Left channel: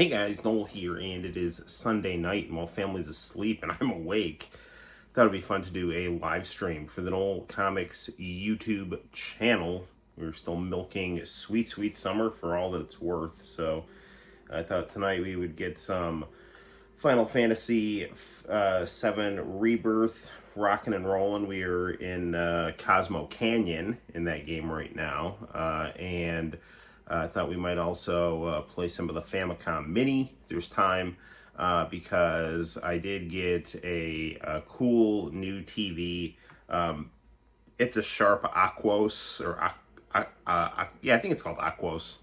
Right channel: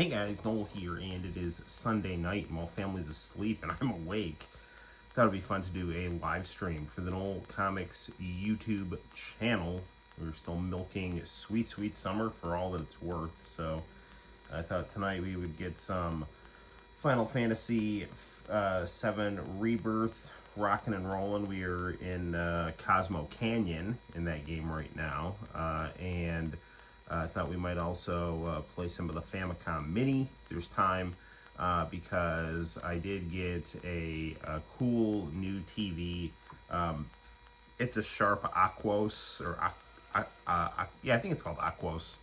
Hey guys, Noel here, and it is Sunday night, and while family's asleep and I'm awake, thought it'd be fun to do a live stream for the Noel ComiX YouTube channel. We're still milking sweet, sweet summer for all that it's worth, so I thought tonight we would get some Final Fantasy VII Rebirth rocking and rolling. We are in Cosmo Canyon in that game right now, and I thought we might also play some of the Famicom Mini if there's time, because I did get a cool new TV. It's a Sharp Aquos, or yeah, I think it's called Aquos,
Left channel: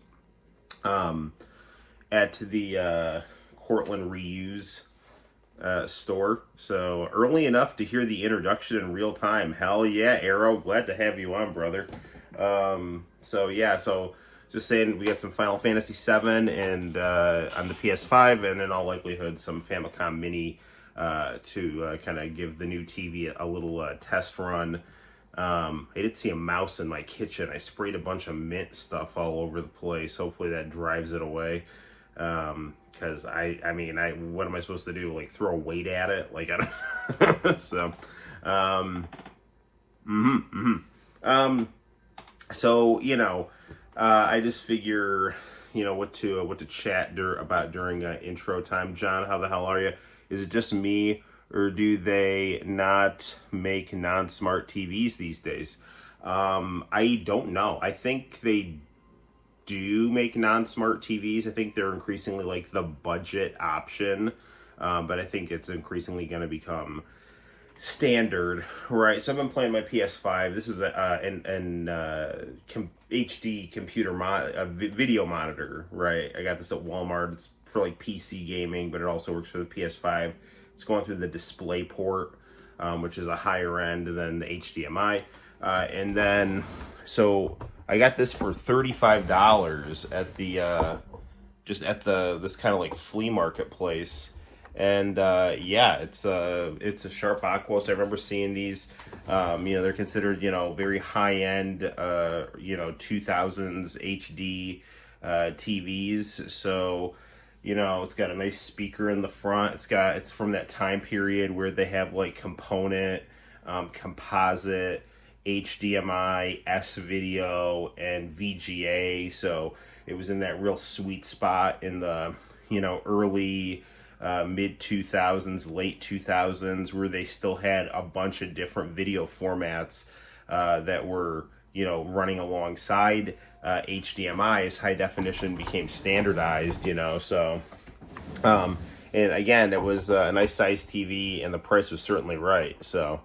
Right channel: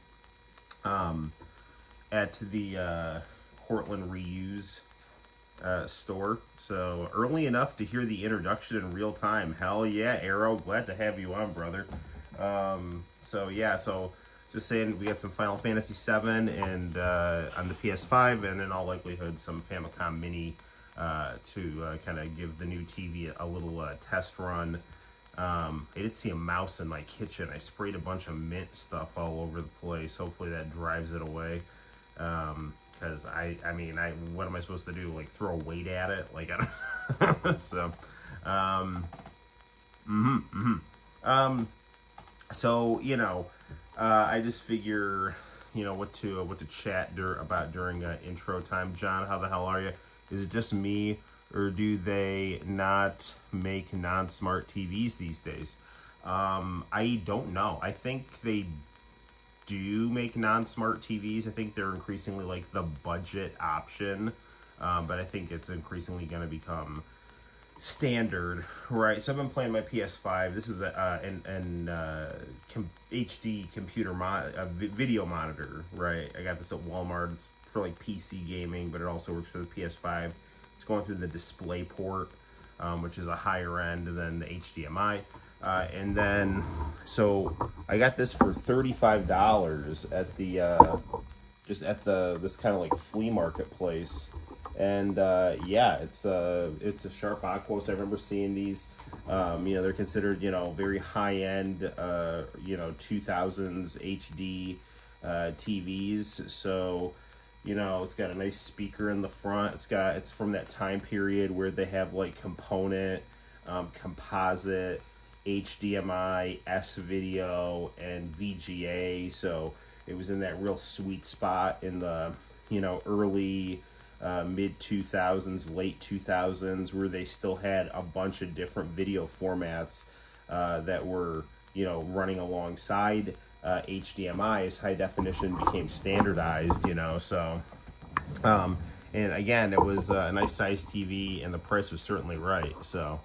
at the Cortland Reuse store. So early enough to hear the introduction in real time. Hell yeah, Arrow, glad to have you on, brother. So yeah, so just saying, we got some Final Fantasy VII and on the PS5, and in all likelihood some Famicom Mini to kind of give the new TV a little test run. I did see a mouse in my kitchen. I sprayed a bunch of mint stuff all over the place. Hopefully that drives it away. Because I mean, what am I supposed to do? Like throw a weight at it? Like I don't. So, so you know. I just figure, you know, what to chat about during intro time. John, how the hell are you? Is it just me, or do they not make non-smart TVs these days? I don't know. I think they do make non-smart TVs. I think they're increasingly like the budget option, but I think it's increasingly going to become standard, right? So I've been playing my PS5. This is an HD computer video monitor, right? I got this at Walmart. It's for like PC gaming, but it also works for the PS5. It's going through the display port, which is a higher end than the HDMI. And then, so I got this for $35 at the just at this kind of like flea market place. And yeah, it's a Sharp Aquos. I remember seeing these. You know, they're considered, you know, very high-end, you know, 2000s HD TVs. So, you know, it's got a nice speaker in the front. It's from that time period where they have like component, composite, HDMI, S video, and VGA. So it was in that real sweet spot in the, you know, early mid 2000s, late 2000s, where they still had a bunch of different video formats that were, you know, running alongside HDMI as high definition became standardized, you know. So and again, it was a nice size TV, and the price was certainly right. So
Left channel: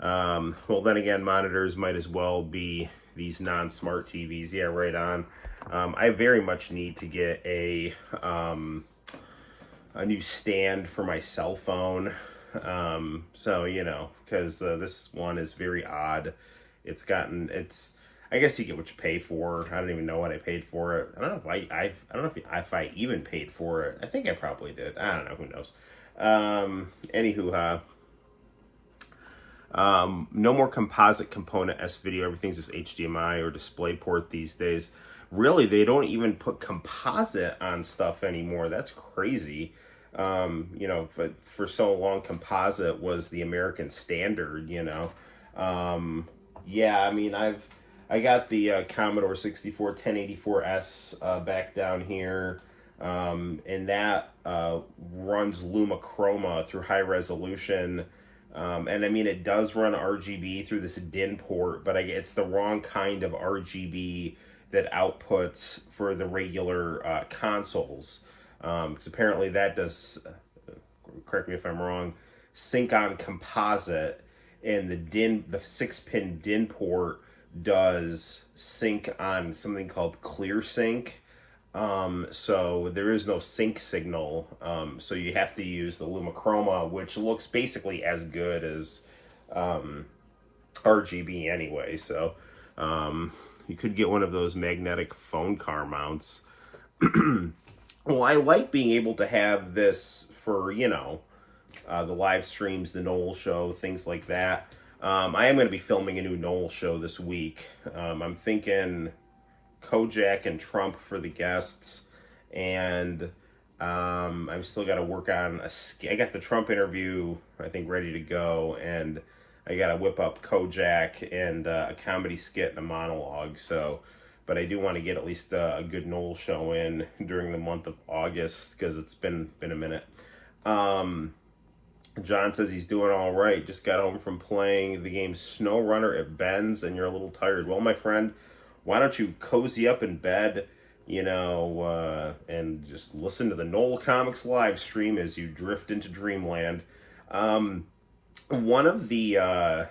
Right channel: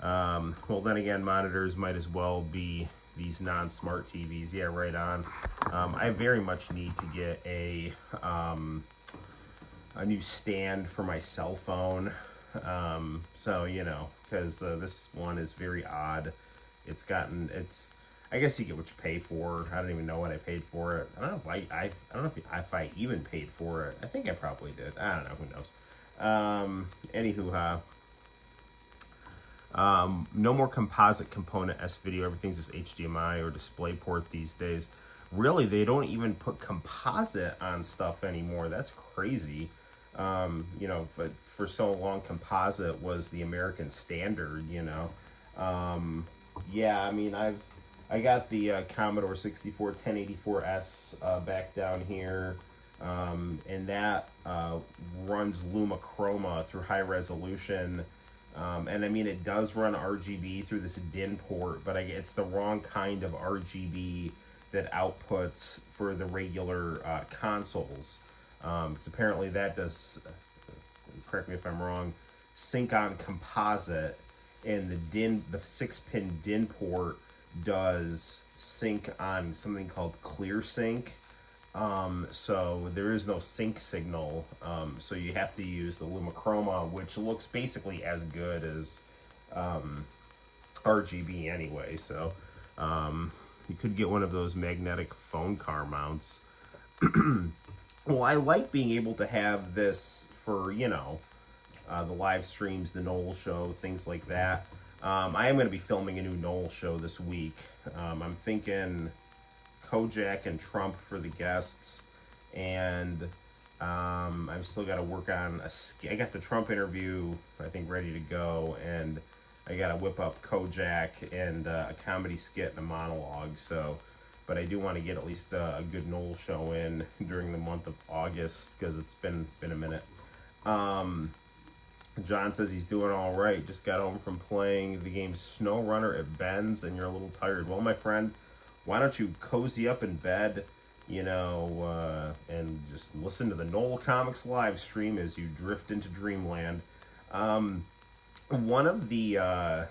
well, then again, monitors might as well be these non-smart TVs. Yeah, right on. I very much need to get a new stand for my cell phone. So, you know, because this one is very odd. I guess you get what you pay for. I don't even know what I paid for it. I don't know if I even paid for it. I think I probably did. I don't know. Who knows? Anywho, no more composite component S video. Everything's just HDMI or DisplayPort these days. Really, they don't even put composite on stuff anymore. That's crazy. You know, but for so long, composite was the American standard, you know. Yeah, I mean, I got the Commodore 64 1084S back down here, and that runs Lumachroma through high resolution. And I mean, it does run RGB through this DIN port, but it's the wrong kind of RGB that outputs for the regular consoles. Because apparently that does, correct me if I'm wrong, sync on composite, and the 6-pin DIN port does sync on something called ClearSync. So there is no sync signal. So you have to use the Lumachroma, which looks basically as good as RGB anyway. So you could get one of those magnetic phone car mounts. Well, I like being able to have this for, you know, the live streams, the Noel show, things like that. I am going to be filming a new Noel show this week. I'm thinking Kojak and Trump for the guests, and I've still got to work on I got the Trump interview, I think, ready to go, and I got to whip up Kojak and a comedy skit and a monologue. So, but I do want to get at least a good Noel show in during the month of August because it's been a minute. Um, John says he's doing all right. Just got home from playing the game Snow Runner at Ben's, and you're a little tired. Well, my friend, why don't you cozy up in bed, and just listen to the Noel ComiX live stream as you drift into dreamland. Um, One of the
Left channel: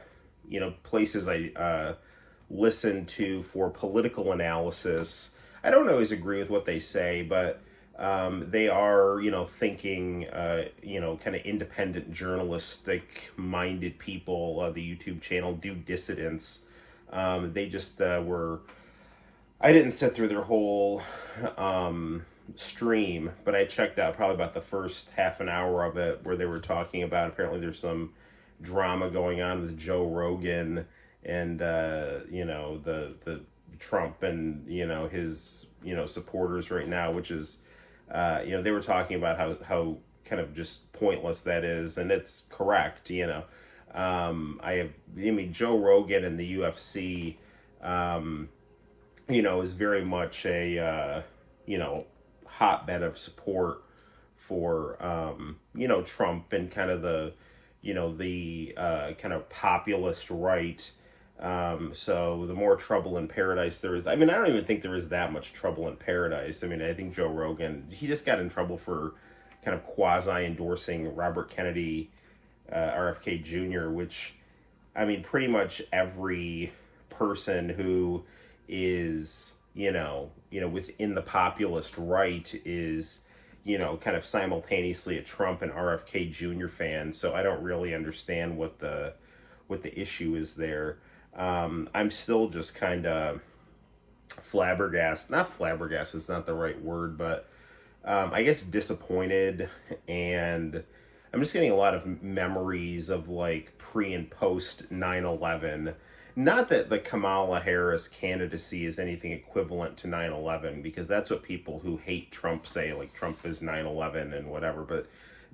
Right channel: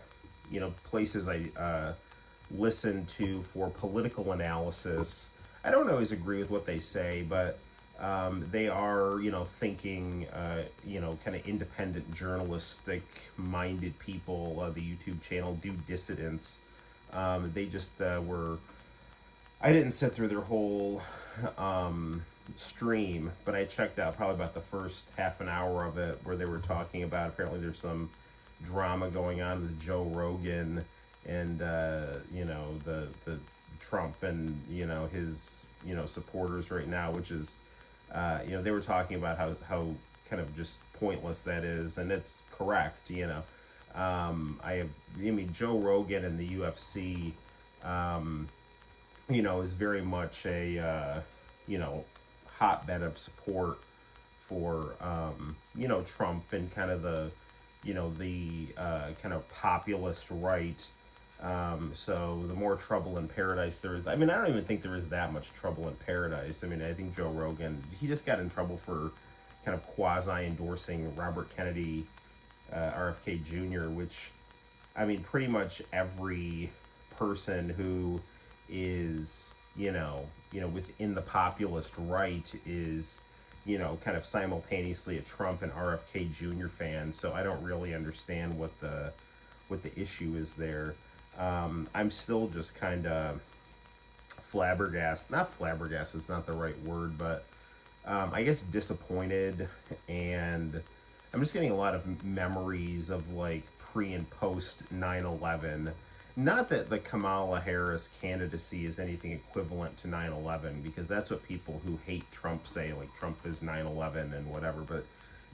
places I listen to for political analysis, I don't always agree with what they say, but they are, thinking, kind of independent, journalistic minded people. The YouTube channel Do Dissidents. They just were. I didn't sit through their whole stream, but I checked out probably about the first half an hour of it where they were talking about apparently there's some drama going on with Joe Rogan and the Trump and his supporters right now, which is they were talking about how kind of just pointless that is, and it's correct. Joe Rogan and the UFC, is very much a hotbed of support for Trump and kind of the kind of populist right. So the more trouble in paradise there is, I don't even think there is that much trouble in paradise. I think Joe Rogan, he just got in trouble for kind of quasi endorsing Robert Kennedy, RFK Jr., which, pretty much every person who is, within the populist right is, kind of simultaneously a Trump and RFK Jr. fan. So I don't really understand what the issue is there. I'm still just kind of flabbergasted. Not flabbergasted is not the right word, but I guess disappointed. And I'm just getting a lot of memories of like pre and post 9/11. Not that the Kamala Harris candidacy is anything equivalent to 9/11, because that's what people who hate Trump say, like Trump is 9/11 and whatever. But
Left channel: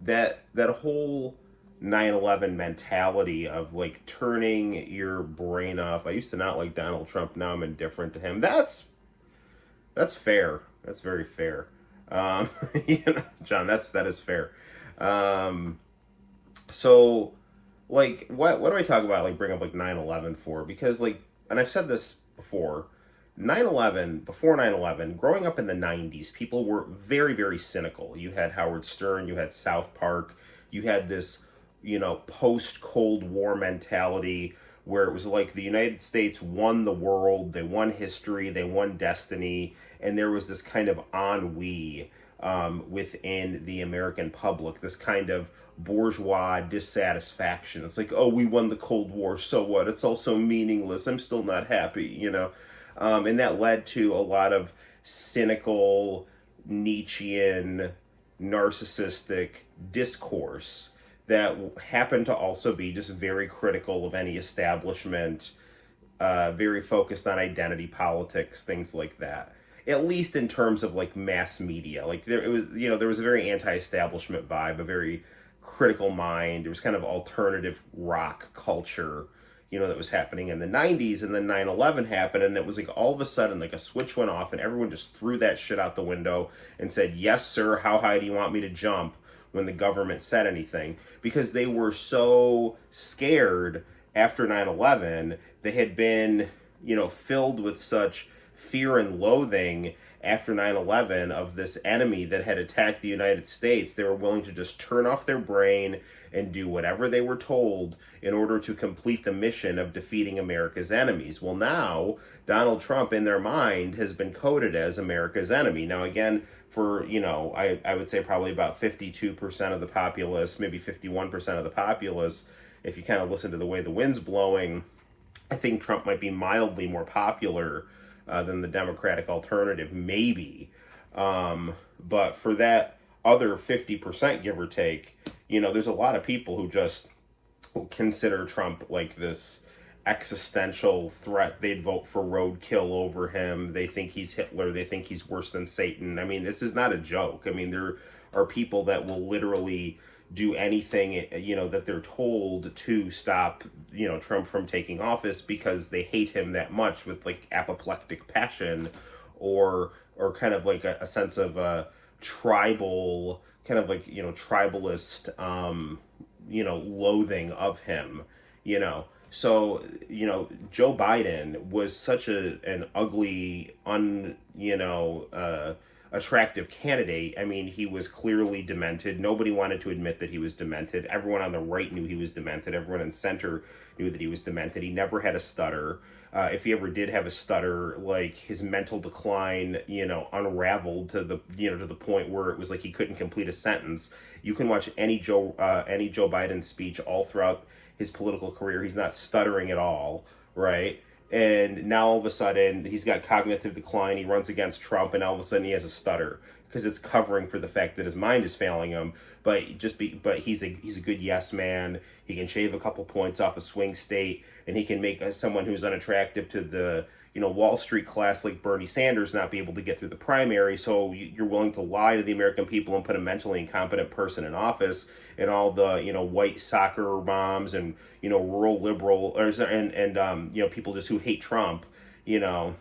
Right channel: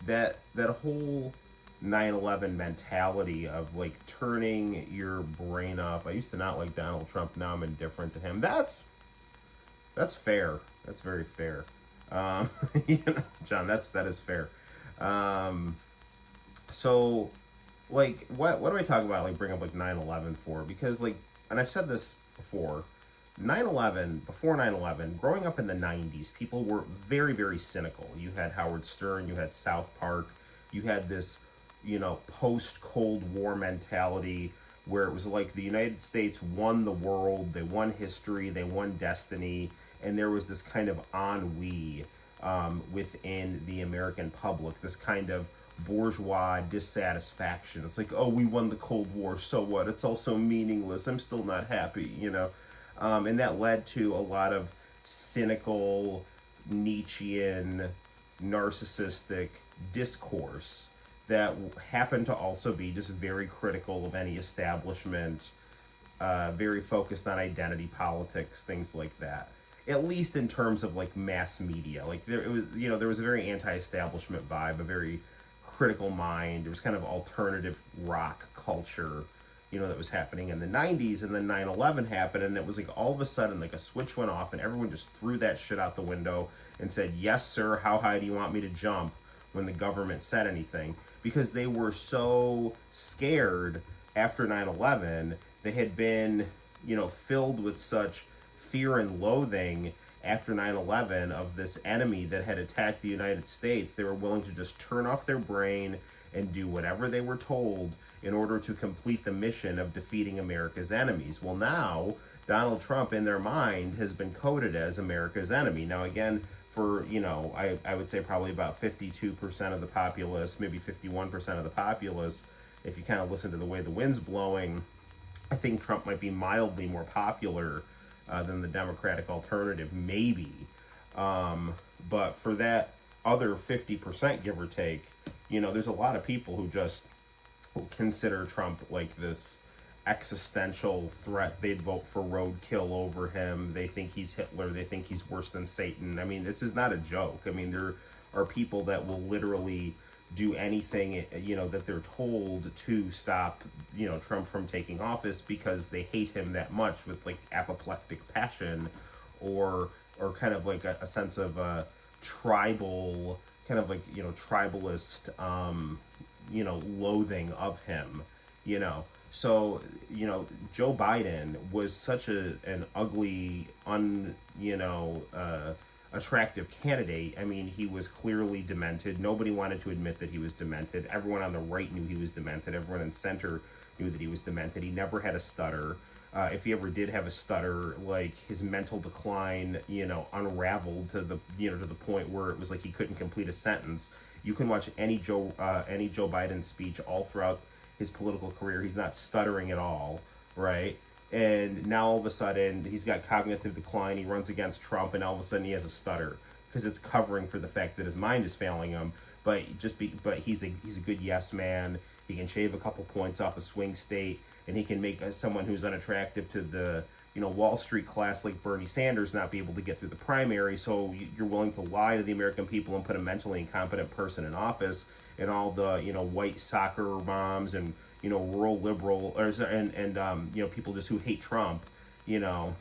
that whole 9/11 mentality of like turning your brain off. I used to not like Donald Trump. Now I'm indifferent to him. That's fair. That's very fair. John, that is fair. So like what do I talk about, like bring up like 9/11 for? Because like, and I've said this before, 9/11, before 9/11, growing up in the 90s, people were very, very cynical. You had Howard Stern, you had South Park, you had this, post Cold War mentality where it was like the United States won the world, they won history, they won destiny, and there was this kind of ennui within the American public, this kind of bourgeois dissatisfaction. It's like, oh, we won the Cold War, so what? It's all so meaningless. I'm still not happy, and that led to a lot of cynical, Nietzschean, narcissistic discourse that happened to also be just very critical of any establishment, very focused on identity politics, things like that. At least in terms of like mass media, like there was a very anti-establishment vibe, a very critical mind. There was kind of alternative rock culture, that was happening in the 90s, and then 9/11 happened, and it was like all of a sudden like a switch went off and everyone just threw that shit out the window and said, yes sir, how high do you want me to jump, when the government said anything, because they were so scared after 9/11. They had been, filled with such fear and loathing after 9/11 of this enemy that had attacked the United States. They were willing to just turn off their brain and do whatever they were told in order to complete the mission of defeating America's enemies. Well, now Donald Trump, in their mind, has been coded as America's enemy. Now, again, for, I would say probably about 52% of the populace, maybe 51% of the populace, if you kind of listen to the way the wind's blowing, I think Trump might be mildly more popular than the Democratic alternative, maybe. But for that other 50%, give or take, there's a lot of people who just consider Trump like this existential threat. They'd vote for roadkill over him. They think he's Hitler. They think he's worse than Satan. I mean, this is not a joke. I mean, there are people that will literally do anything, that they're told to stop, Trump from taking office because they hate him that much with like apoplectic passion, or kind of like a sense of tribal, kind of like tribalist, loathing of him, you know. So, Joe Biden was such an ugly, attractive candidate. I mean, he was clearly demented. Nobody wanted to admit that he was demented. Everyone on the right knew he was demented. Everyone in center knew that he was demented. He never had a stutter. If he ever did have a stutter, like his mental decline, unraveled to the point where it was like he couldn't complete a sentence. You can watch any Joe Biden speech all throughout his political career. He's not stuttering at all, right? And now all of a sudden he's got cognitive decline. He runs against Trump, and all of a sudden he has a stutter because it's covering for the fact that his mind is failing him. But he's a good yes man. He can shave a couple points off a swing state, and he can make someone who's unattractive to the Wall Street class like Bernie Sanders not be able to get through the primary. So you're willing to lie to the American people and put a mentally incompetent person in office, and all the white soccer moms and rural liberal and people just who hate Trump, will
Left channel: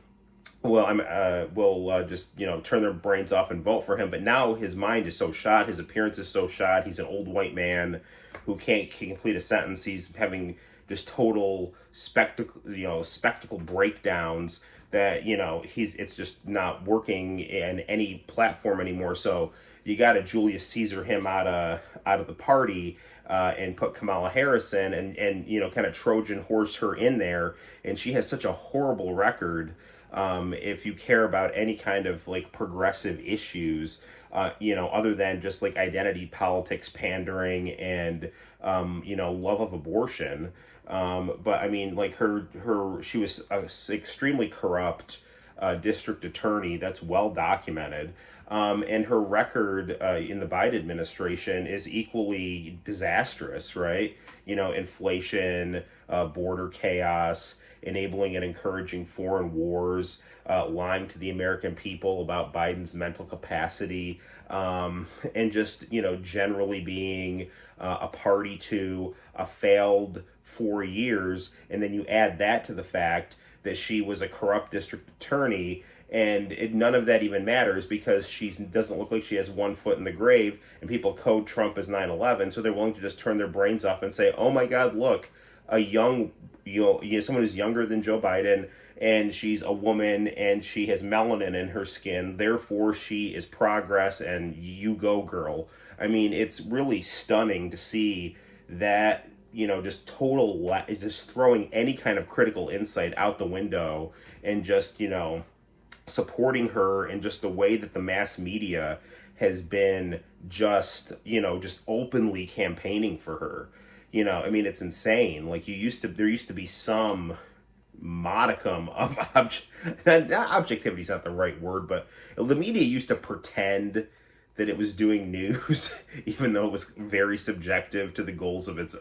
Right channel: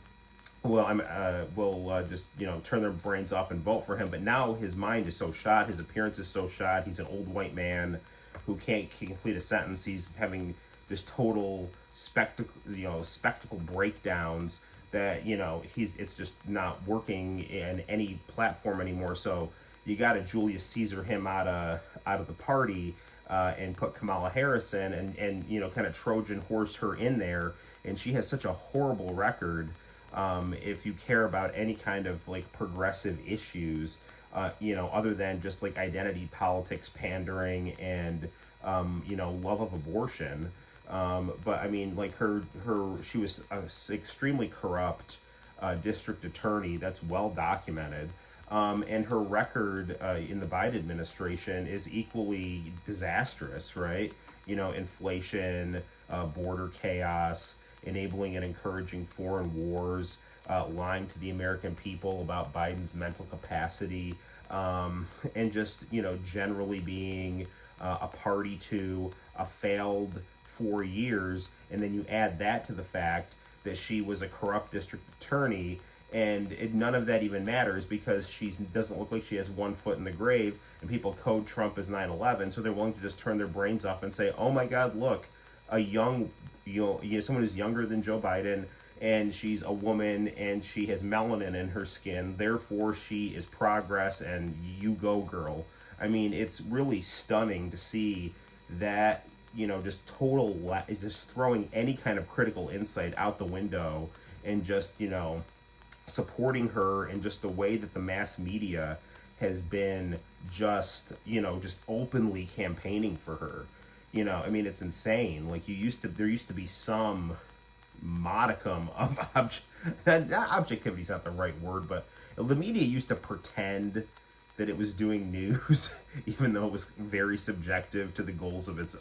just turn their brains off and vote for him. But now his mind is so shot, his appearance is so shot. He's an old white man who can't complete a sentence. He's having just total spectacle breakdowns that it's just not working in any platform anymore. So you got to Julius Caesar him out of the party, and put Kamala Harris in, and kind of Trojan horse her in there. And she has such a horrible record. If you care about any kind of like progressive issues, other than just like identity politics, pandering, and love of abortion. But I mean, like she was an extremely corrupt district attorney. That's well documented. And her record in the Biden administration is equally disastrous, right? Inflation, border chaos, enabling and encouraging foreign wars, lying to the American people about Biden's mental capacity, and just, generally being a party to a failed 4 years. And then you add that to the fact that she was a corrupt district attorney, and none of that even matters because she doesn't look like she has one foot in the grave, and people code Trump as 9/11, so they're willing to just turn their brains off and say, oh my God, look, a young, someone who's younger than Joe Biden, and she's a woman, and she has melanin in her skin, therefore she is progress, and you go, girl. I mean, it's really stunning to see that, just just throwing any kind of critical insight out the window, and just, supporting her, and just the way that the mass media has been just openly campaigning for her. I mean, it's insane. Like there used to be some modicum of objectivity is not the right word, but the media used to pretend that it was doing news, even though it was very subjective to the goals of its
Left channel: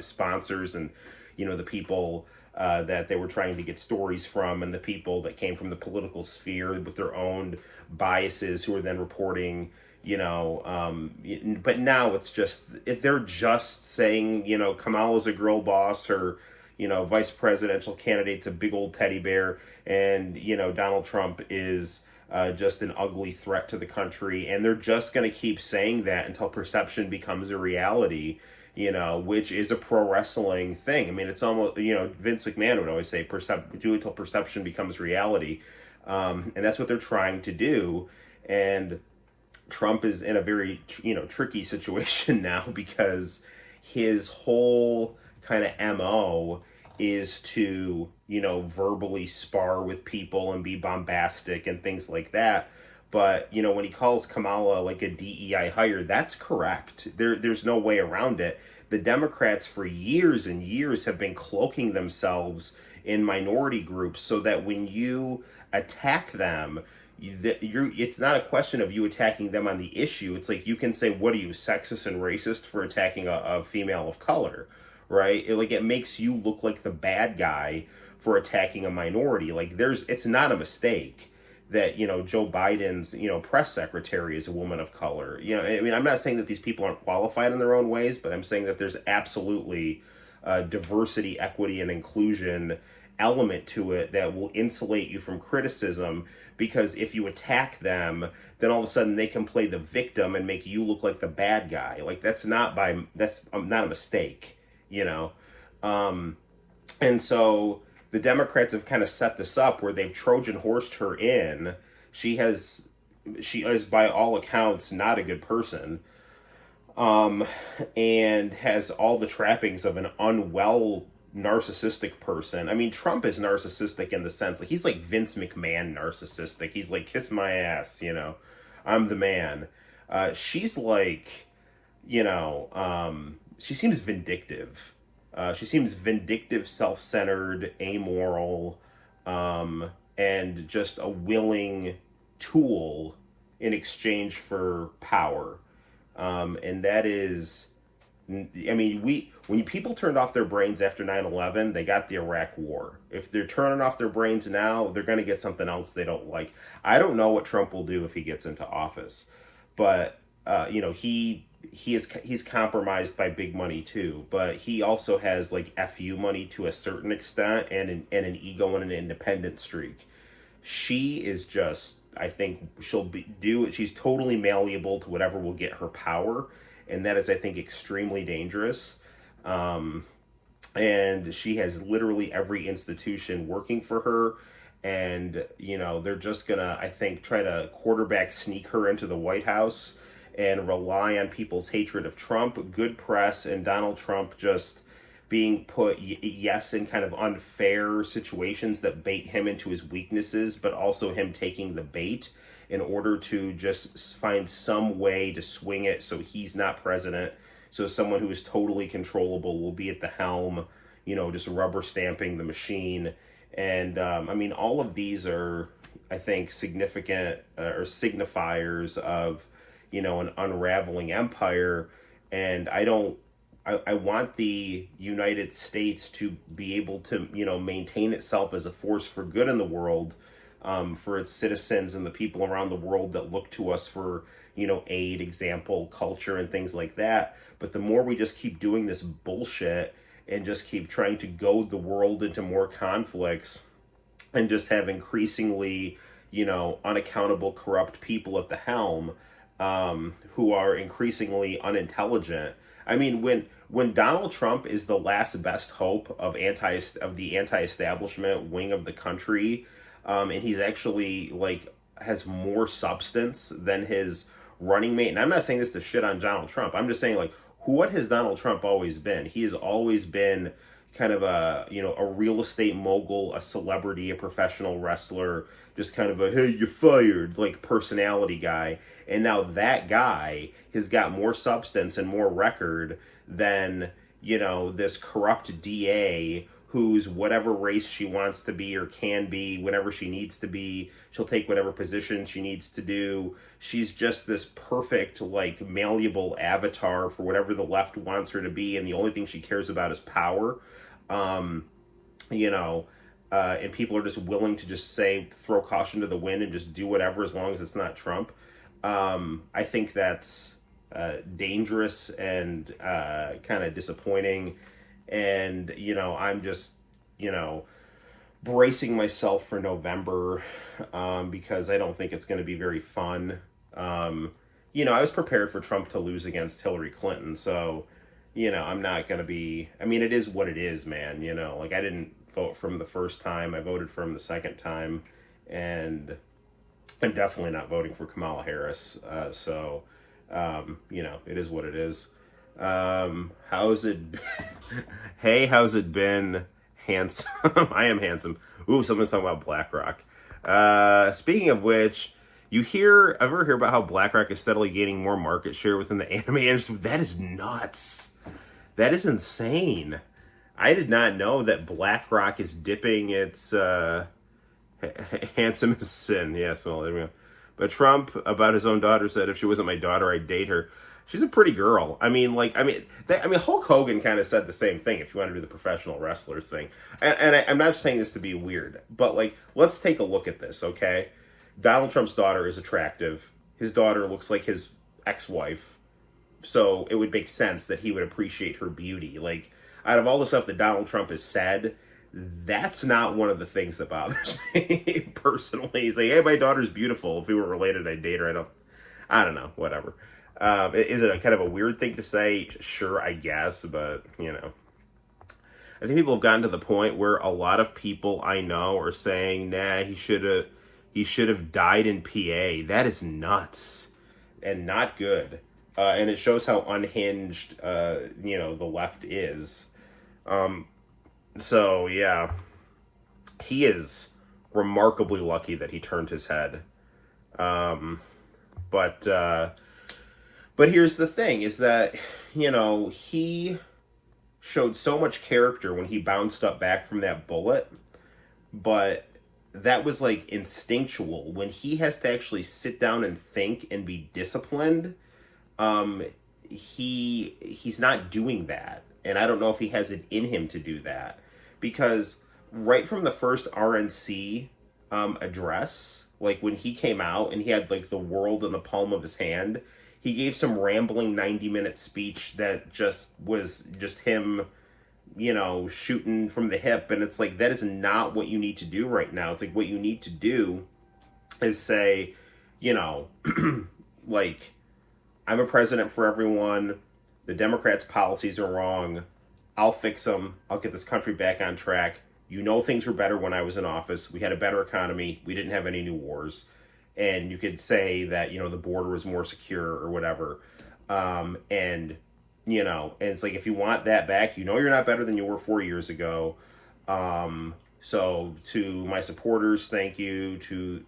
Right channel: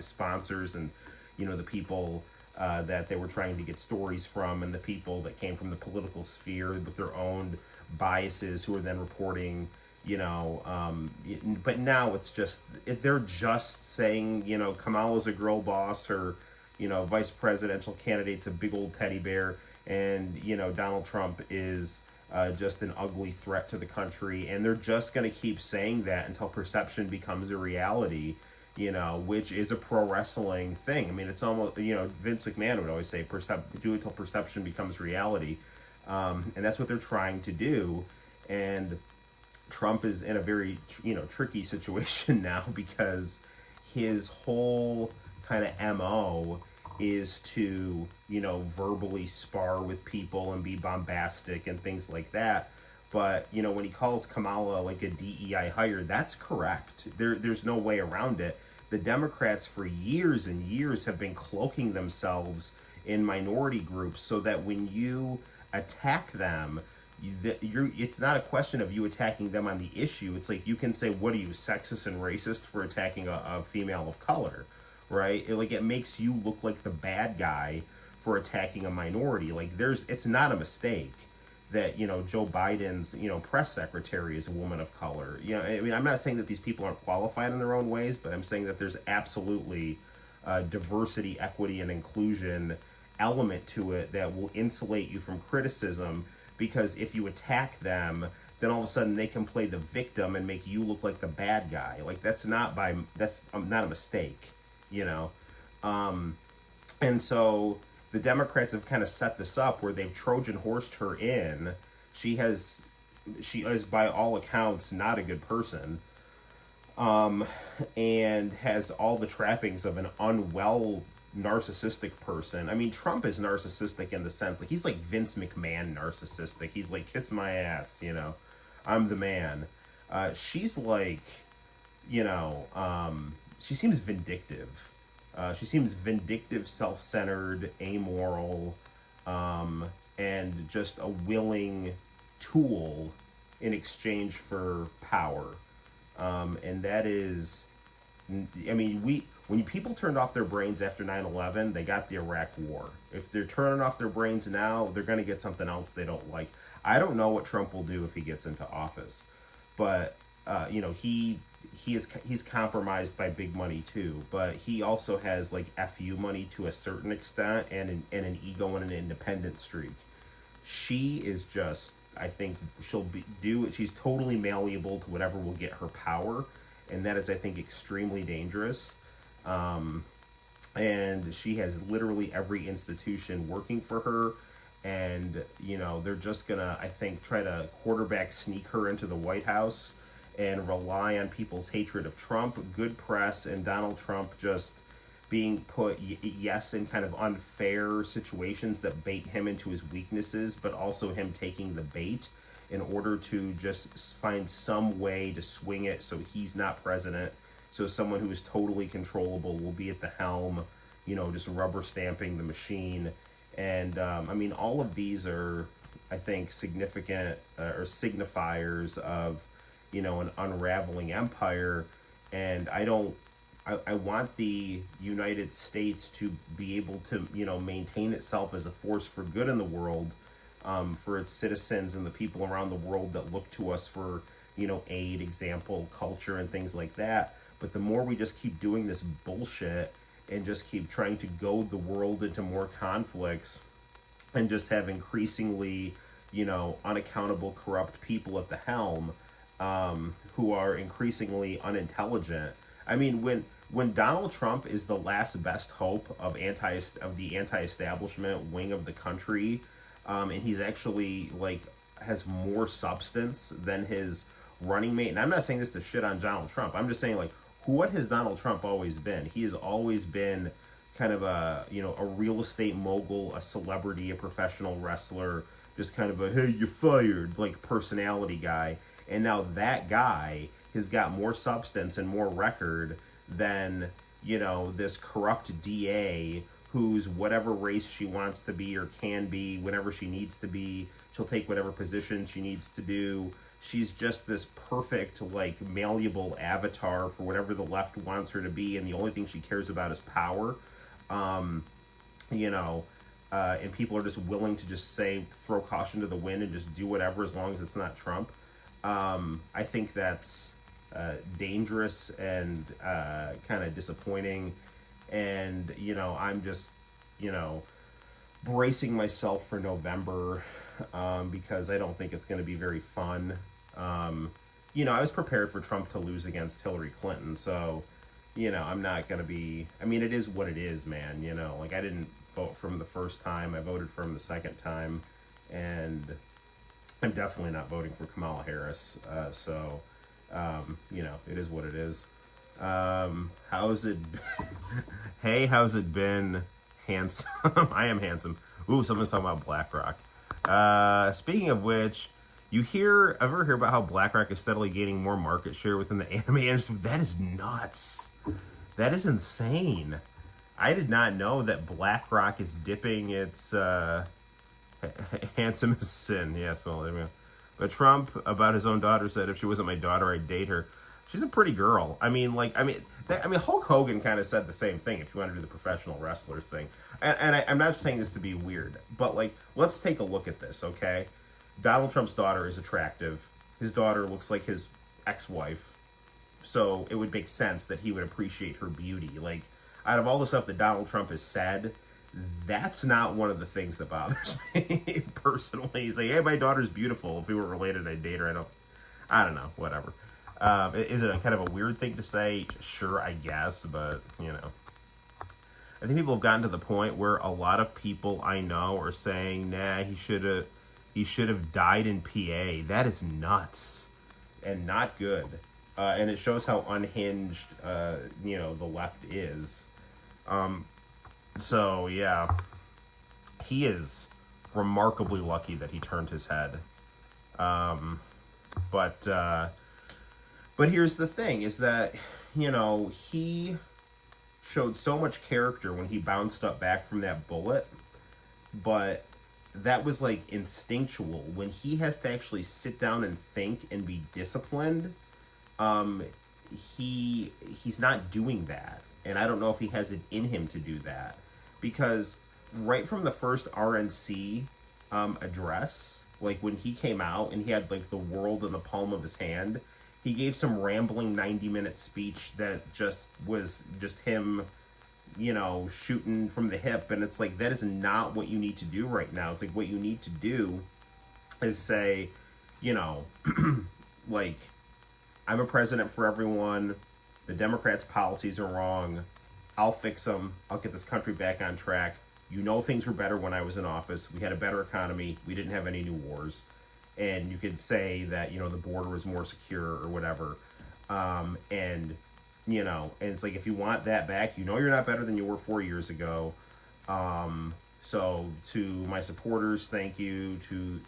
sponsors, and the people that they were trying to get stories from, and the people that came from the political sphere with their own biases who were then reporting. But now it's just, if they're just saying, Kamala's a girl boss, or vice presidential candidate's a big old teddy bear, and Donald Trump is just an ugly threat to the country, and they're just going to keep saying that until perception becomes a reality, which is a pro wrestling thing. I mean, it's almost, Vince McMahon would always say, do it till perception becomes reality, and that's what they're trying to do. And Trump is in a very tricky situation now, because his whole kind of MO is to verbally spar with people and be bombastic and things like that. But when he calls Kamala like a DEI hire, that's correct. There's no way around it. The Democrats for years and years have been cloaking themselves in minority groups, so that when you attack them, it's not a question of you attacking them on the issue. It's like, you can say, what are you, sexist and racist for attacking a female of color, right? It makes you look like the bad guy for attacking a minority. Like it's not a mistake that, Joe Biden's, press secretary is a woman of color. I mean, I'm not saying that these people aren't qualified in their own ways, but I'm saying that there's absolutely diversity, equity, and inclusion element to it that will insulate you from criticism, because if you attack them, then all of a sudden they can play the victim and make you look like the bad guy. Like that's not a mistake, you know. And so the Democrats have kind of set this up where they've Trojan horsed her in. She is by all accounts not a good person, and has all the trappings of an unwell narcissistic person. I mean, Trump is narcissistic in the sense like he's like Vince McMahon narcissistic. He's like, kiss my ass, I'm the man. She's like, she seems vindictive. She seems vindictive, self-centered, amoral, and just a willing tool in exchange for power. And that is, I mean, when people turned off their brains after 9/11, they got the Iraq War. If they're turning off their brains now, they're going to get something else they don't like. I don't know what Trump will do if he gets into office, but he's compromised by big money too. But he also has like FU money to a certain extent, and an ego and an independent streak. She is just, I think she's totally malleable to whatever will get her power. And that is, I think, extremely dangerous. And she has literally every institution working for her. And, they're just going to, I think, try to quarterback sneak her into the White House and rely on people's hatred of Trump, good press, and Donald Trump just being put, in kind of unfair situations that bait him into his weaknesses, but also him taking the bait in order to just find some way to swing it so he's not president. So someone who is totally controllable will be at the helm, just rubber stamping the machine. And I mean, all of these are, I think, significant or signifiers of, an unraveling empire. And I want the United States to be able to, maintain itself as a force for good in the world, for its citizens and the people around the world that look to us for, aid, example, culture, and things like that. But the more we just keep doing this bullshit and just keep trying to goad the world into more conflicts and just have increasingly, unaccountable, corrupt people at the helm, who are increasingly unintelligent. I mean, when Donald Trump is the last best hope of the anti-establishment wing of the country, and he's actually has more substance than his running mate. And I'm not saying this to shit on Donald Trump. I'm just saying what has Donald Trump always been? He has always been kind of a real estate mogul, a celebrity, a professional wrestler, just kind of a, hey, you're fired, personality guy. And now that guy has got more substance and more record than, this corrupt DA who's whatever race she wants to be or can be, whenever she needs to be. She'll take whatever position she needs to do. She's just this perfect, malleable avatar for whatever the left wants her to be, and the only thing she cares about is power. And people are just willing to just throw caution to the wind and just do whatever as long as it's not Trump. I think that's dangerous and kind of disappointing. And, I'm just, bracing myself for November, because I don't think it's going to be very fun. I was prepared for Trump to lose against Hillary Clinton, so, I'm not going to be, I mean, it is what it is, man, I didn't vote for him the first time, I voted for him the second time, and I'm definitely not voting for Kamala Harris, so, it is what it is. How's it hey, how's it been, handsome? I am handsome. Ooh, someone's talking about BlackRock. Speaking of which, ever hear about how BlackRock is steadily gaining more market share within the anime industry? That is nuts. That is insane. I did not know that BlackRock is dipping its handsome as sin. Yes, well, there we go. But Trump, about his own daughter, said, if she wasn't my daughter, I'd date her. She's a pretty girl. I mean, Hulk Hogan kind of said the same thing. If you want to do the professional wrestler thing, I'm not saying this to be weird, but like, let's take a look at this, okay? Donald Trump's daughter is attractive. His daughter looks like his ex-wife, so it would make sense that he would appreciate her beauty. Like, out of all the stuff that Donald Trump has said, that's not one of the things that bothers me personally. He's like, hey, my daughter's beautiful. If we were related, I'd date her. I don't know, whatever. Is it a kind of a weird thing to say? Sure, I guess, but, you know. I think people have gotten to the point where a lot of people I know are saying, nah, he should have died in PA. That is nuts and not good. And it shows how unhinged, the left is. So, yeah. He is remarkably lucky that he turned his head. But here's the thing, is that, he showed so much character when he bounced up back from that bullet, but that was, like, instinctual. When he has to actually sit down and think and be disciplined, he's not doing that. And I don't know if he has it in him to do that. Because right from the first RNC address, like, when he came out and he had, like, the world in the palm of his hand, he gave some rambling 90-minute speech that was just him, shooting from the hip. And it's like, that is not what you need to do right now. It's like, what you need to do is say, like, I'm a president for everyone. The Democrats' policies are wrong. I'll fix them. I'll get this country back on track. Things were better when I was in office. We had a better economy. We didn't have any new wars. And you could say that, the border was more secure or whatever. And it's like, if you want that back, you're not better than you were 4 years ago. So to my supporters, thank you. To,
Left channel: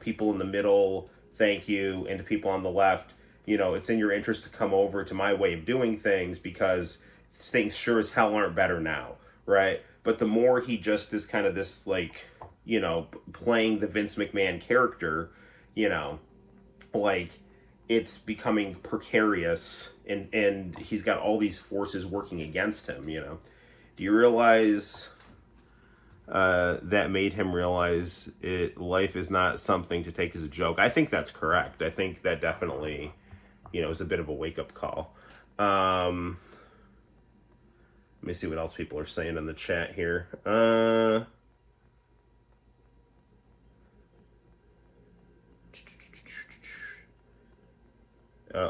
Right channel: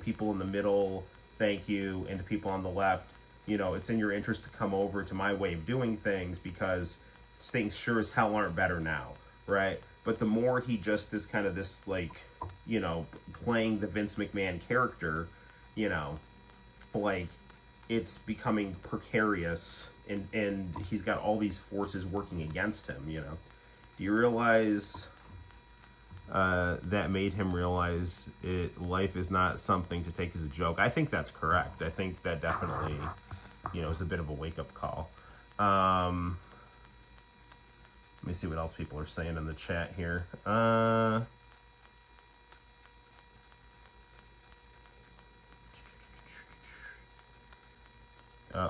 people in the middle, thank you. And to people on the left, it's in your interest to come over to my way of doing things, because things sure as hell aren't better now, right? But the more he just is kind of this, like, playing the Vince McMahon character, like, it's becoming precarious, and he's got all these forces working against him, Do you realize that made him realize life is not something to take as a joke? I think that's correct. I think that definitely, is a bit of a wake-up call. Let me see what else people are saying in the chat here.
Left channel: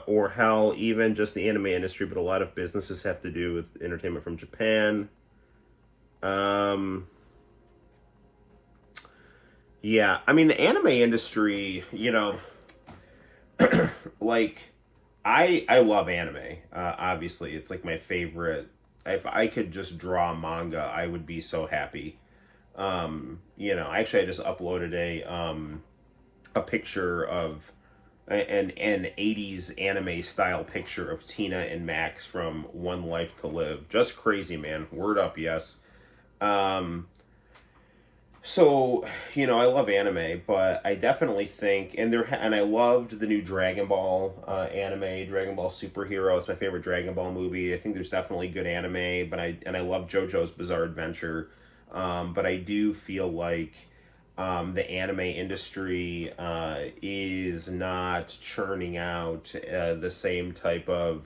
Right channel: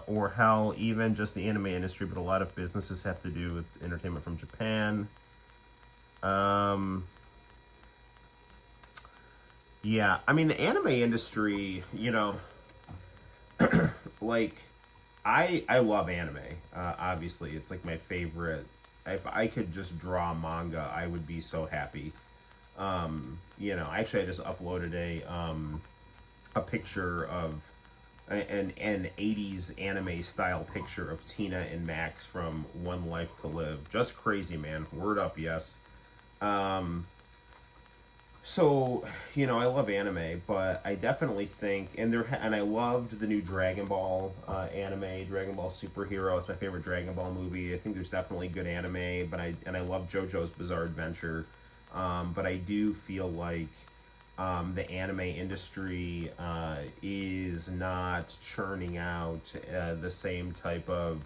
Or hell, even just the anime industry, but a lot of businesses have to do with entertainment from Japan. Yeah, I mean, the anime industry, like, I love anime. Obviously, it's like my favorite. If I could just draw manga, I would be so happy. Actually, I just uploaded a picture of an 80s anime style picture of Tina and Max from One Life to Live. Just crazy, man. Word up, yes. So, I love anime, but I definitely think, and I loved the new Dragon Ball anime, Dragon Ball Superhero. It's my favorite Dragon Ball movie. I think there's definitely good anime, but I love JoJo's Bizarre Adventure. But I do feel like the anime industry is not churning out the same type of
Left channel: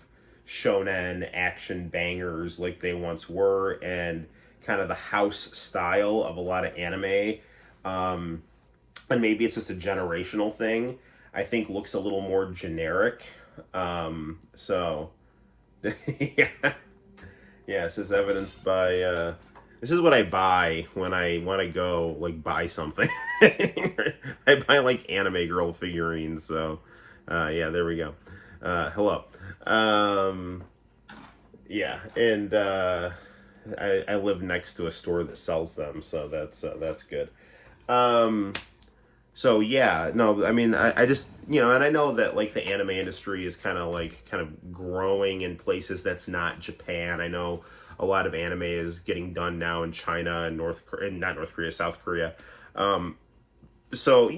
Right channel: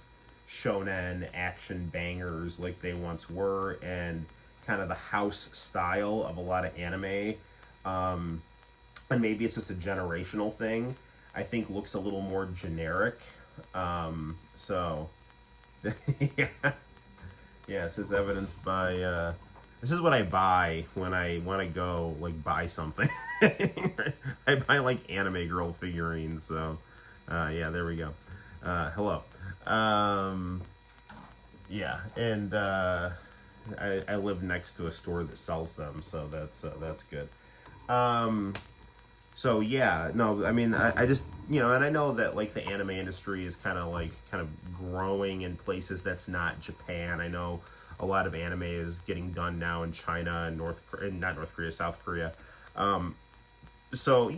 shonen action bangers like they once were, and kind of the house style of a lot of anime, and maybe it's just a generational thing, I think looks a little more generic. So yeah, this is evidenced by this is what I buy when I want to go, like, buy something. I buy, like, anime girl figurines. So yeah, there we go. Hello. Yeah, and I live next to a store that sells them, so that's good. So yeah, no, I mean, I just, and I know that, like, the anime industry is kind of growing in places that's not Japan. I know a lot of anime is getting done now in China and South Korea. So,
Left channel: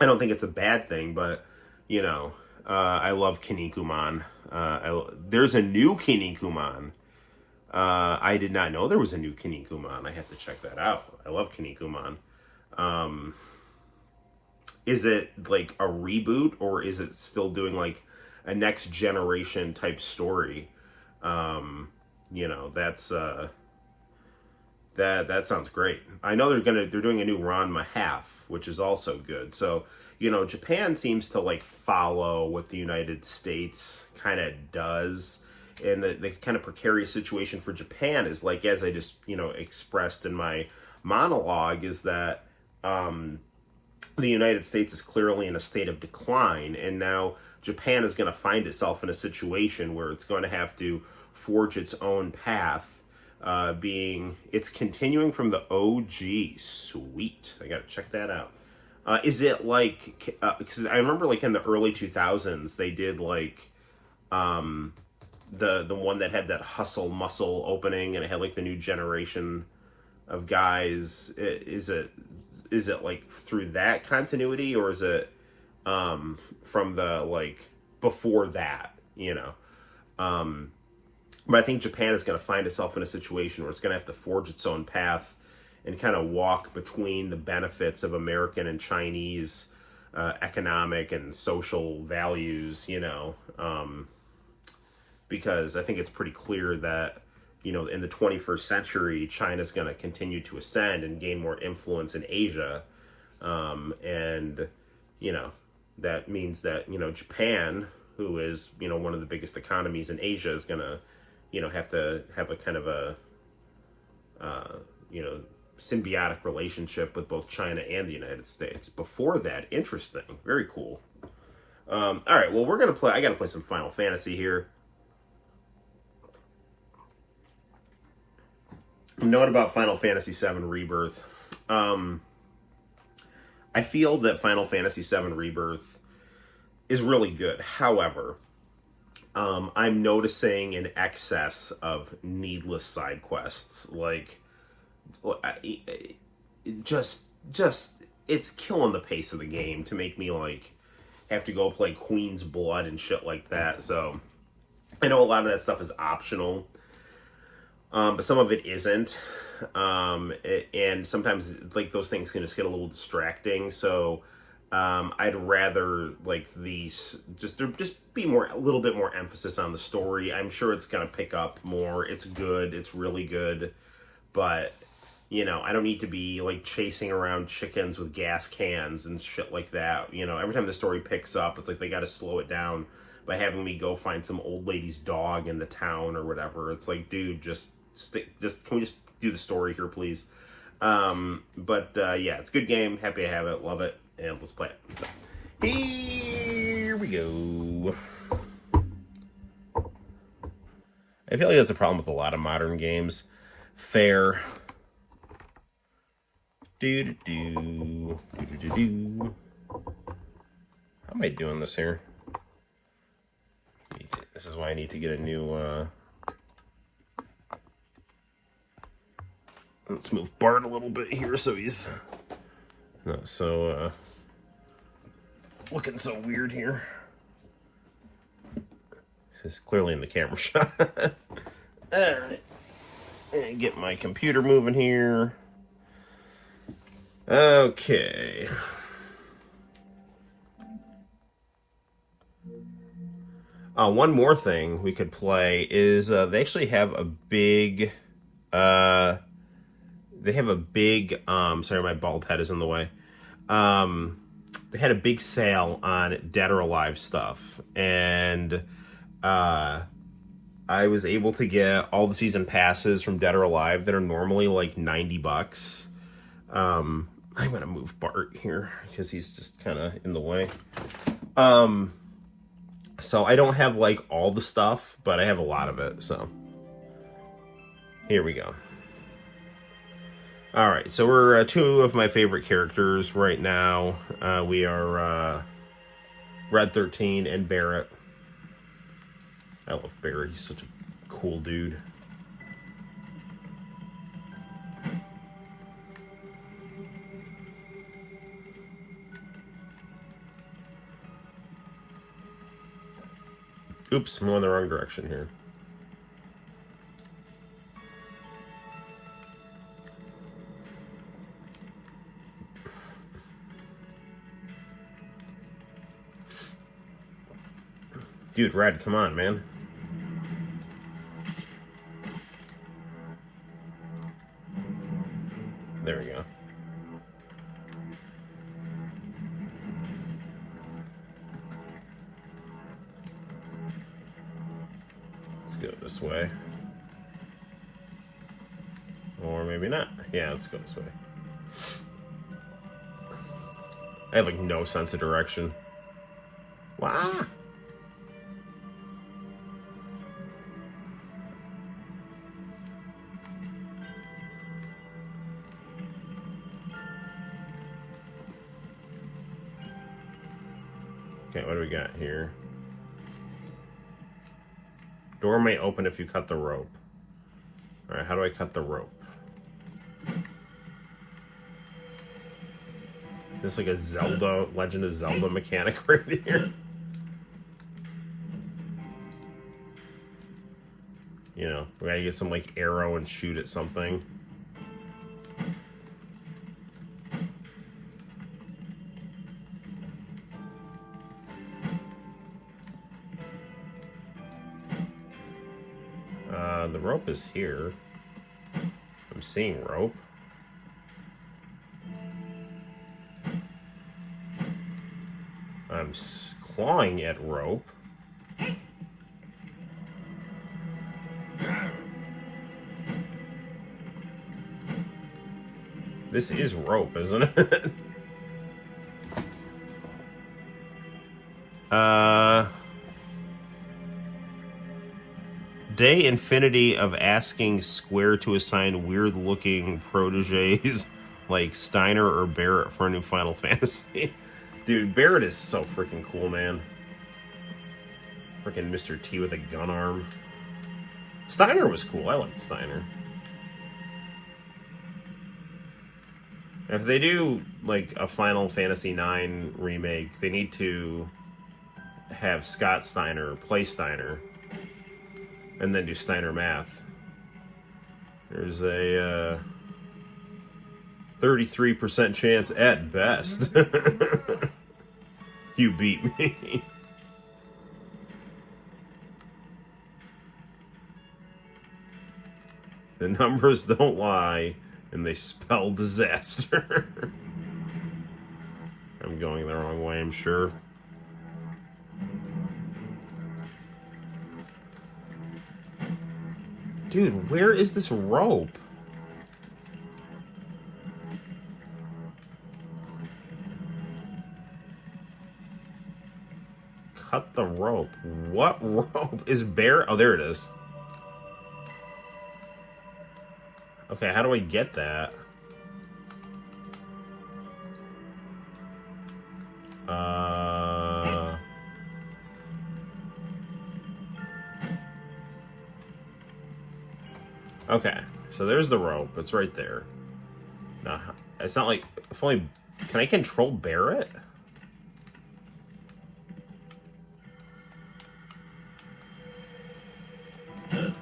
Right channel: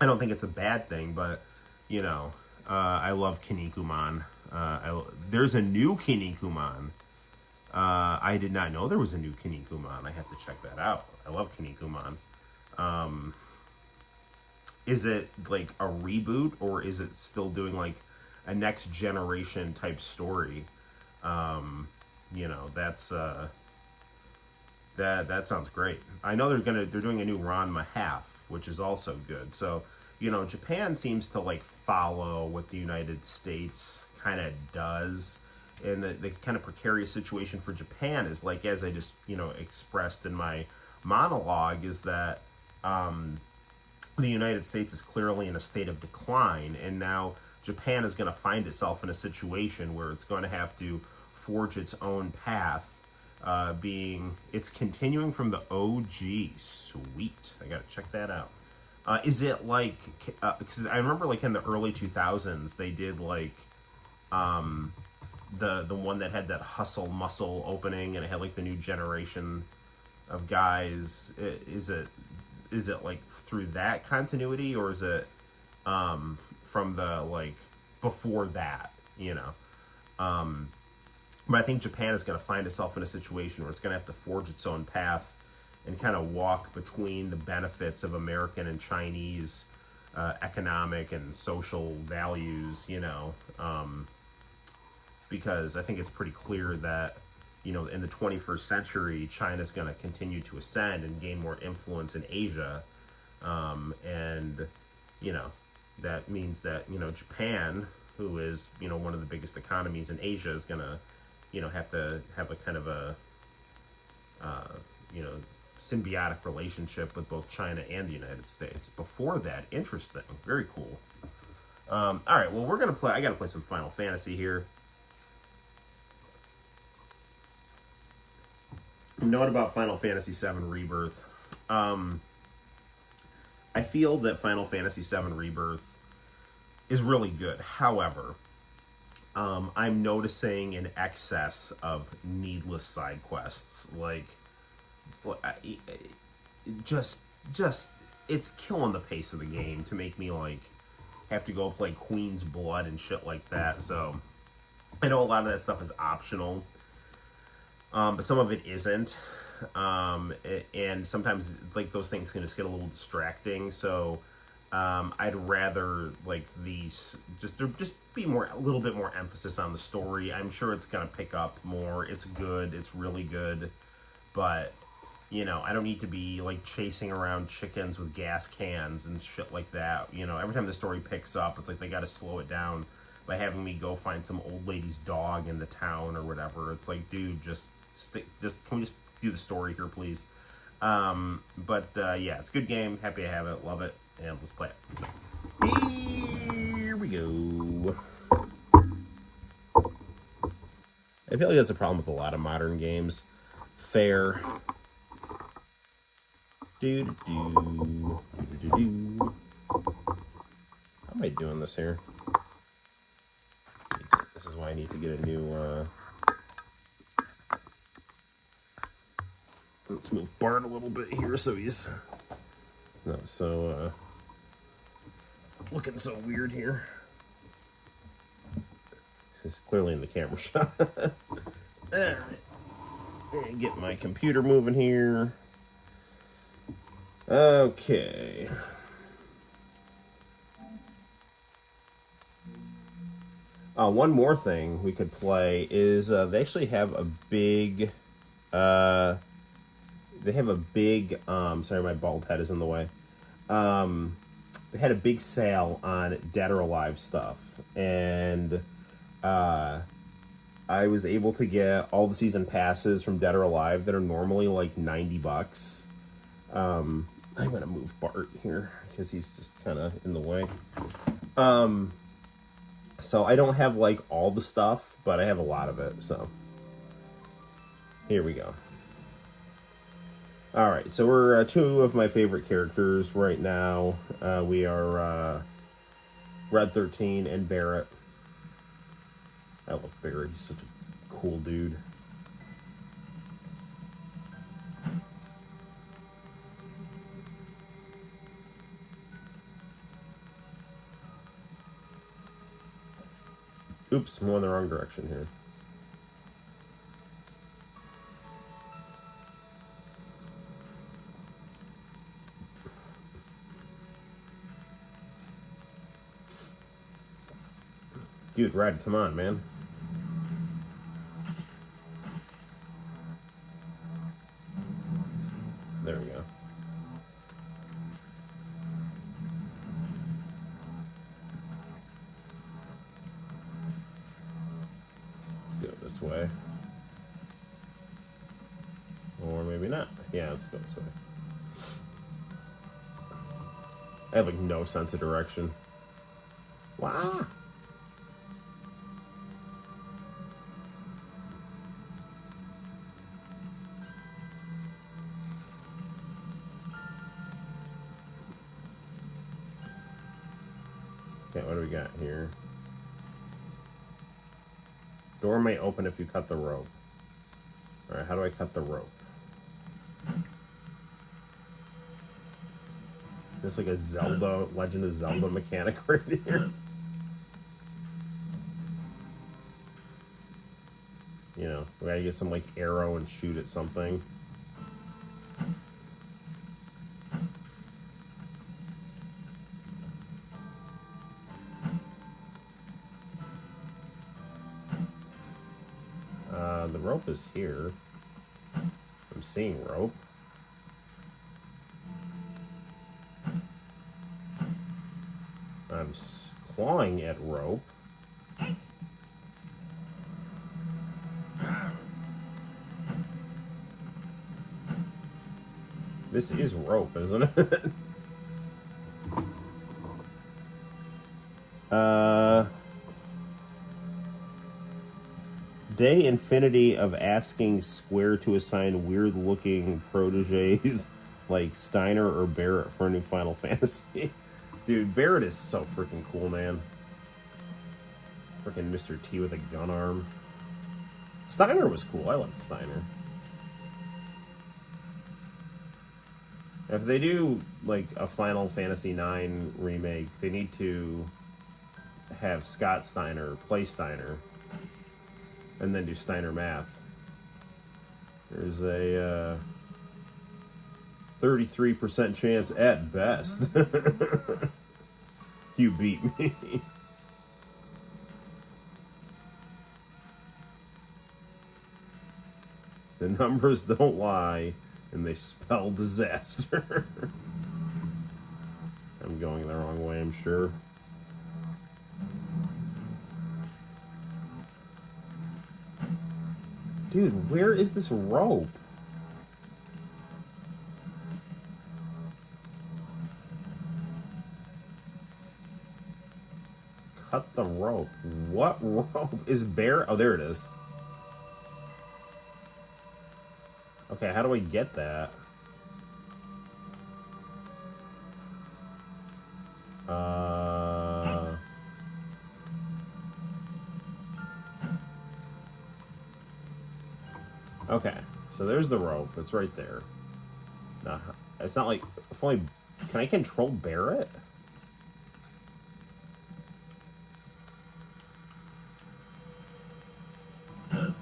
I don't think it's a bad thing, but you know, I love Kinnikuman. There's a new Kinnikuman. I did not know there was a new Kinnikuman. I have to check that out. I love Kinnikuman. Um, is it like a reboot, or is it still doing like a next generation type story? Um, that's that sounds great. I know they're doing a new Ranma half, which is also good. So, Japan seems to like follow what the United States kind of does. And the kind of precarious situation for Japan is like, as I just, expressed in my monologue, is that the United States is clearly in a state of decline, and now Japan is going to find itself in a situation where it's going to have to forge its own path. It's continuing from the OG. Sweet, I got to check that out. Is it like? Because I remember, like in the early 2000s, they did like the one that had that hustle muscle opening, and it had like the new generation of guys. Is it like through that continuity, or is it from the like before that? But I think Japan is going to find itself in a situation where it's going to have to forge its own path and kind of walk between the benefits of American and Chinese economic and social values, because I think it's pretty clear that, in the 21st century, China's going to continue to ascend and gain more influence in Asia. And, that means that, Japan, who is, one of the biggest economies in Asia, is going to, have to have a kind of a, symbiotic relationship with both China and the United States. Before that, interesting. Very cool. All right, well, I got to play some Final Fantasy here. Note about Final Fantasy VII Rebirth. I feel that Final Fantasy VII Rebirth is really good. However, I'm noticing an excess of needless side quests. Like, just it's killing the pace of the game to make me like have to go play Queen's Blood and shit like that. So I know a lot of that stuff is optional. But some of it isn't, and sometimes like those things can just get a little distracting. So I'd rather like these just be a little bit more emphasis on the story. I'm sure it's gonna pick up more. It's good. It's really good, but I don't need to be like chasing around chickens with gas cans and shit like that. Every time the story picks up, it's like they got to slow it down by having me go find some old lady's dog in the town or whatever. It's like, dude, can we just do the story here, please? Yeah, it's a good game. Happy to have it. Love it. And let's play it. So, here we go. I feel like that's a problem with a lot of modern games. Fair. How am I doing this here? This is why I need to get a new, let's move Bart a little bit here so he's not so, looking so weird here. He's clearly in the camera shot. Alright. Get my computer moving here. Okay. One more thing we could play is they actually have a big sorry, my bald head is in the way. They had a big sale on Dead or Alive stuff, and I was able to get all the season passes from Dead or Alive that are normally like $90. I'm gonna move Bart here because he's just kind of in the way. So I don't have like all the stuff, but I have a lot of it. So here we go. All right, so we're two of my favorite characters right now. We are Red 13 and Barrett. I love Barrett. He's such a cool dude. Oops, I'm going the wrong direction here. Dude, Red, come on, man. There we go. Let's go this way. Or maybe not. Yeah, let's go this way. I have like no sense of direction. Wow. What do we got here? Door may open if you cut the rope. Alright, how do I cut the rope? There's like a Zelda, Legend of Zelda mechanic right here. You know, we gotta get some like arrow and shoot at something. The rope is here. I'm seeing rope. I'm clawing at rope. This is rope, isn't it? Day infinity of asking Square to assign weird-looking proteges like Steiner or Barrett for a new Final Fantasy. Dude, Barrett is so freaking cool, man. Freaking Mr. T with a gun arm. Steiner was cool. I liked Steiner. If they do, like, a Final Fantasy IX remake, they need to have Scott Steiner play Steiner. And then do Steiner math. There's a 33% chance at best. You beat me. The numbers don't lie, and they spell disaster. I'm going the wrong way, I'm sure. Dude, where is this rope? Cut the rope. What rope? Is Bear? Oh, there it is. Okay, how do I get that? Okay, so there's the rope. It's right there. It's not like... If only... Can I control Barrett? Can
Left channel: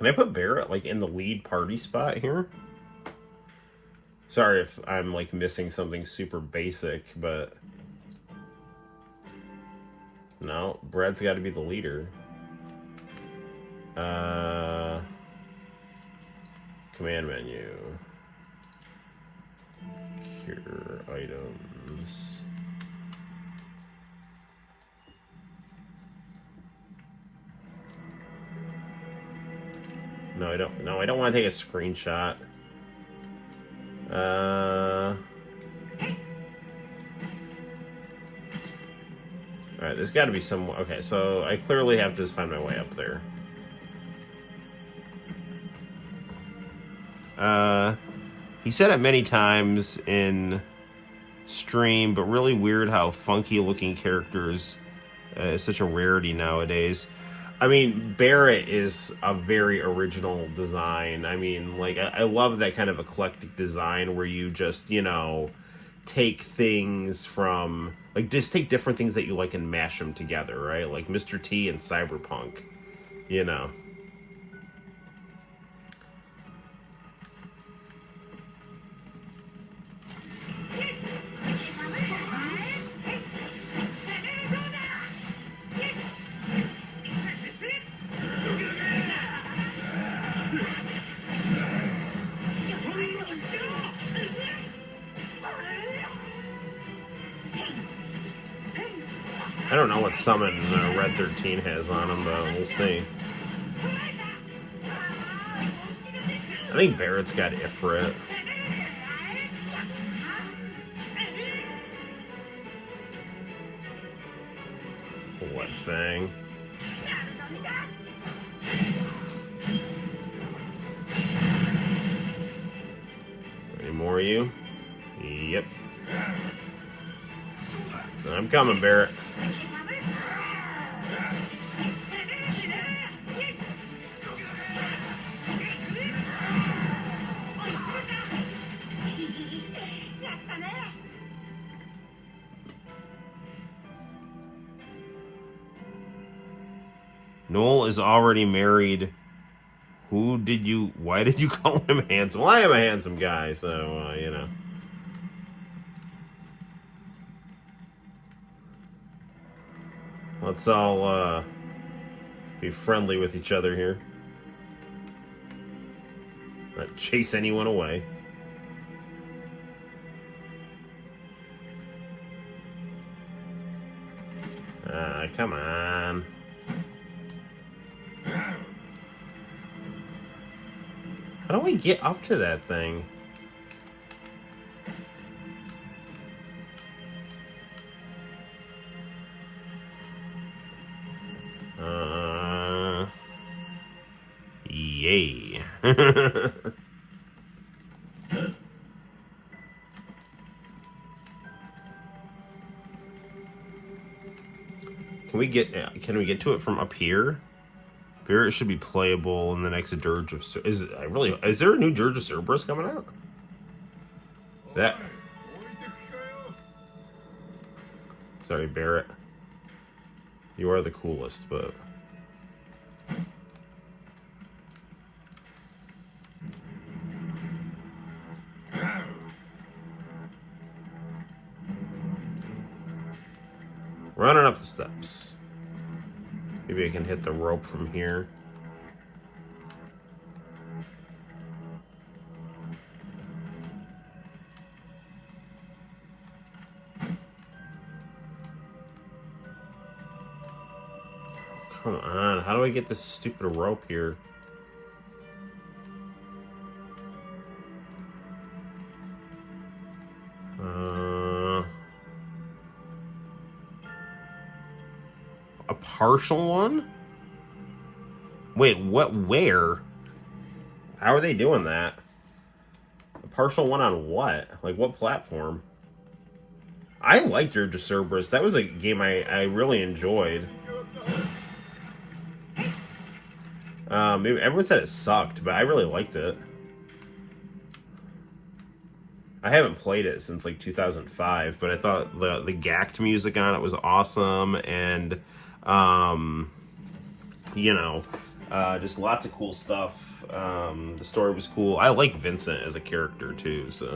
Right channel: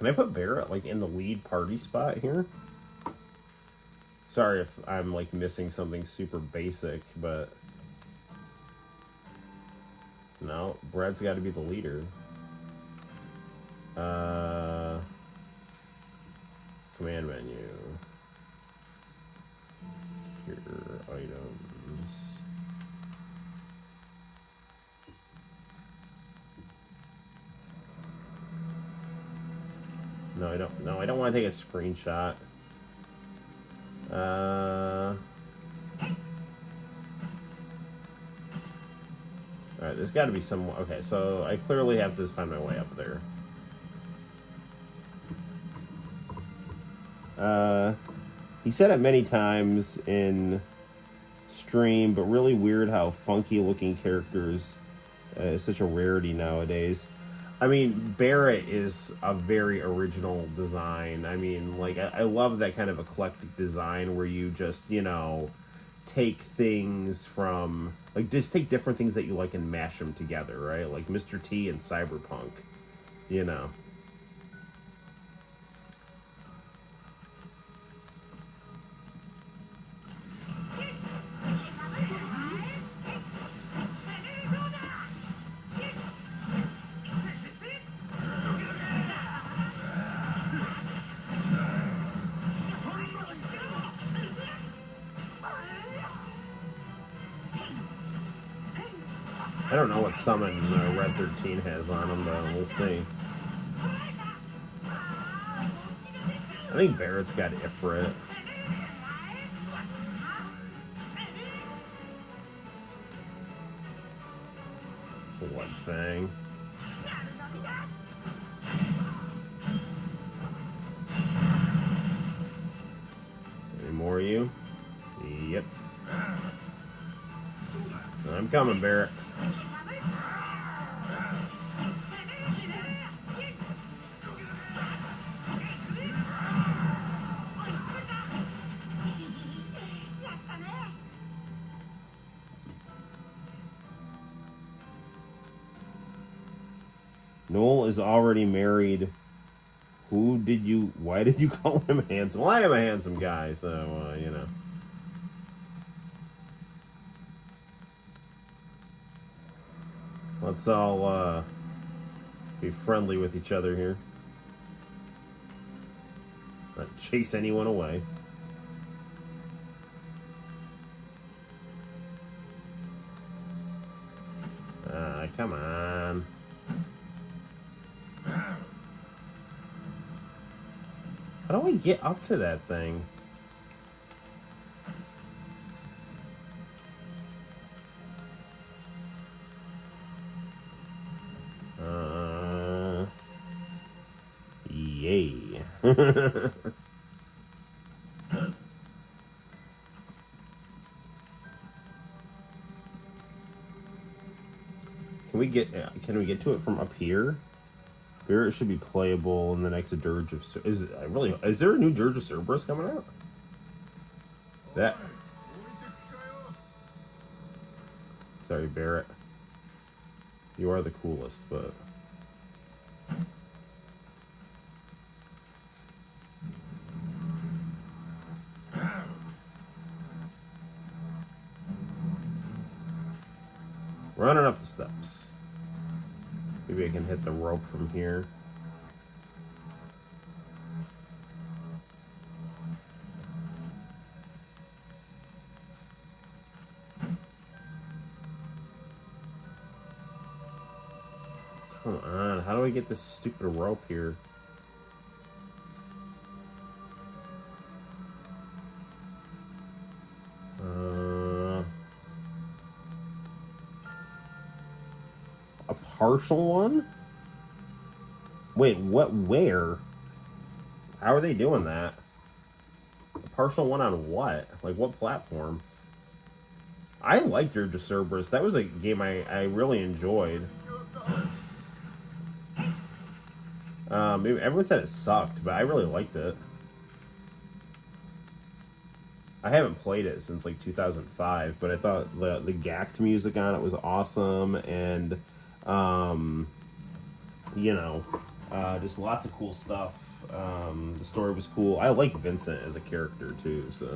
I put Barrett, like, in the lead party spot here? Sorry if I'm, like, missing something super basic, but... No, Brad's got to be the leader. Command menu. Cure items. No, I don't. No, I don't want to take a screenshot. Alright, there's got to be some... Okay, so I clearly have to just find my way up there. He said it many times in stream, but really weird how funky looking characters is such a rarity nowadays. I mean, Barrett is a very original design. I mean, like, I love that kind of eclectic design where you just, you know, take things from, like, just take different things that you like and mash them together, right? Like Mr. T and Cyberpunk, you know. I don't know what summon Red 13 has on him, though. We'll see. I think Barrett's got Ifrit. What thing? Any more of you? Yep. I'm coming, Barrett. Noel is already married. Why did you call him handsome? Well, I am a handsome guy, so, you know. Let's all, be friendly with each other here. Not chase anyone away. Come on. How do we get up to that thing? Yay. Can we get to it from up here? Here it should be playable in the next Dirge of is there a new Dirge of Cerberus coming out? That Sorry, Barrett. You are the coolest, but running up the steps. Maybe I can hit the rope from here. Come on, how do I get this stupid rope here? A partial one? Wait, what? Where? How are they doing that? A partial one on what? Like, what platform? I liked Dirge of Cerberus. That was a game I really enjoyed. Maybe everyone said it sucked, but I really liked it. I haven't played it since like 2005, but I thought the Gact music on it was awesome, and you know, just lots of cool stuff. The story was cool. I like Vincent as a character too, so.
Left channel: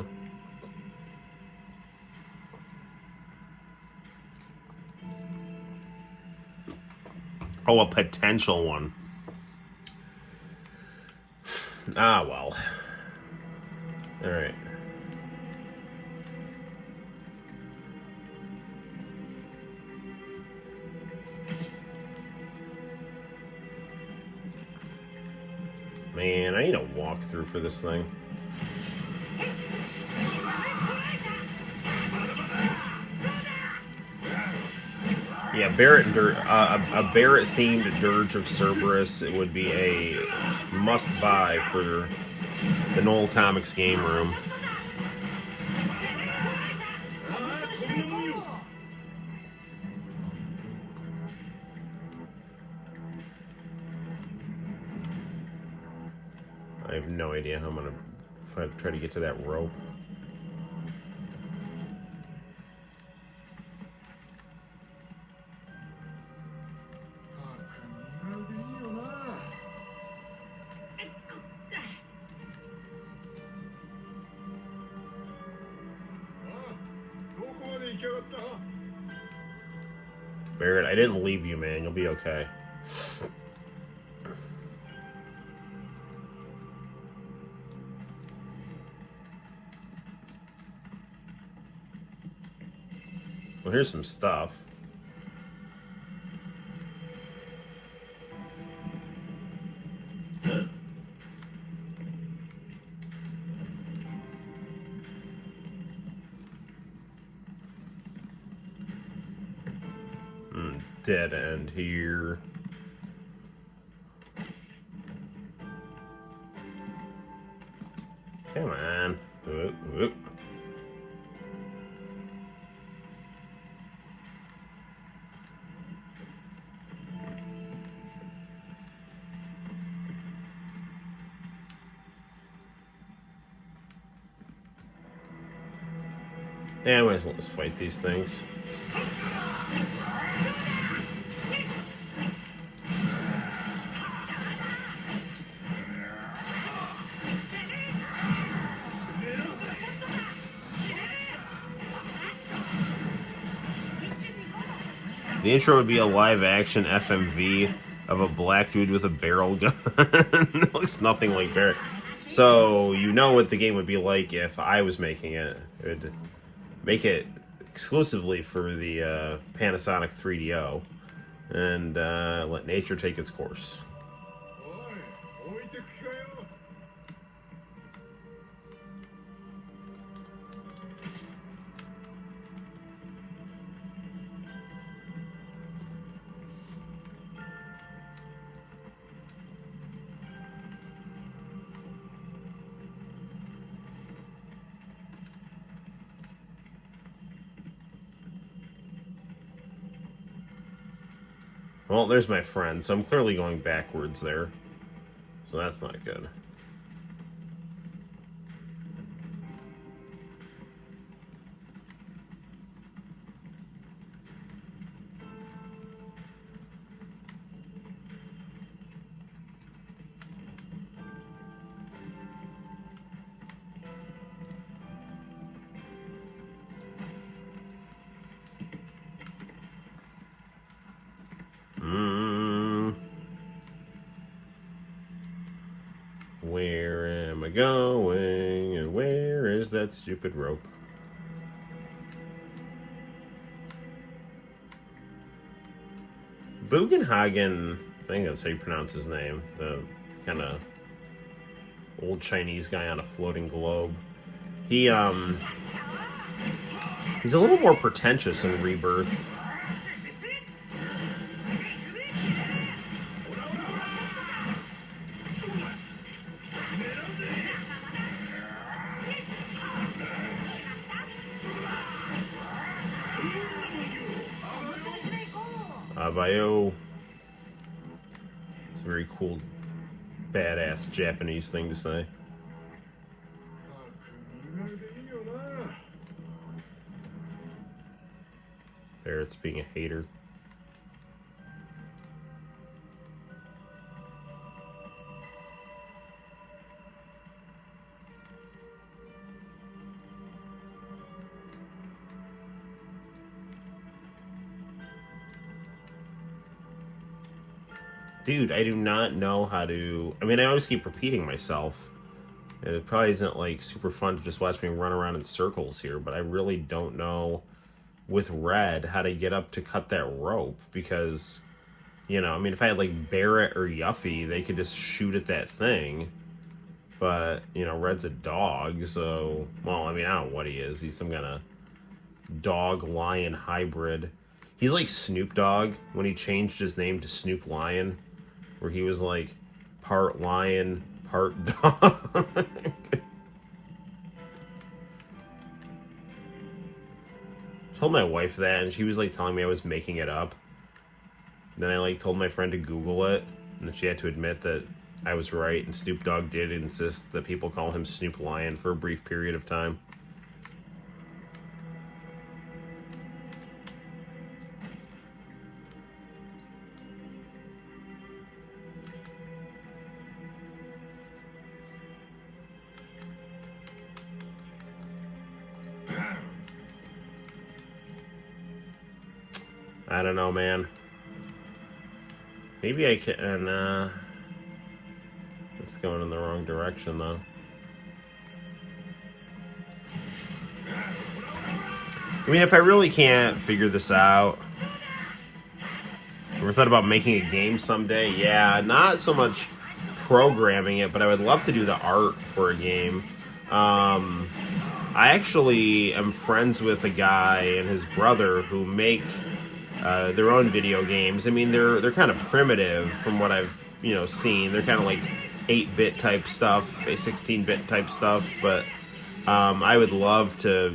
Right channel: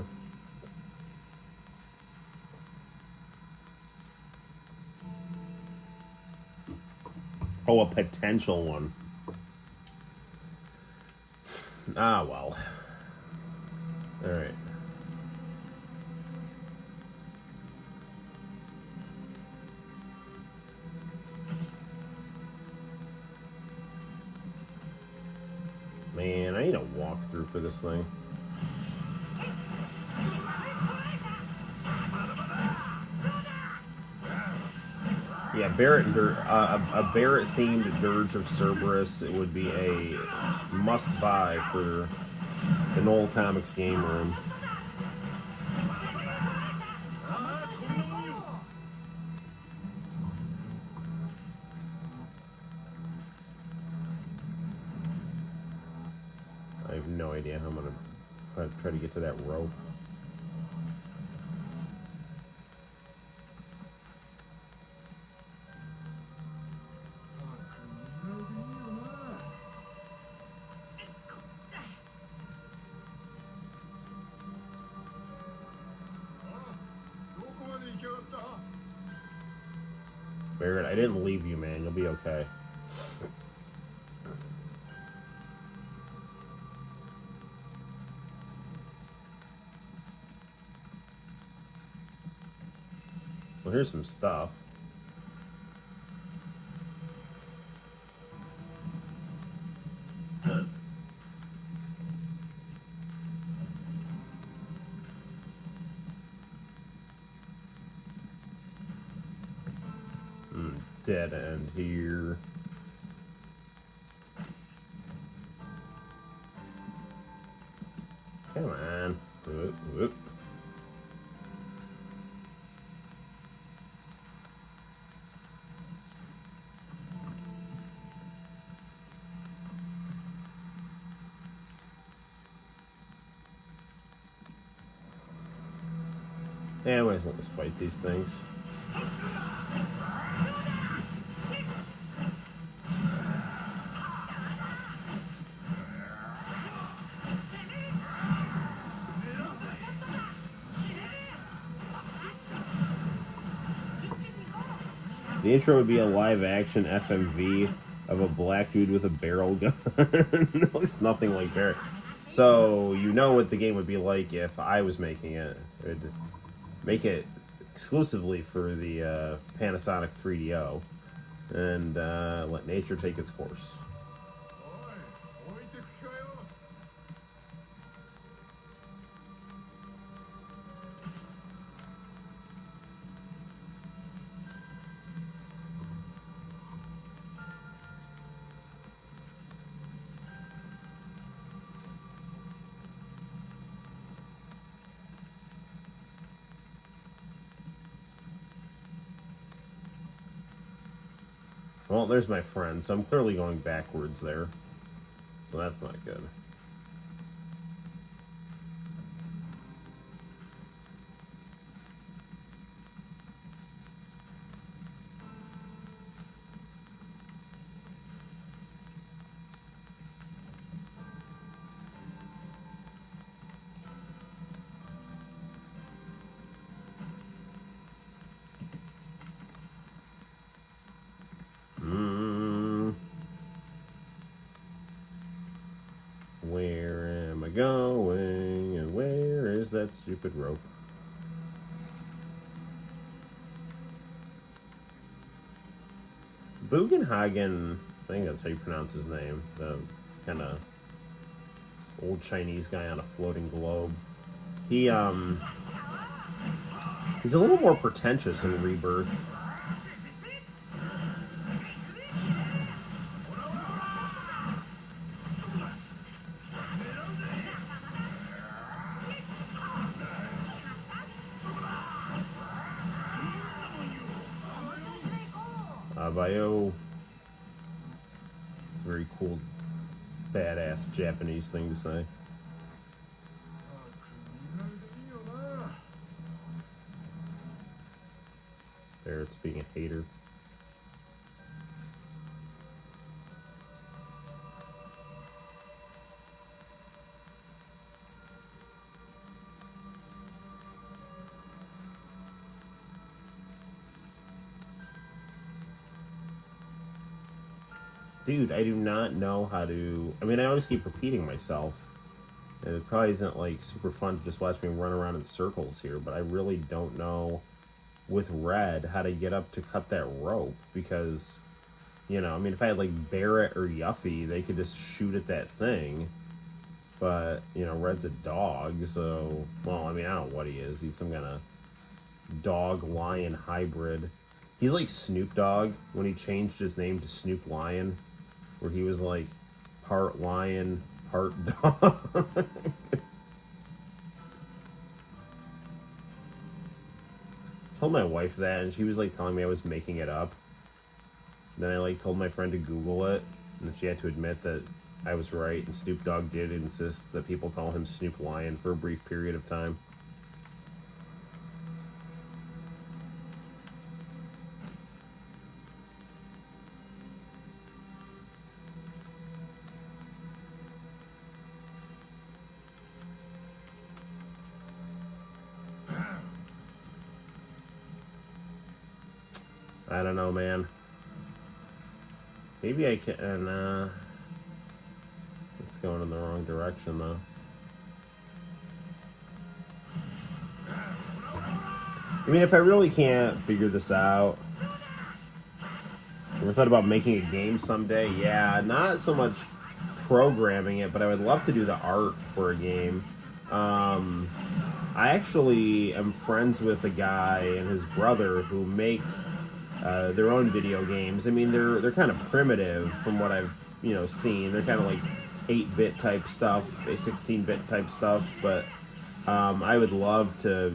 Oh, a potential one. Ah, well. Alright. Man, I need a walkthrough for this thing. Yeah, a Barrett-themed Dirge of Cerberus. It would be a must-buy for the Noel ComiX game room. have no idea how I'm gonna try to get to that rope. Barrett, I didn't leave you, man. You'll be okay. Well, here's some stuff. Dead end here. Come on. Whoop, whoop. Yeah, might as well just fight these things. The intro would be a live-action FMV of a black dude with a barrel gun. It looks nothing like Barrett. So you know what the game would be like if I was making it. It would make it exclusively for the Panasonic 3DO and let nature take its course. Well, there's my friend, so I'm clearly going backwards there. So that's not good. Going, and where is that stupid rope? Bugenhagen, I think that's how you pronounce his name, the kind of old Chinese guy on a floating globe. He's a little more pretentious in Rebirth. It's a very cool, badass Japanese thing to say. Barrett's being a hater. Dude, I do not know how to... I mean, I always keep repeating myself. It probably isn't, like, super fun to just watch me run around in circles here, but I really don't know, with Red, how to get up to cut that rope, because, you know, I mean, if I had, like, Barrett or Yuffie, they could just shoot at that thing, but, you know, Red's a dog, so, well, I mean, I don't know what he is. He's some kind of dog-lion hybrid. He's like Snoop Dogg when he changed his name to Snoop Lion, where he was like part lion, part dog. Told my wife that, and she was like telling me I was making it up. Then I like told my friend to Google it, and she had to admit that I was right, and Snoop Dogg did insist that people call him Snoop Lion for a brief period of time. I don't know, man. Maybe I can. It's going in the wrong direction, though. I mean, if I really can't figure this out, or thought about making a game someday, yeah, not so much programming it, but I would love to do the art for a game. I actually am friends with a guy and his brother who make their own video games. I mean, they're kind of primitive from what I've seen. They're kind of like 8-bit type stuff, 16-bit type stuff. But I would love to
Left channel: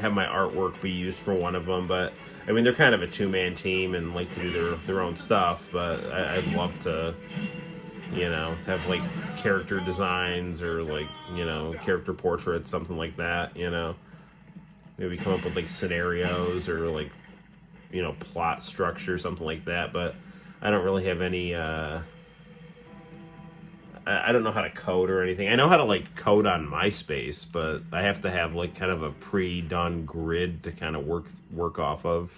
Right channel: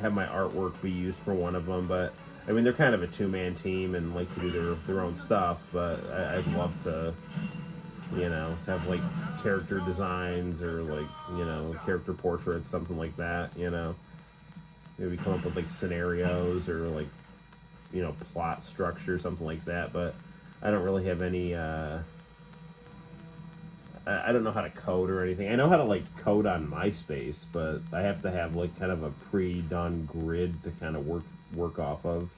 have my artwork be used for one of them. But I mean, they're kind of a two-man team and like to do their own stuff. But I'd love to, have like character designs or like character portraits, something like that. Maybe come up with like scenarios or like plot structure, something like that. But I don't really have any I don't know how to code or anything. I know how to like code on MySpace, but I have to have like kind of a pre-done grid to kind of work off of.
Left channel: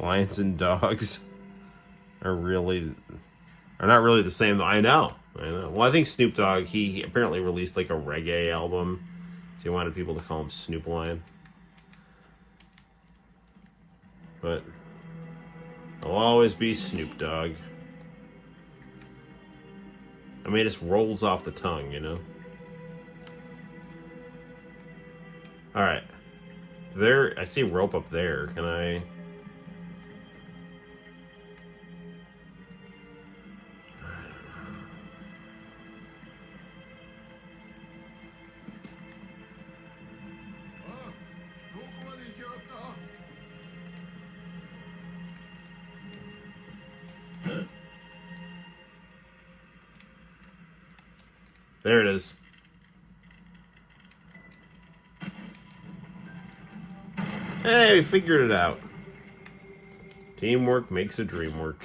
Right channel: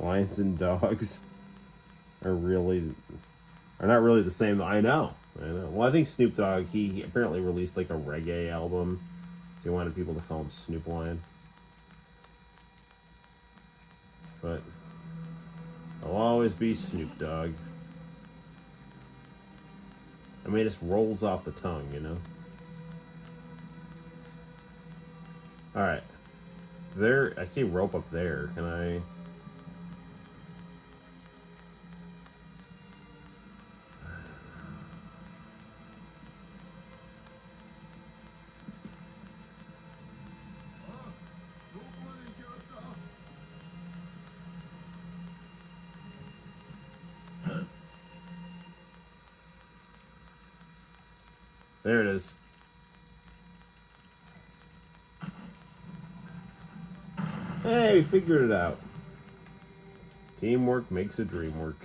Lions and dogs are not really the same. I know. Well, I think Snoop Dogg, he apparently released like a reggae album, so he wanted people to call him Snoop Lion. But I'll always be Snoop Dogg. I mean, it just rolls off the tongue, Alright. There, I see rope up there. Can I... There it is. Hey, figured it out. Teamwork makes a dream work.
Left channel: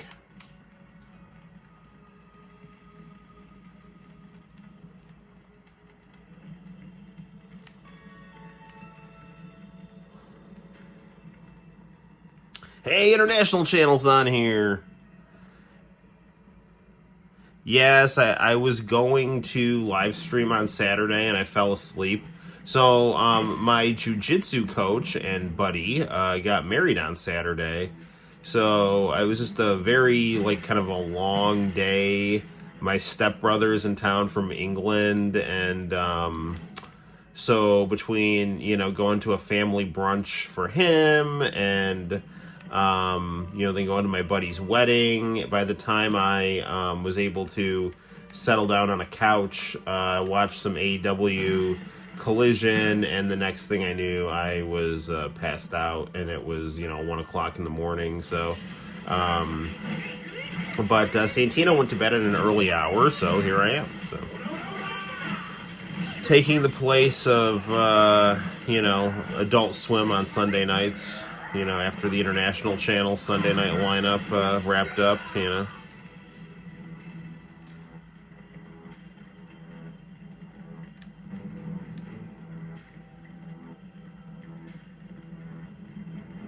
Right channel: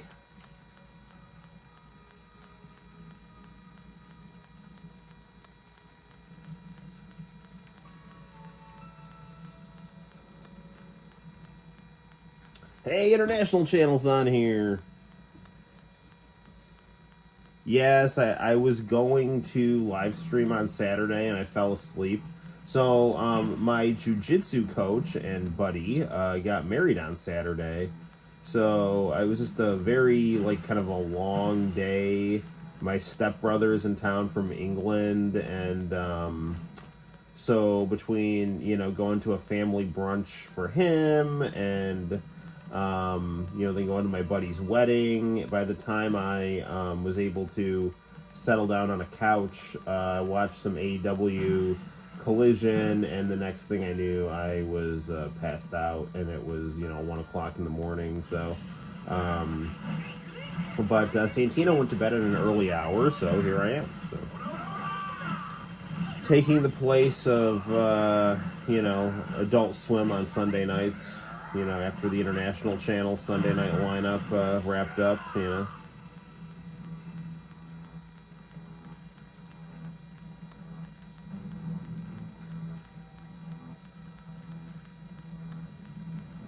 Hey, international channels on here. Yes, I was going to live stream on Saturday and I fell asleep. So my jiu-jitsu coach and buddy got married on Saturday. So I was just a very like kind of a long day. My stepbrother's in town from England, and so between going to a family brunch for him and then going to my buddy's wedding. By the time I was able to settle down on a couch, watch some AEW Collision, and the next thing I knew, I was passed out, and it was 1 o'clock in the morning. So, but Santino went to bed at an early hour, so here I am. So, taking the place of Adult Swim on Sunday nights. After the international channel Sunday night lineup wrapped up,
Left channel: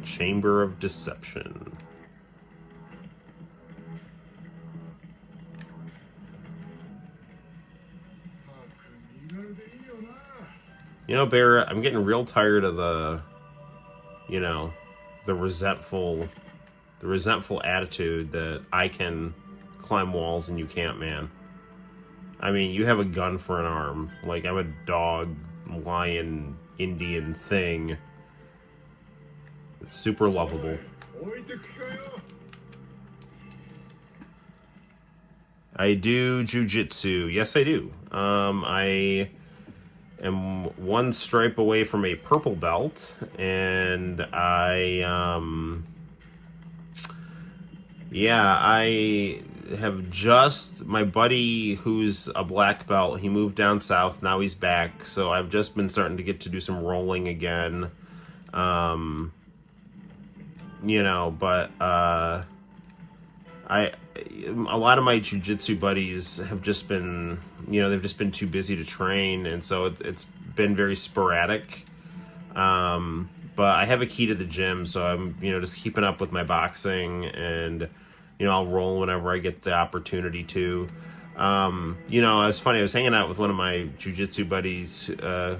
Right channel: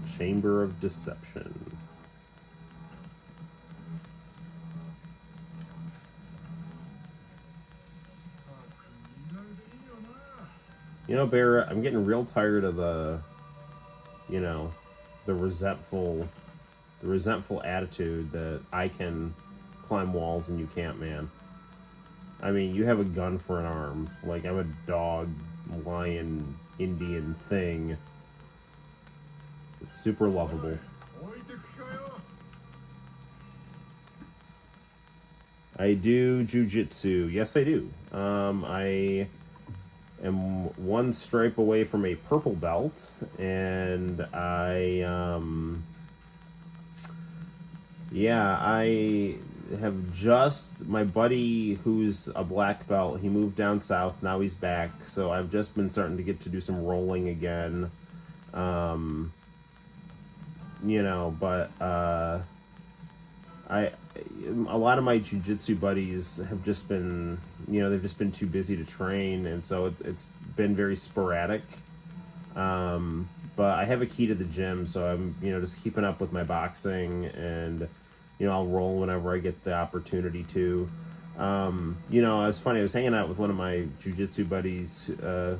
Chamber of Deception. Barrett, I'm getting real tired of the resentful attitude that I can climb walls and you can't, man. I mean, you have a gun for an arm. Like, I'm a dog, lion, Indian thing. It's super lovable. I do jiu-jitsu. Yes, I do. I am one stripe away from a purple belt, and yeah, I have just, my buddy who's a black belt, he moved down south, now he's back, so I've just been starting to get to do some rolling again. Um, but a lot of my jiu-jitsu buddies have just been, they've just been too busy to train, and so it's been very sporadic. But I have a key to the gym, so I'm, just keeping up with my boxing, and, I'll roll whenever I get the opportunity to. It's funny, I was hanging out with one of my jiu-jitsu buddies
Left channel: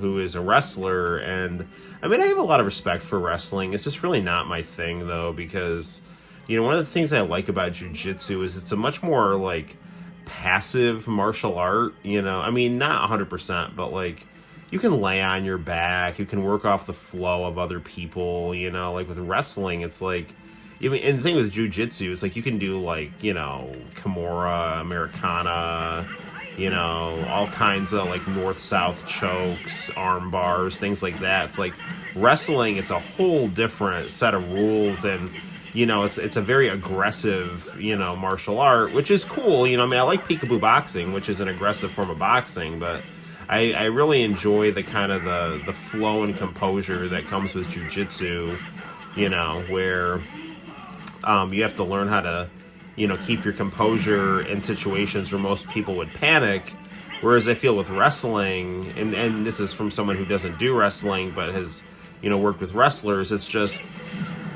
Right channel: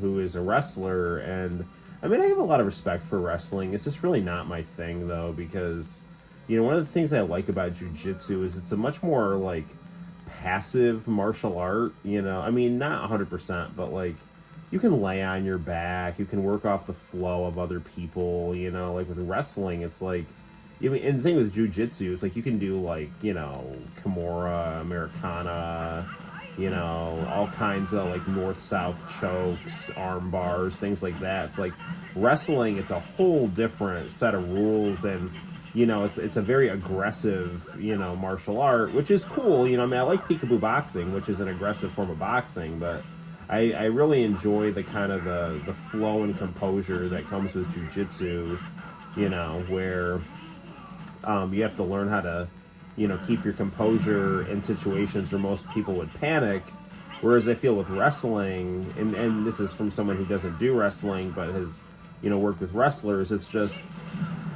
who is a wrestler, and I mean, I have a lot of respect for wrestling. It's just really not my thing, though, because, one of the things I like about jiu-jitsu is it's a much more, like, passive martial art, I mean, not 100%, but, like, you can lay on your back, you can work off the flow of other people, like with wrestling, it's like, and the thing with jiu-jitsu, it's like you can do, like, Kimura, Americana, all kinds of, like, north-south chokes, arm bars, things like that. It's like wrestling, it's a whole different set of rules, and, it's a very aggressive, martial art, which is cool. I mean, I like peekaboo boxing, which is an aggressive form of boxing, but I really enjoy the kind of the flow and composure that comes with jiu-jitsu, where you have to learn how to, keep your composure in situations where most people would panic. Whereas I feel with wrestling, and this is from someone who doesn't do wrestling but has, worked with wrestlers, it's just,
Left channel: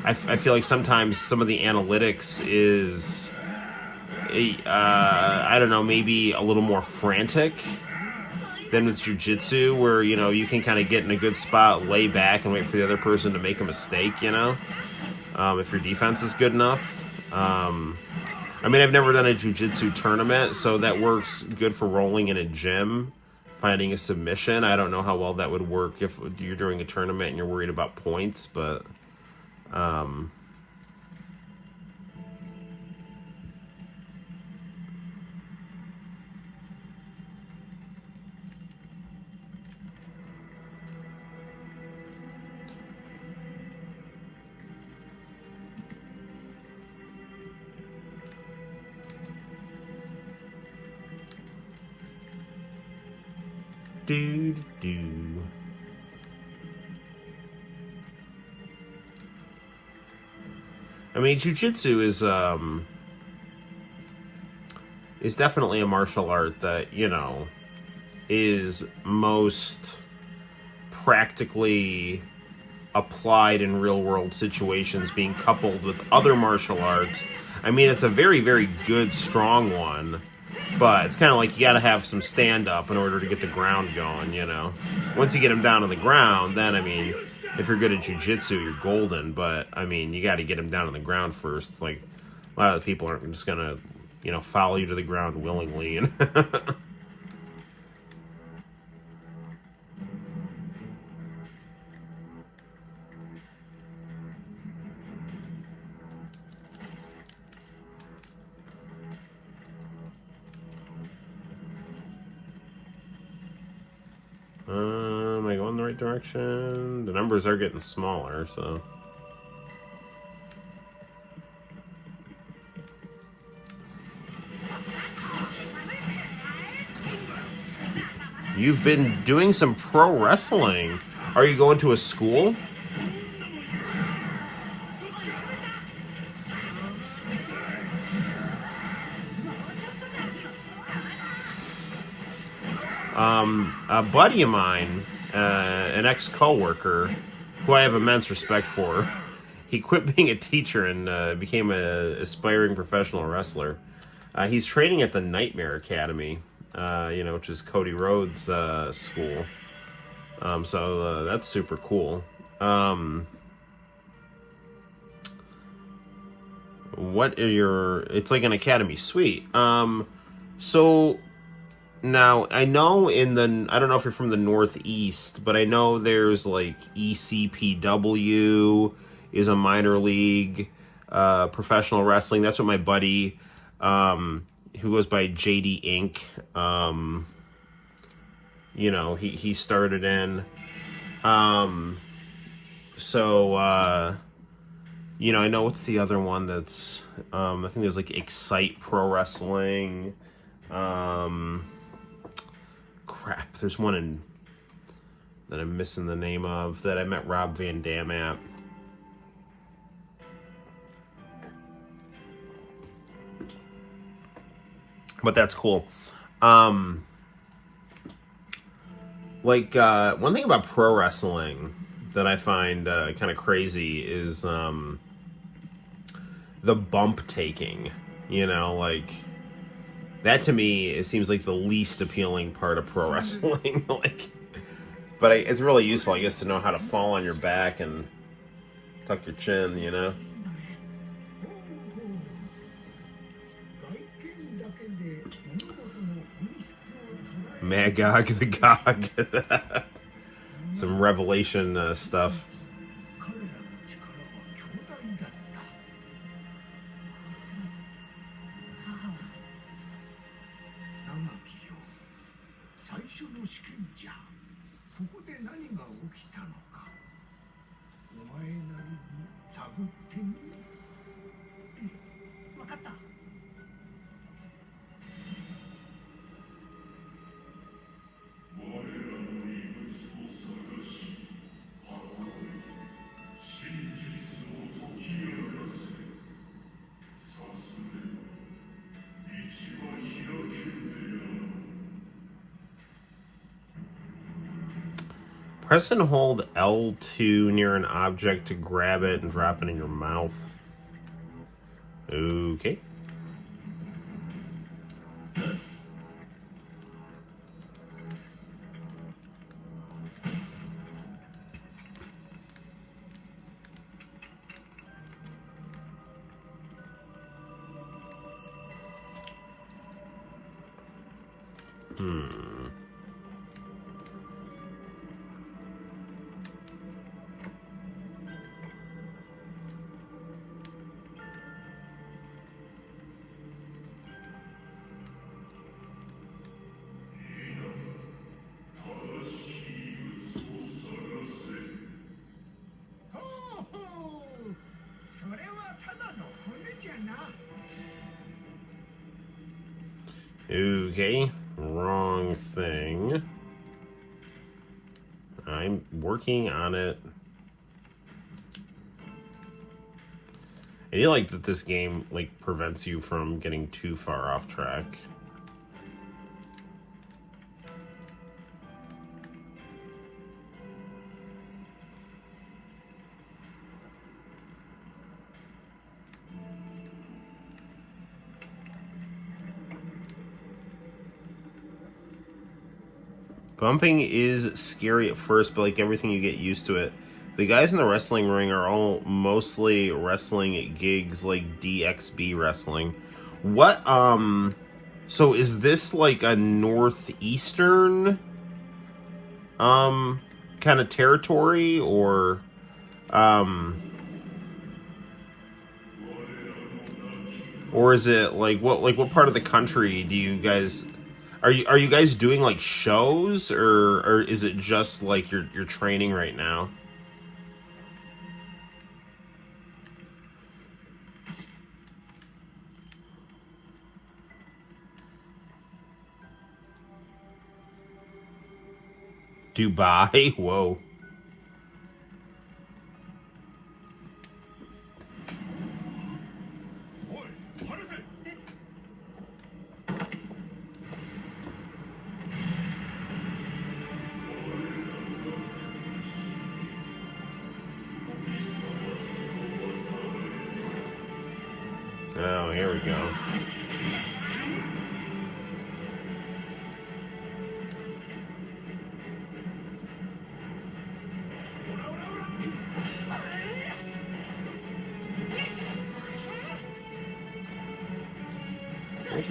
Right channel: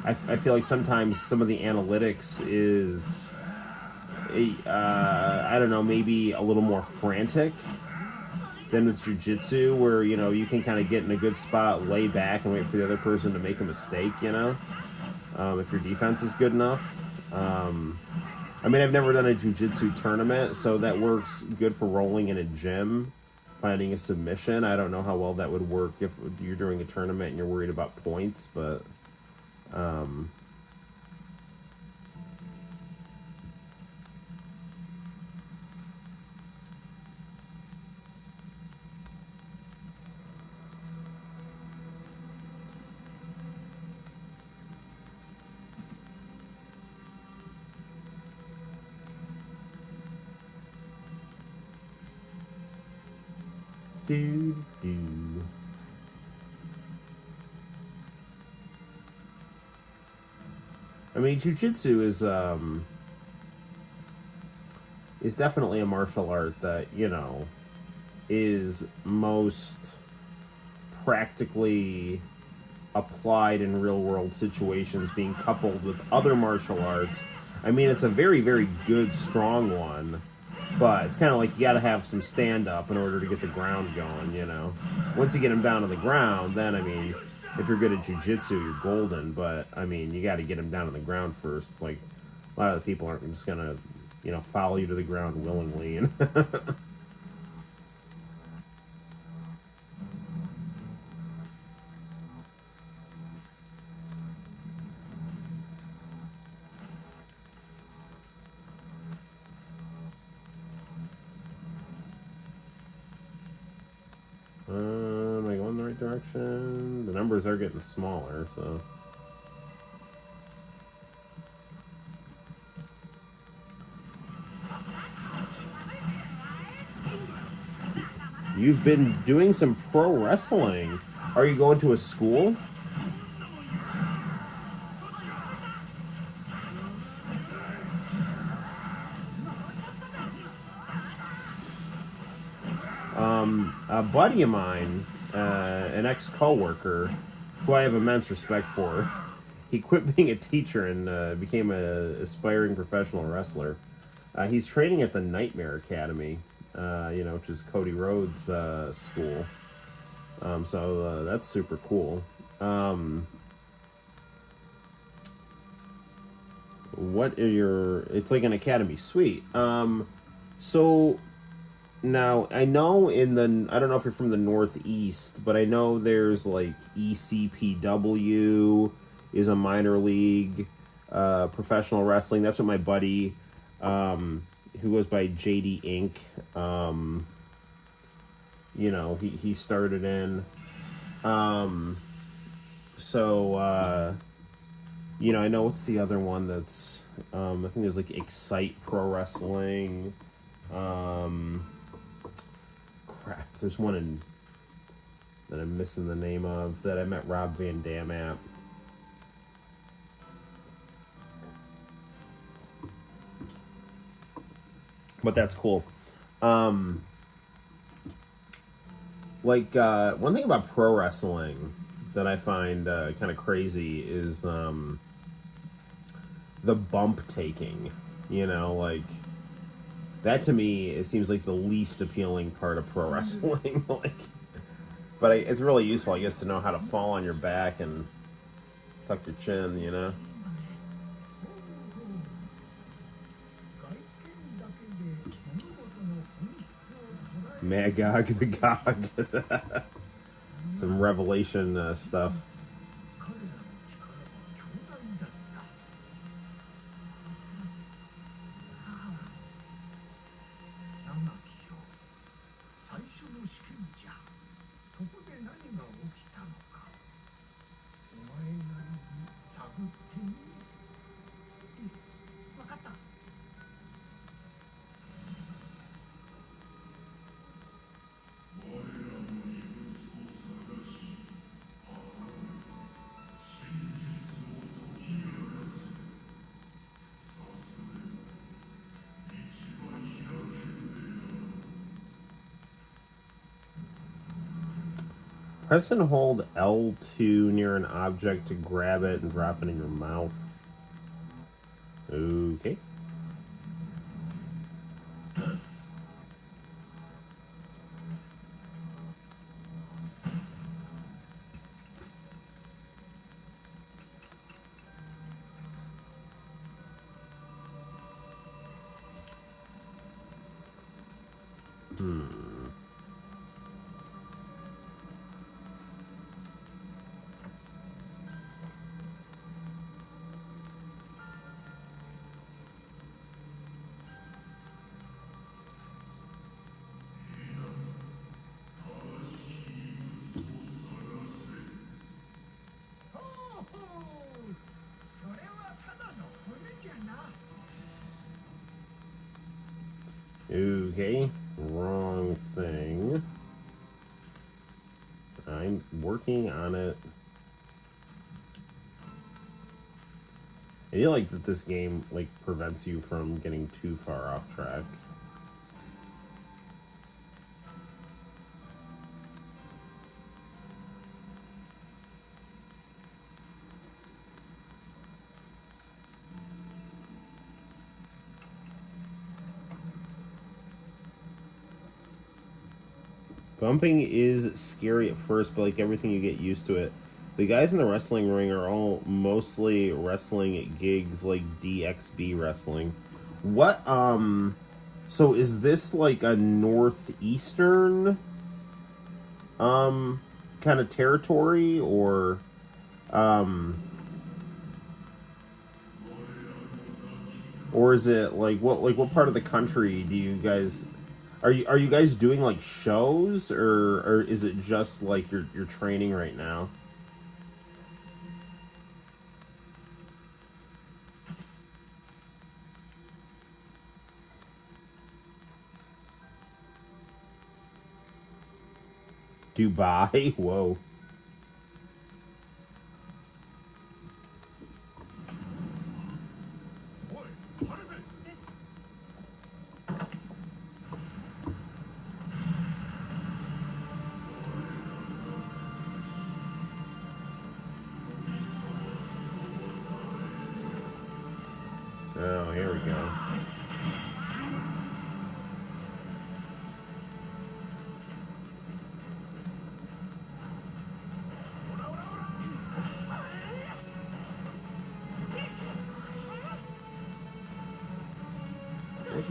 I feel like sometimes some of the analytics is, I don't know, maybe a little more frantic than with jiu-jitsu, where, you can kind of get in a good spot, lay back, and wait for the other person to make a mistake, if your defense is good enough. I mean, I've never done a jiu-jitsu tournament, so that works good for rolling in a gym, finding a submission. I don't know how well that would work if you're doing a tournament and you're worried about points, but I mean, jiu-jitsu is definitely a martial art that, is most practically applied in real-world situations, being coupled with other martial arts. I mean, it's a very, very good, strong one, but it's kind of like you got to have some stand-up in order to get the ground going, Once you get them down on the ground, then, I mean, if you're good at jiu-jitsu, you're golden, but, I mean, you got to get them down on the ground first. It's like, a lot of the people aren't just going to, follow you to the ground willingly. Am I going in the right direction? The numbers are getting smaller, so... You've been doing some pro wrestling. Are you going to a school? A buddy of mine, an ex-coworker, who I have immense respect for, he quit being a teacher and became an aspiring professional wrestler. He's training at the Nightmare Academy, which is Cody Rhodes' school. So that's super cool. What are your... It's like an academy suite. So... Now, I know I don't know if you're from the Northeast, but I know there's like ECPW is a minor league professional wrestling. That's what my buddy, who goes by JD Inc., you know, he started in. You know, I know what's the other one that's, I think there's like Excite Pro Wrestling. Crap, there's one that I'm missing the name of that I met Rob Van Dam at. But that's cool. One thing about pro wrestling that I find kind of crazy is the bump taking. You know, like, that to me, it seems like the least appealing part of pro wrestling. But it's really useful, I guess, to know how to fall on your back and tuck your chin, you know? Magog the Gog. Some Revelation stuff. Press and hold L2 near an object to grab it and drop it in your mouth. Okay. Okay, wrong thing. I'm working on it. I do like that this game like prevents you from getting too far off track. Bumping is scary at first, but like everything, you get used to it. The guys in the wrestling ring are all mostly wrestling at gigs like DXB wrestling. What, so is this like a northeastern, kind of territory, or, or is it like what part of the country do you guys... Are you guys doing like shows, or is it just like you're training right now? Dubai? Whoa. Oh, here we go.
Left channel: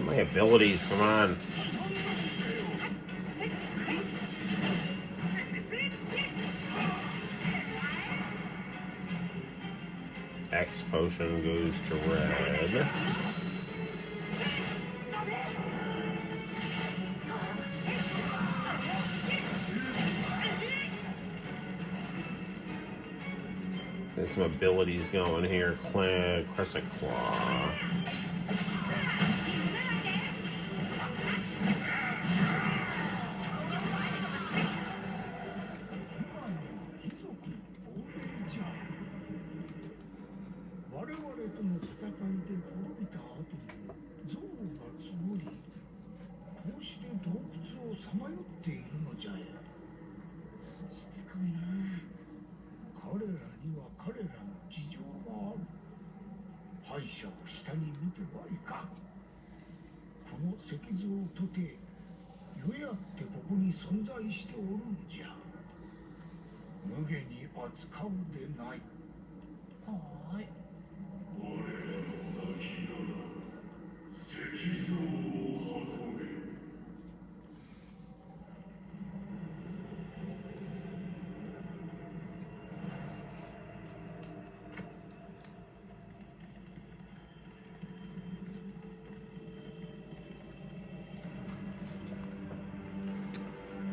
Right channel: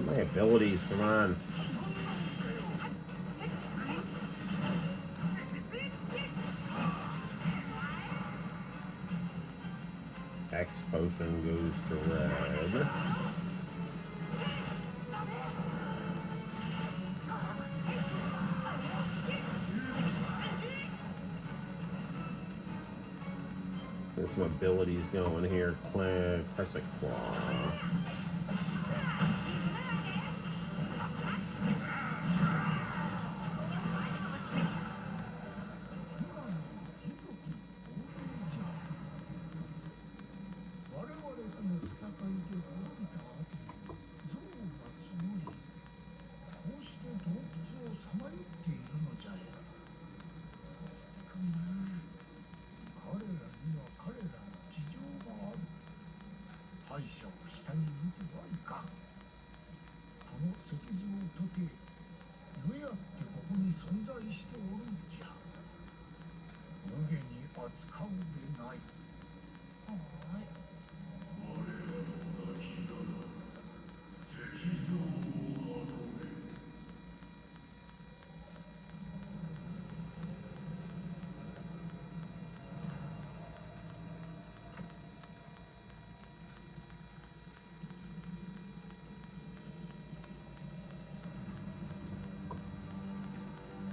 My abilities, come on. X potion goes to red. Get some abilities going here. Crescent Claw.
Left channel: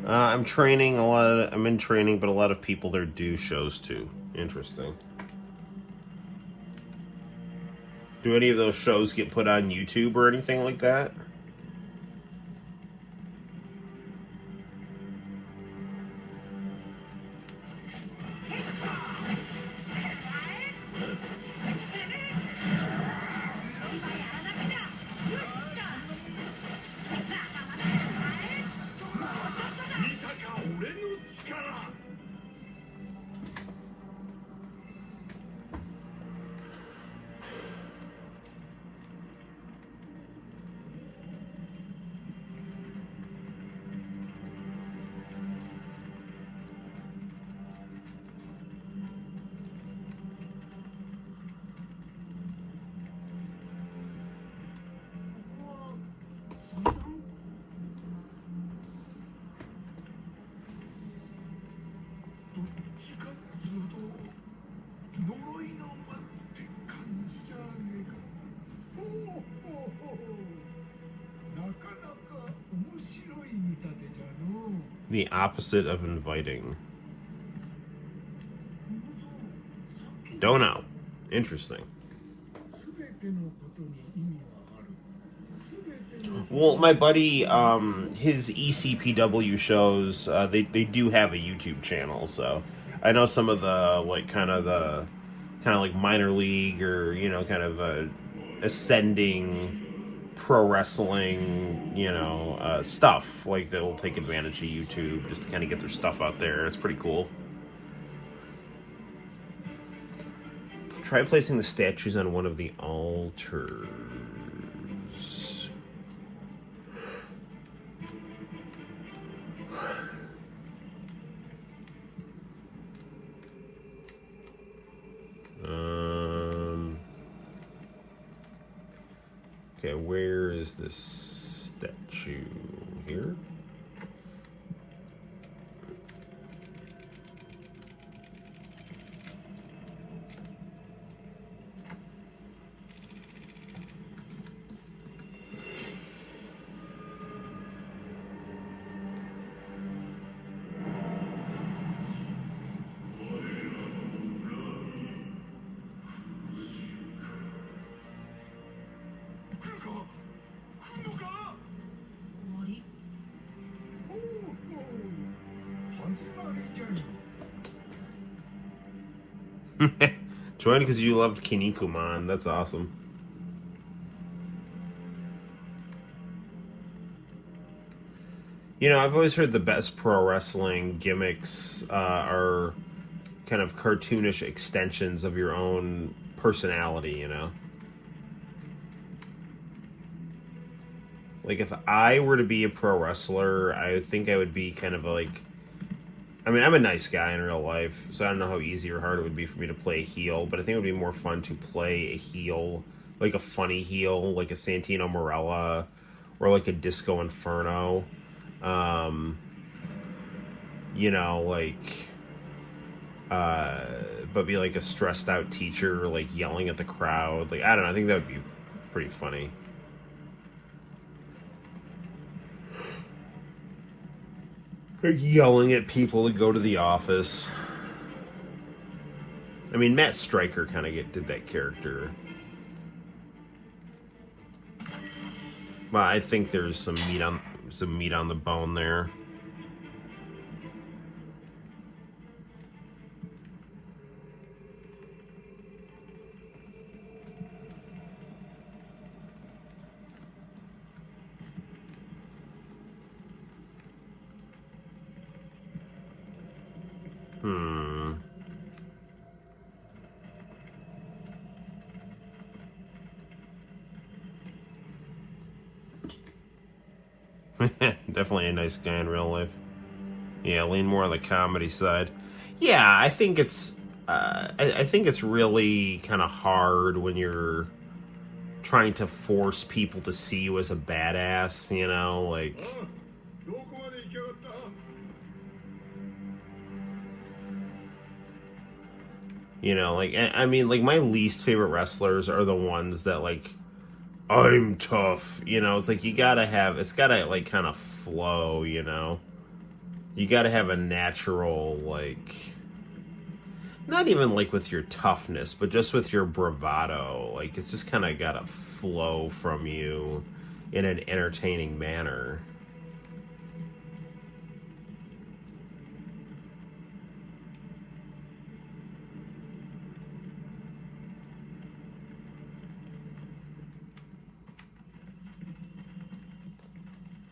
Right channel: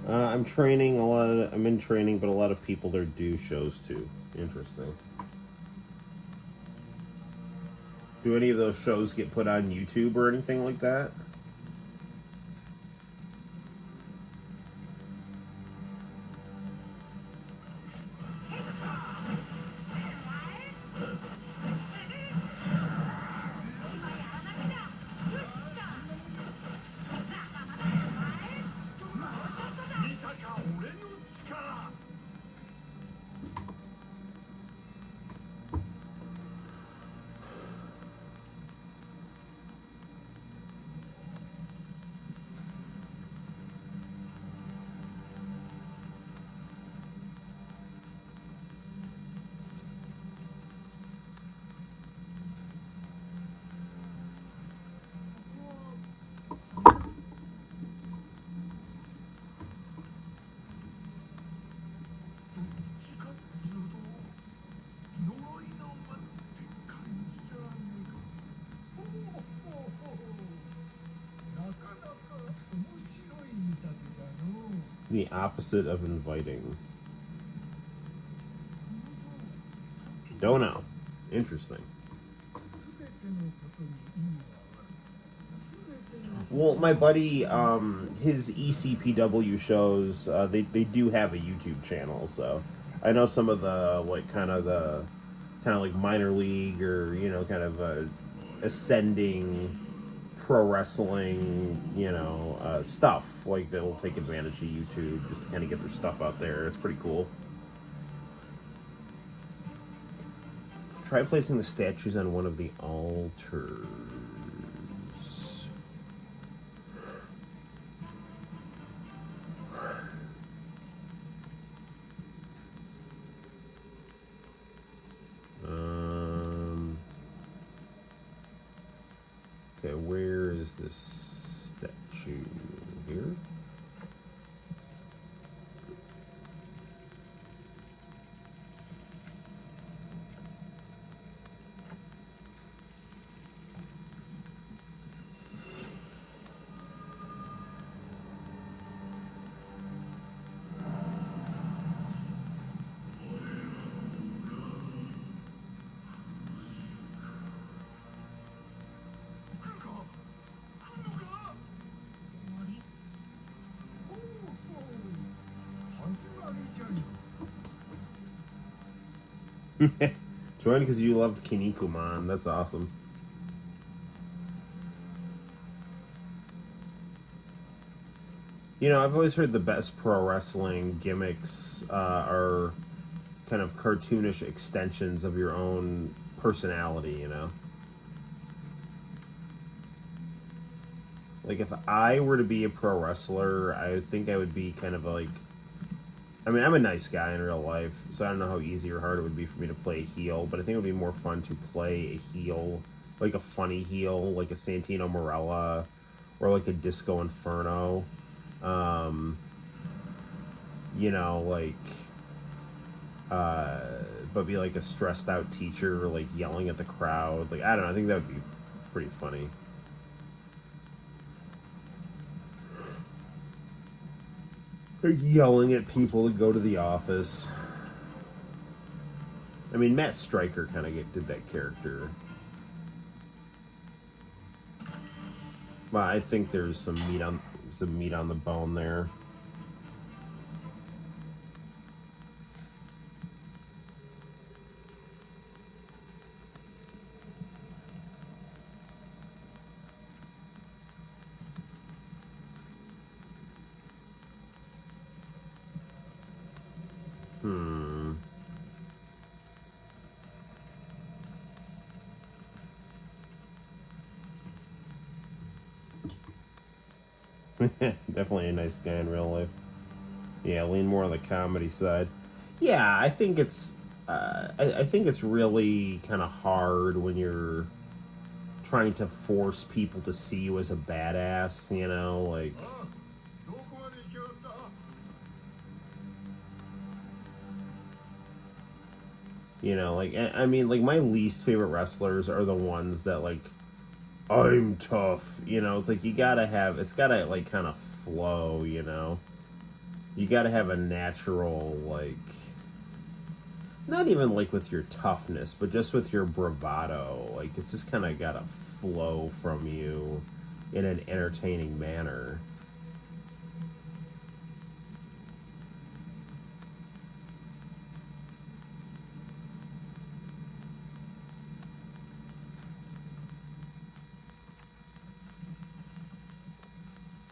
I'm training a lot of, I'm in training, but a lot of people there do shows too. Interesting. Do any of those shows get put on YouTube or anything like that? The opposite of inviting. Don't know. Interesting. Well, my buddy, his ECPW shows, they do have a YouTube channel, so I know some of the, like, kind of like minor league or, you know, kind of ascending pro wrestling, you know, stuff. Like, they'll take advantage of YouTube just to kind of get their stuff out there. It's pretty cool. Try placing the statues on one of the altars. Okay, where is this statue? Here? Join because you loved Kinnikuman. That's awesome. You know, I've always heard the best pro wrestling gimmicks are kind of cartoonish extensions of your own personality, you know? Like, if I were to be a pro wrestler, I think I would be kind of like... I mean, I'm a nice guy in real life, so I don't know how easy or hard it would be for me to play a heel, but I think it would be more fun to play a heel, like a funny heel, like a Santino Marella, or like a Disco Inferno. You know, like, but be like a stressed out teacher, like yelling at the crowd. Like, I don't know, I think that would be pretty funny. Like yelling at people to go to the office. I mean, Matt Stryker kind of did that character. Well, I think there's some meat on the bone there. Definitely a nice guy in real life. Yeah, lean more on the comedy side. Yeah, I think it's I think it's really kind of hard when you're trying to force people to see you as a badass, you know, like. You know, like, I mean, like, my least favorite wrestlers are the ones that, like, I'm tough, you know, it's like, it's gotta, like, kind of flow, you know, you gotta have a natural, like, not even, like, with your toughness, but just with your bravado, like, it's just kind of gotta flow from you in an entertaining manner.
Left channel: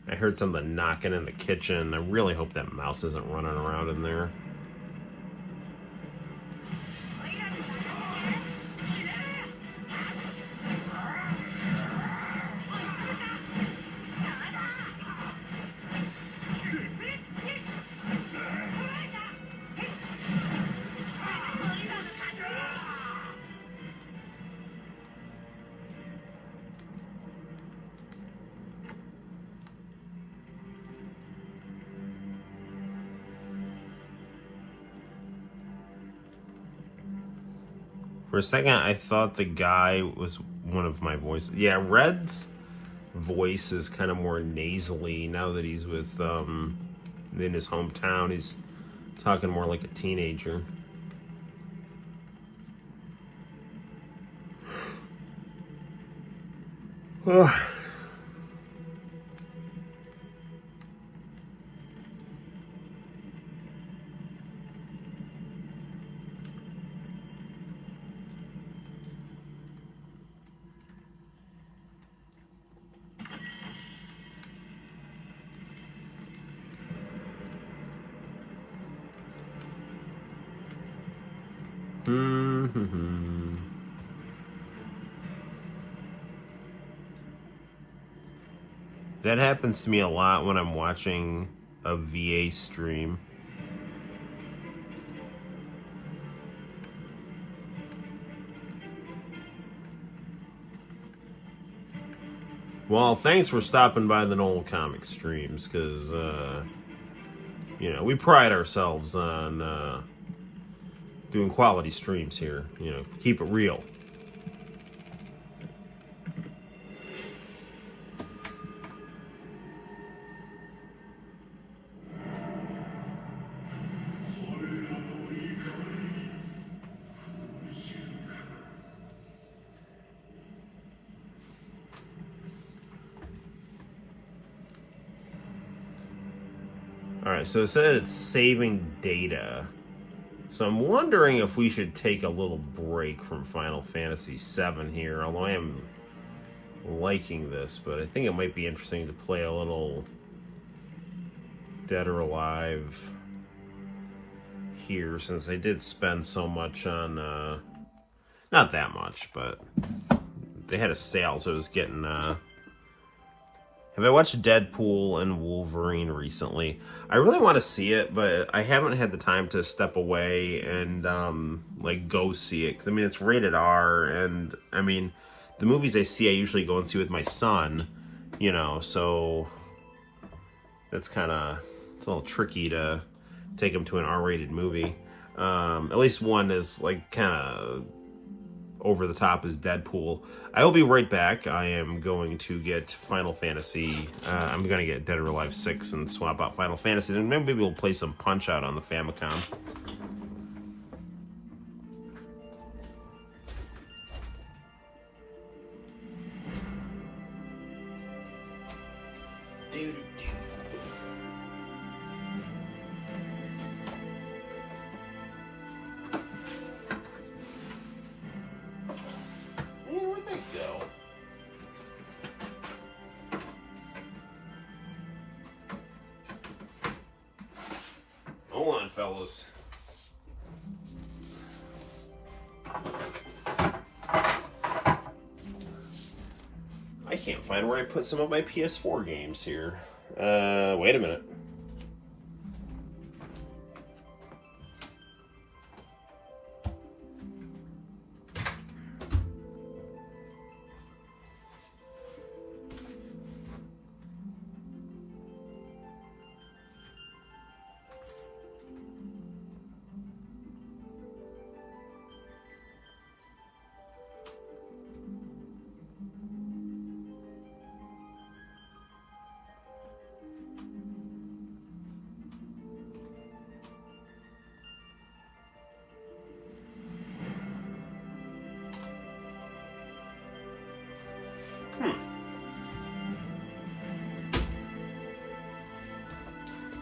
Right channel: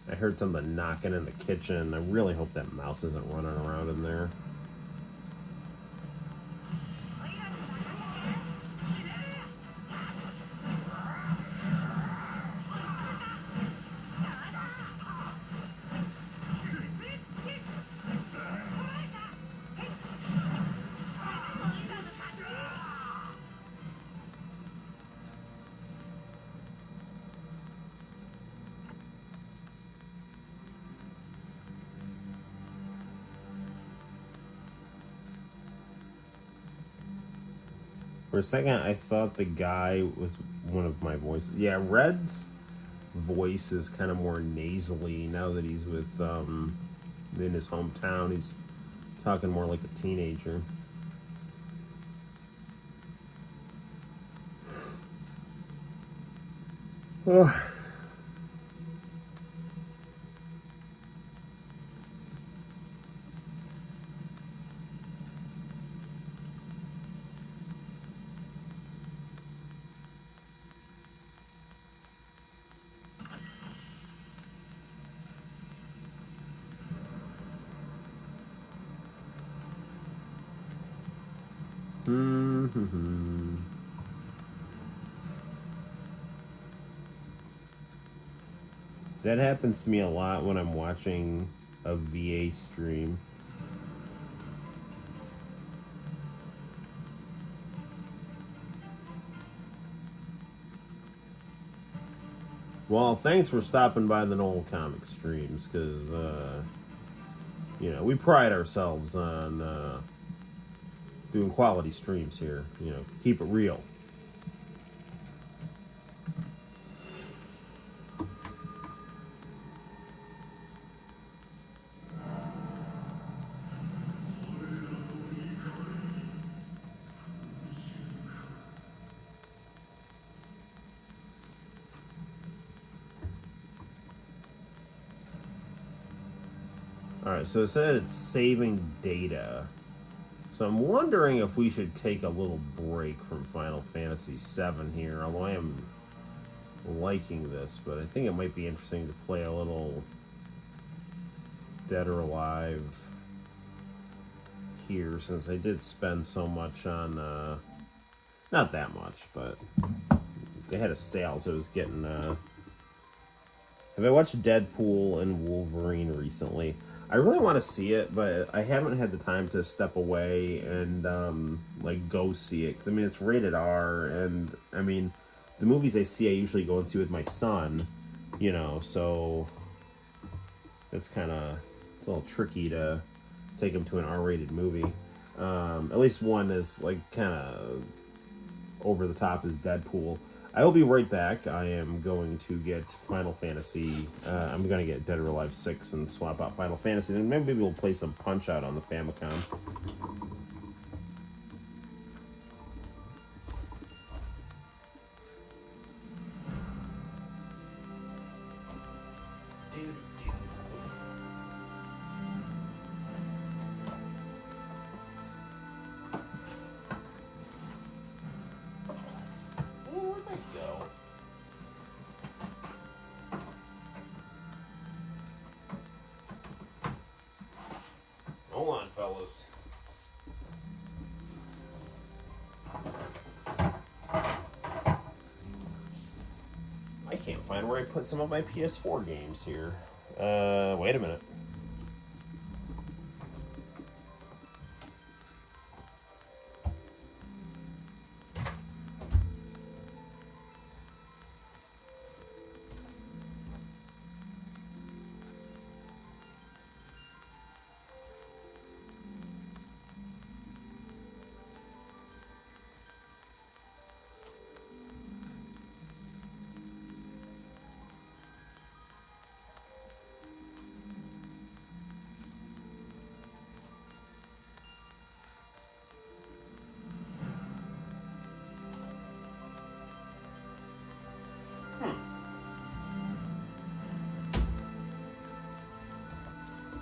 I heard something knocking in the kitchen. I really hope that mouse isn't running around in there. For a second, I thought the guy was one of my voices. Yeah, Red's voice is kind of more nasally now that he's with, in his hometown. He's talking more like a teenager. That happens to me a lot when I'm watching a VA stream. Well, thanks for stopping by the Noel ComiX streams, because, you know, we pride ourselves on doing quality streams here. You know, keep it real. Alright, so it said it's saving data. So I'm wondering if we should take a little break from Final Fantasy VII here, although I am liking this, but I think it might be interesting to play a little Dead or Alive here, since they did spend so much on, not that much, but they had a sale, so it was getting, have I watched Deadpool and Wolverine recently? I really want to see it, but I haven't had the time to step away and, like, go see it. Because, I mean, it's rated R, and, I mean, the movies I see, I usually go and see with my son, you know, so that's kind of, it's a little tricky to take him to an R-rated movie. At least one is, like, kind of over the top as Deadpool. I will be right back. I am going to get Final Fantasy. I'm going to get Dead or Alive 6 and swap out Final Fantasy. Then maybe we'll play some Punch-Out on the Famicom. ridiculous. I can't find where I put some of my PS4 games here. Wait a minute.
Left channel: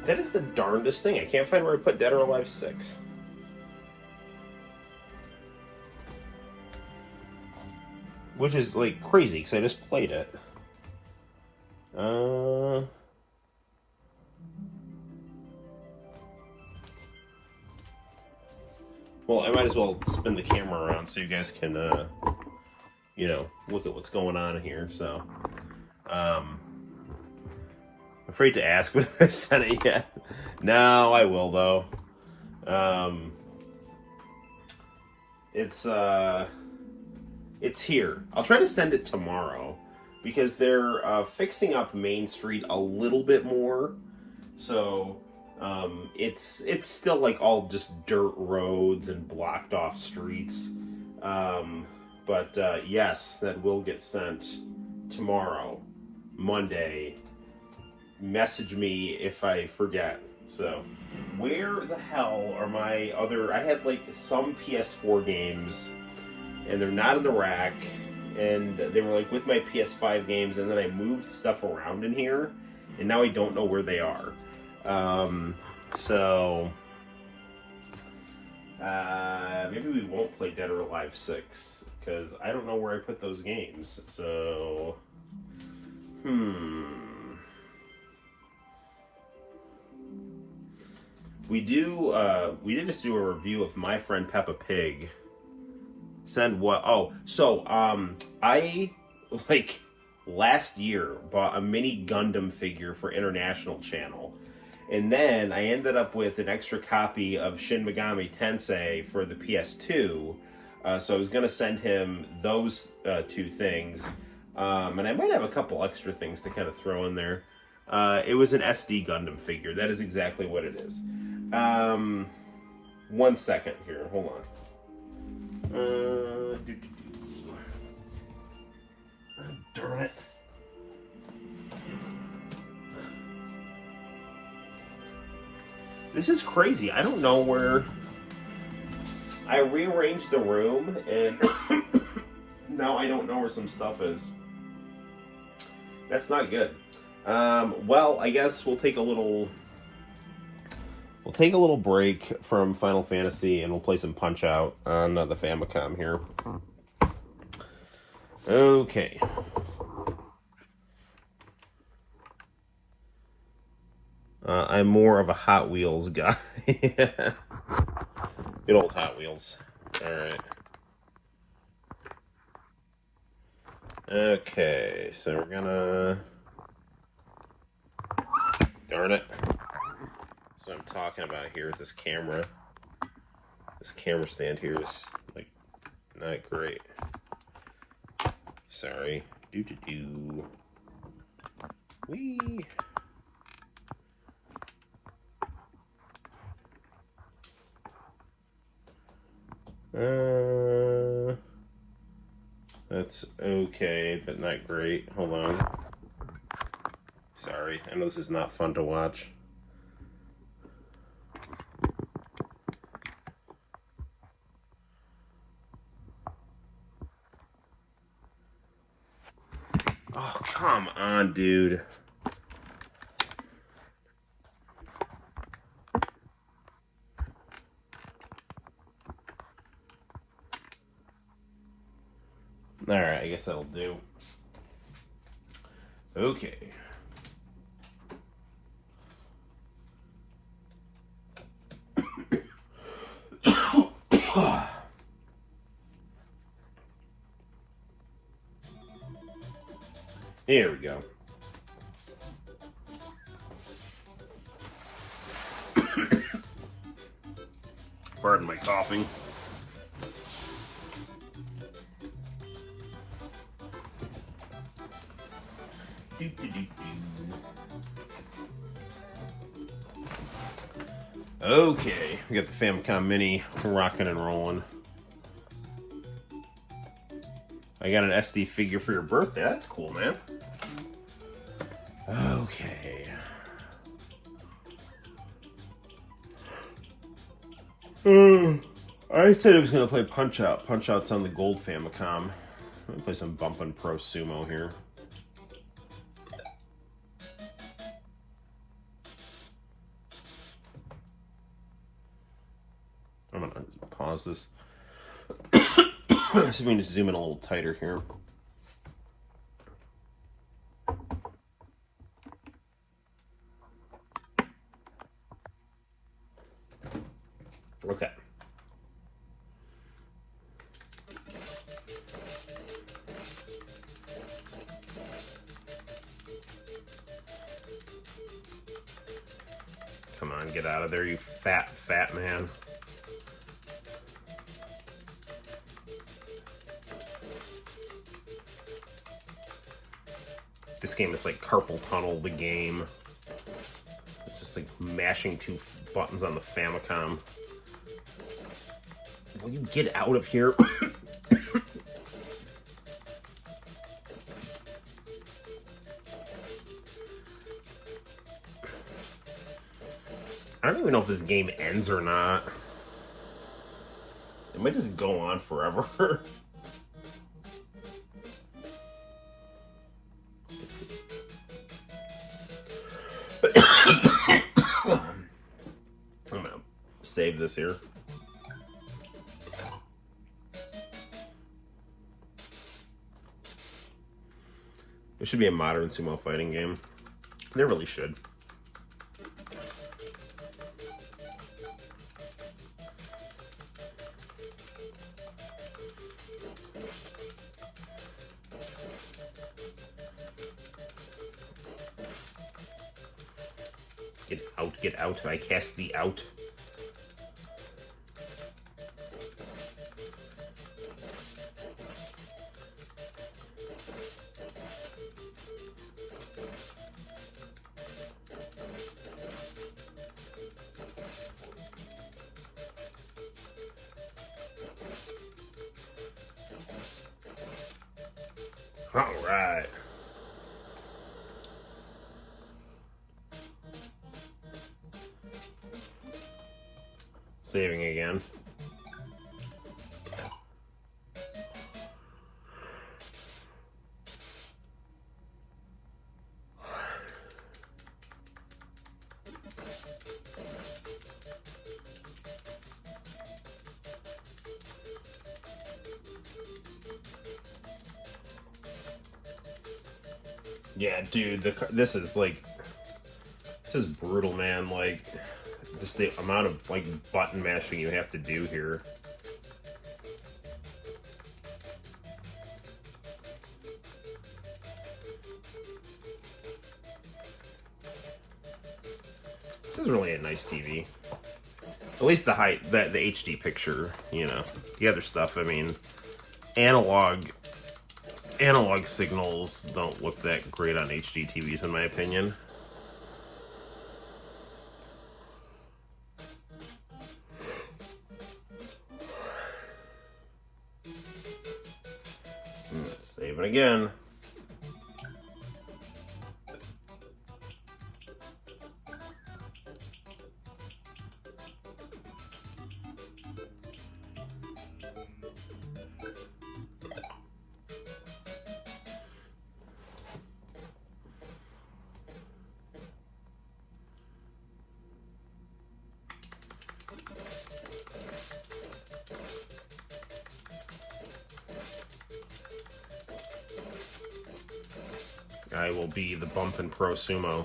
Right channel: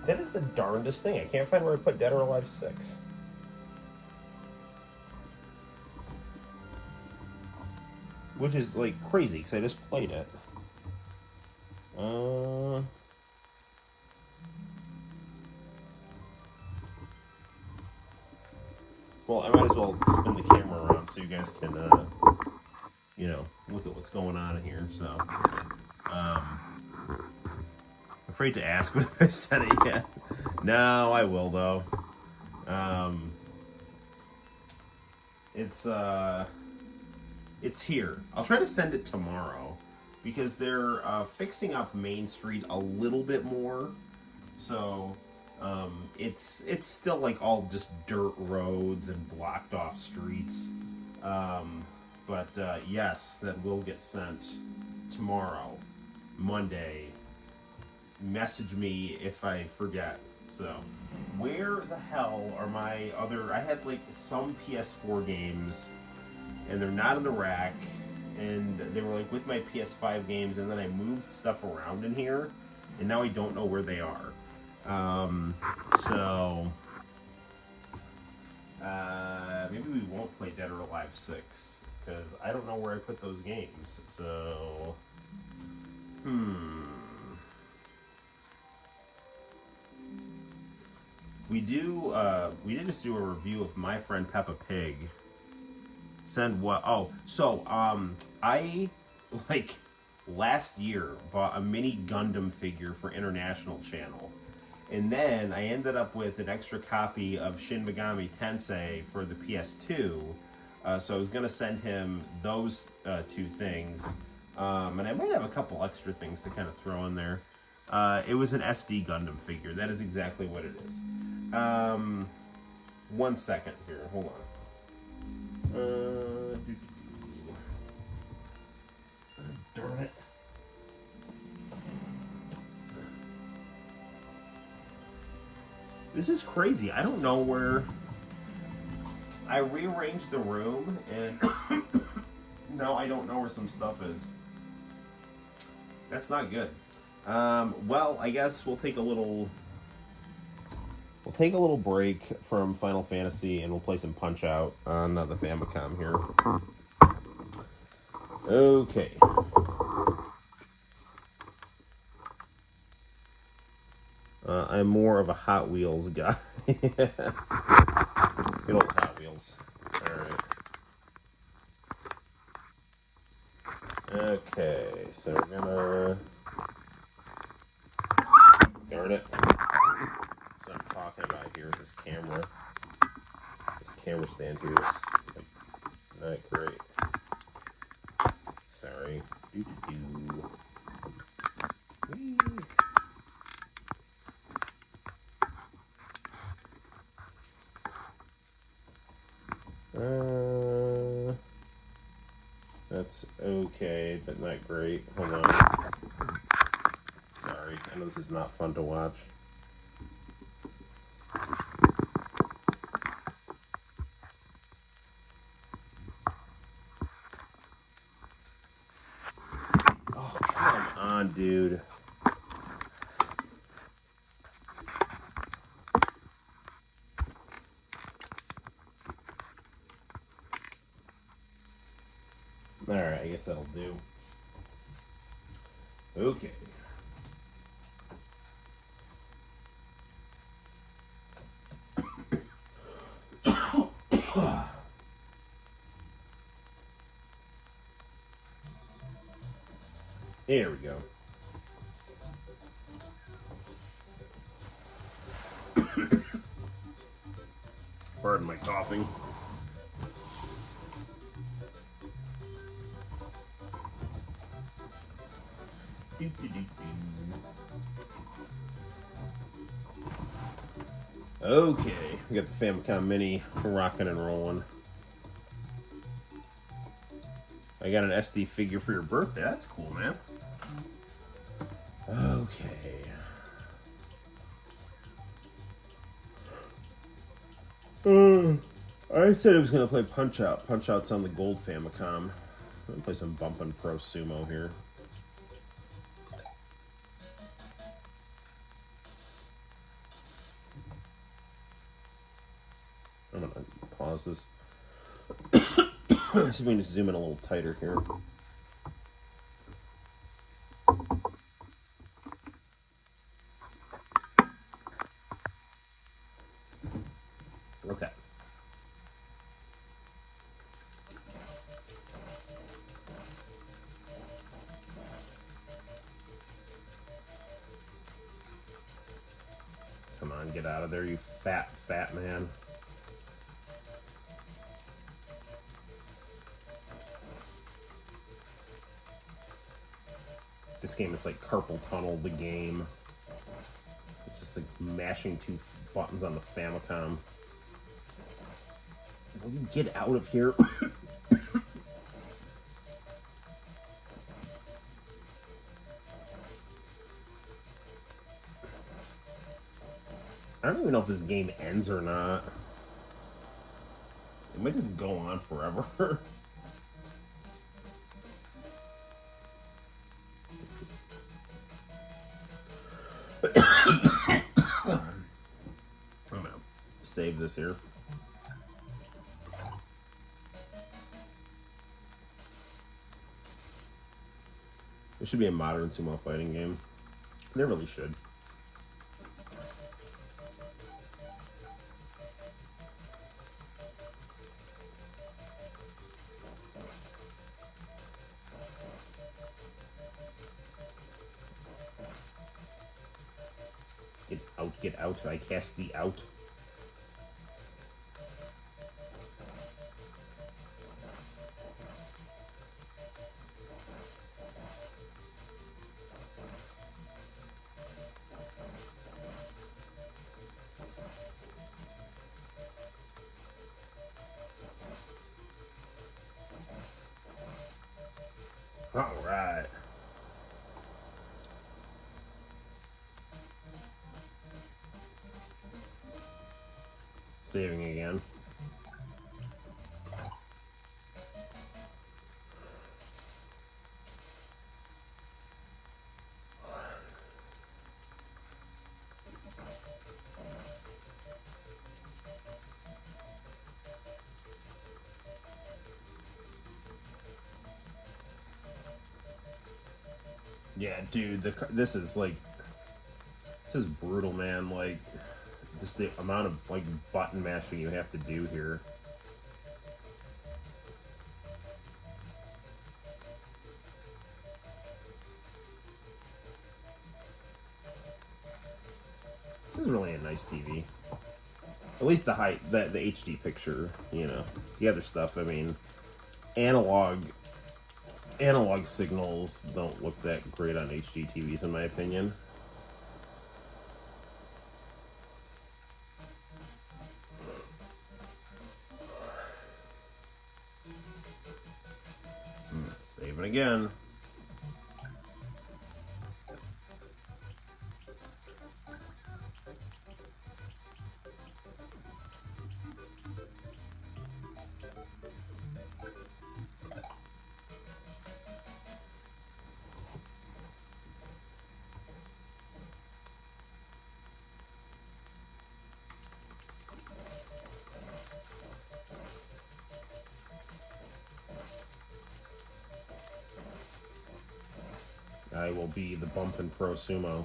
That is the darndest thing. I can't find where I put Dead or Alive 6. Which is, like, crazy, because I just played it. Well, I might as well spin the camera around so you guys can, you know, look at what's going on here, so. I'm afraid to ask if I sent it yet. No, I will, though. It's here. I'll try to send it tomorrow, because they're fixing up Main Street a little bit more, so it's still like all just dirt roads and blocked off streets, but yes, that will get sent tomorrow, Monday. Message me if I forget. So where the hell are my other, I had like some PS4 games and they're not in the rack, and they were like with my PS5 games, and then I moved stuff around in here, and now I don't know where they are. Maybe we won't play Dead or Alive 6, because I don't know where I put those games. So, we did just do a review of My Friend Peppa Pig. Send what? Oh, so, I, like, last year bought a mini Gundam figure for International Channel. And then I ended up with an extra copy of Shin Megami Tensei for the PS2. So I was going to send him those two things. And I might have a couple extra things to kind of throw in there. It was an SD Gundam figure. That is exactly what it is. 1 second here. Hold on. Oh, darn it. This is crazy. I don't know where... I rearranged the room, and now I don't know where some stuff is. That's not good. Well, I guess we'll take a little... We'll take a little break from Final Fantasy, and we'll play some Punch-Out on the Famicom here. Okay. I'm more of a Hot Wheels guy. Good old Hot Wheels. Alright. Okay, so we're gonna... Darn it. That's what I'm talking about here with this camera. This camera stand here is, like, not great. Sorry. Doo-doo-doo. Whee! That's okay, but not great. Hold on. Sorry, I know this is not fun to watch. Oh, come on, dude. Alright, I guess that'll do. Okay. Here we go. Pardon my coughing. Okay, we got the Famicom Mini rocking and rolling. I got an SD figure for your birthday. That's cool, man. Okay. I said I was going to play Punch Out. Punch Out's on the gold Famicom. I'm going to play some Bumpin' Pro Sumo here. I'm going to pause this. So we can just zoom in a little tighter here. Okay. Come on, get out of there, you fat man. This game is like carpal tunnel the game. It's just like mashing two buttons on the Famicom. Will you get out of here? I don't even know if this game ends or not. It might just go on forever. I'm gonna save this here. It should be a modern sumo fighting game. There really should. Get out. I cast thee out. All right. Saving again. Yeah, dude, this is brutal, man. Like, just the amount of like button mashing you have to do here. This is really a nice TV. At least the HD picture, you know. The other stuff, I mean, analog signals don't look that great on HD TVs, in my opinion. Save it again. I will be the Bumpin' Pro Sumo.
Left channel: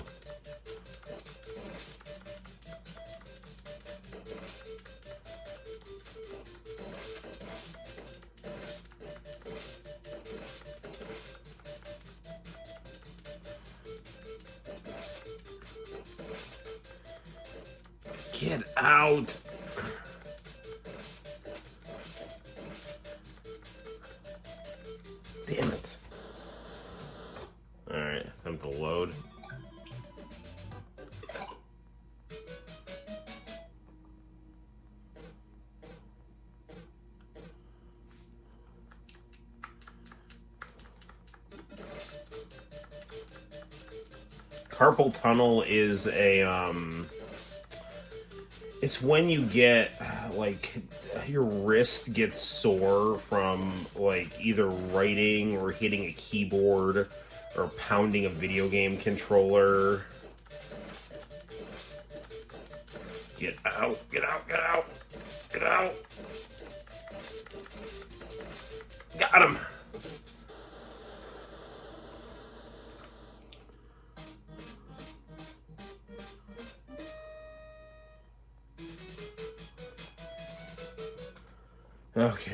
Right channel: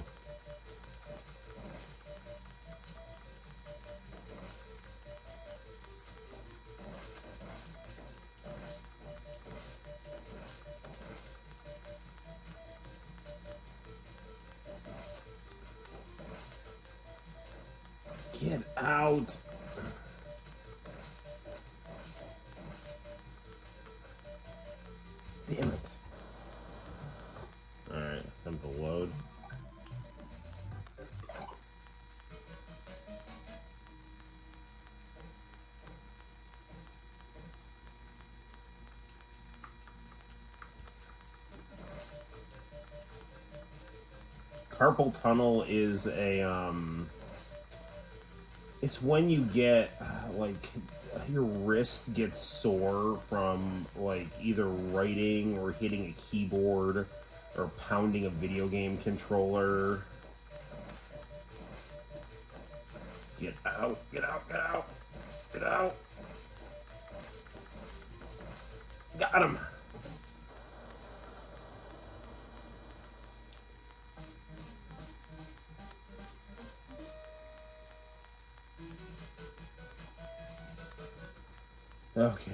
Get out! Damn it. Alright, time to load. Carpal tunnel is a, it's when you get, like, your wrist gets sore from, like, either writing or hitting a keyboard or pounding a video game controller. Get out, get out, get out, get out. Got him. Okay.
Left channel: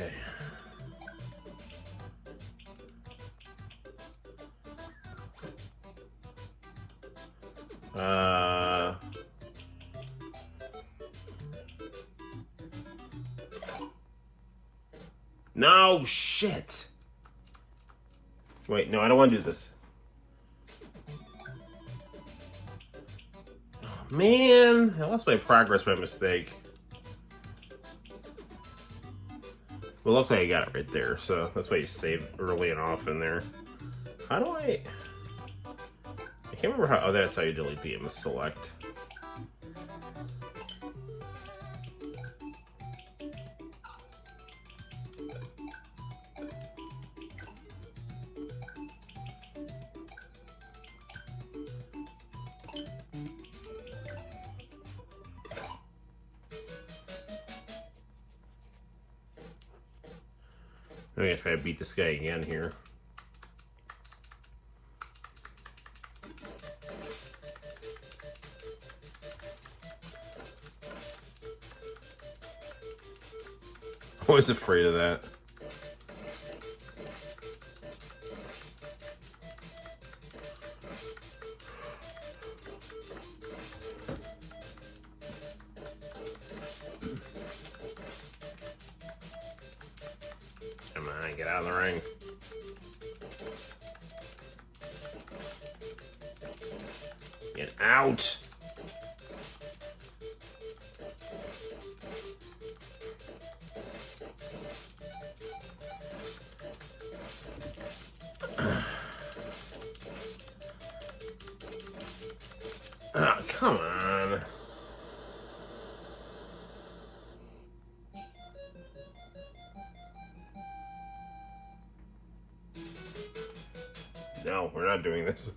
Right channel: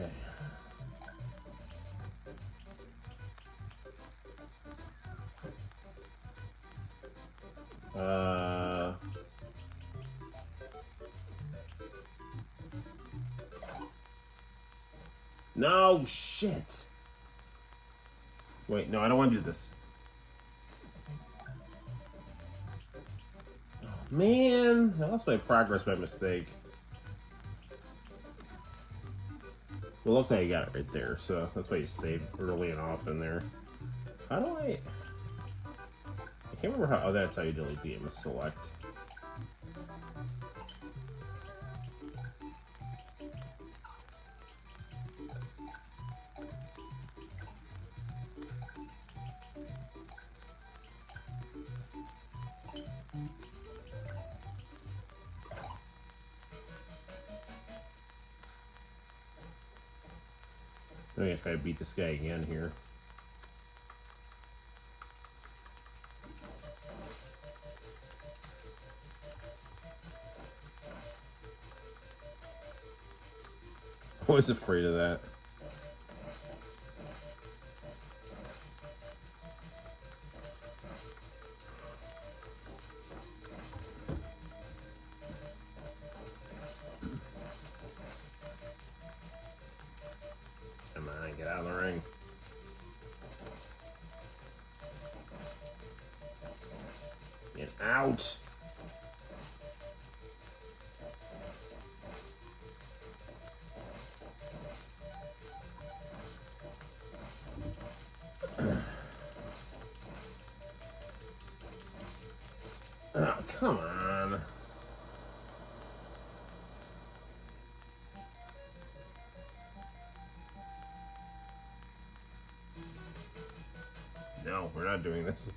No, shit. Wait, no, I don't want to do this. Oh, man, I lost my progress by mistake. Well, luckily I got it right there, so that's why you save early and often there. How do I can't remember how, oh, that's how you delete the image select. I'm gonna try to beat this guy again here. I was afraid of that. Come on, get out of the ring. Get out! Oh, come on. No, we're not doing this.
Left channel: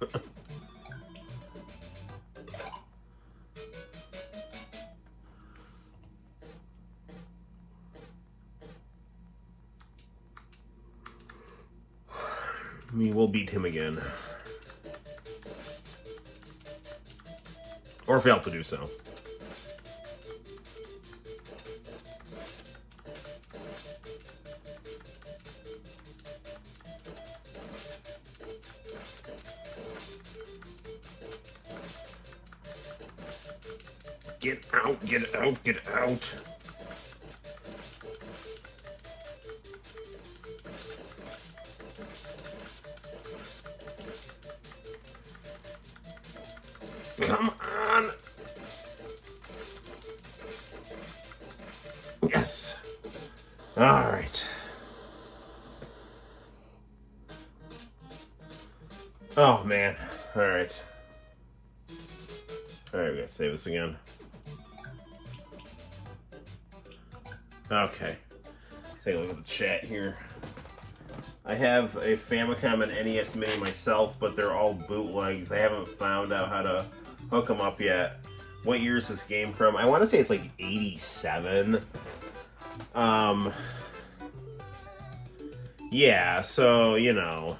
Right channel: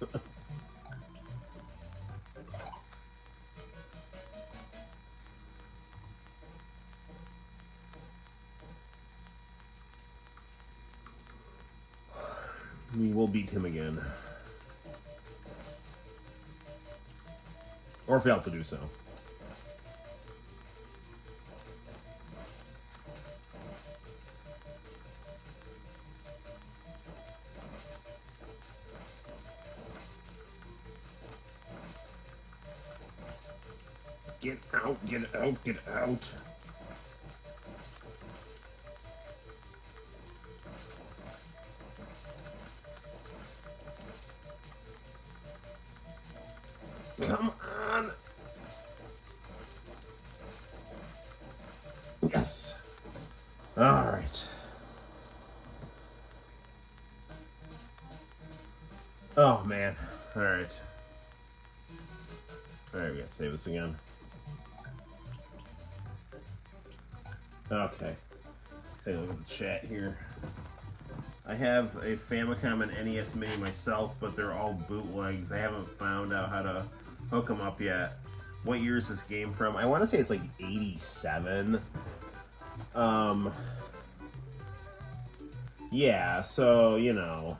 We will beat him again. Or fail to do so. Get out, get out, get out. Come on. Yes. All right. Oh, man. All right. All right, we're gonna save this again. Okay. Take a look at the chat here. I have a Famicom and NES Mini myself, but they're all bootlegs. I haven't found out how to hook them up yet. What year is this game from? I want to say it's like 87. Yeah, so, you know,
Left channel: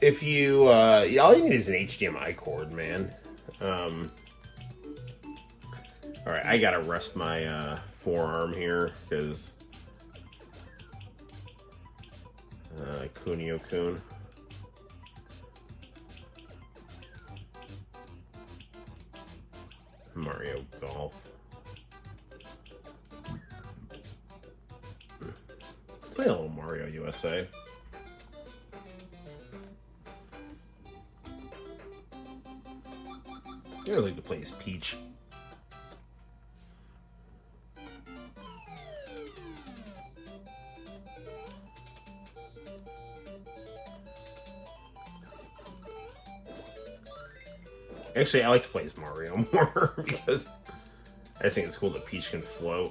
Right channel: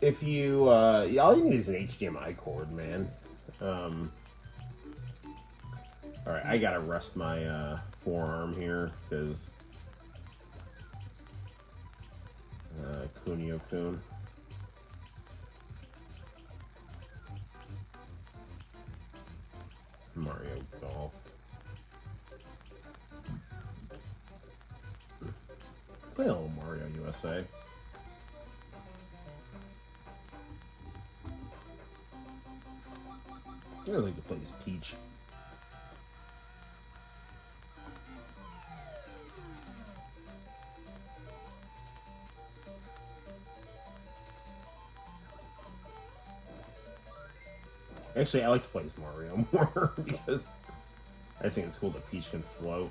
if you, all you need is an HDMI cord, man. Alright, I gotta rest my, forearm here, because, Kunio-kun. Mario Golf. Let's play a little Mario USA. I always like to play as Peach. Actually, I like to play as Mario more because I just think it's cool that Peach can float.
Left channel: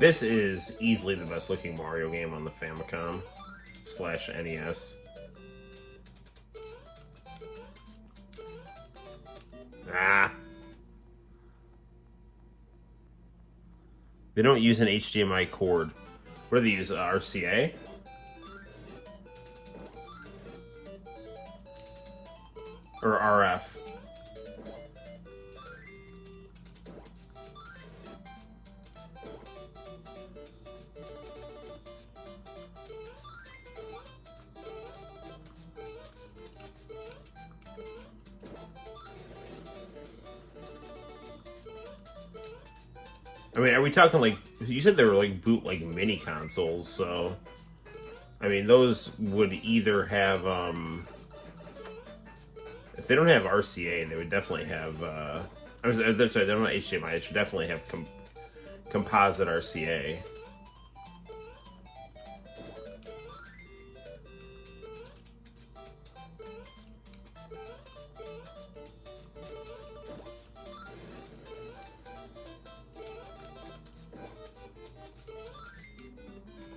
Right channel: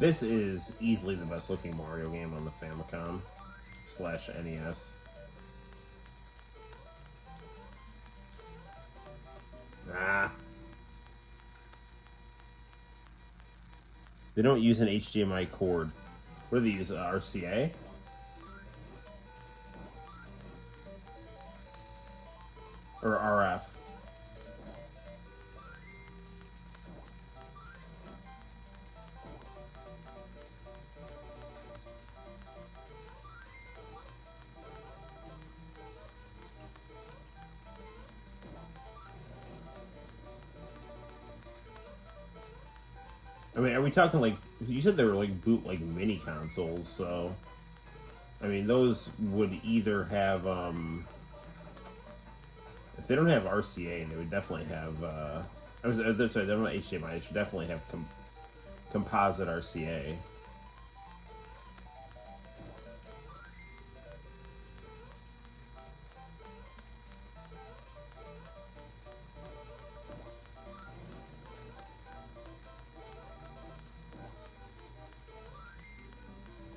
This is easily the best looking Mario game on the Famicom / NES. Ah! They don't use an HDMI cord. What do they use? RCA? Or RF? I mean, are we talking like, you said they were like bootleg mini consoles, so I mean, those would either have if they don't have RCA, they would definitely have that's right, they don't have HDMI, they should definitely have composite RCA.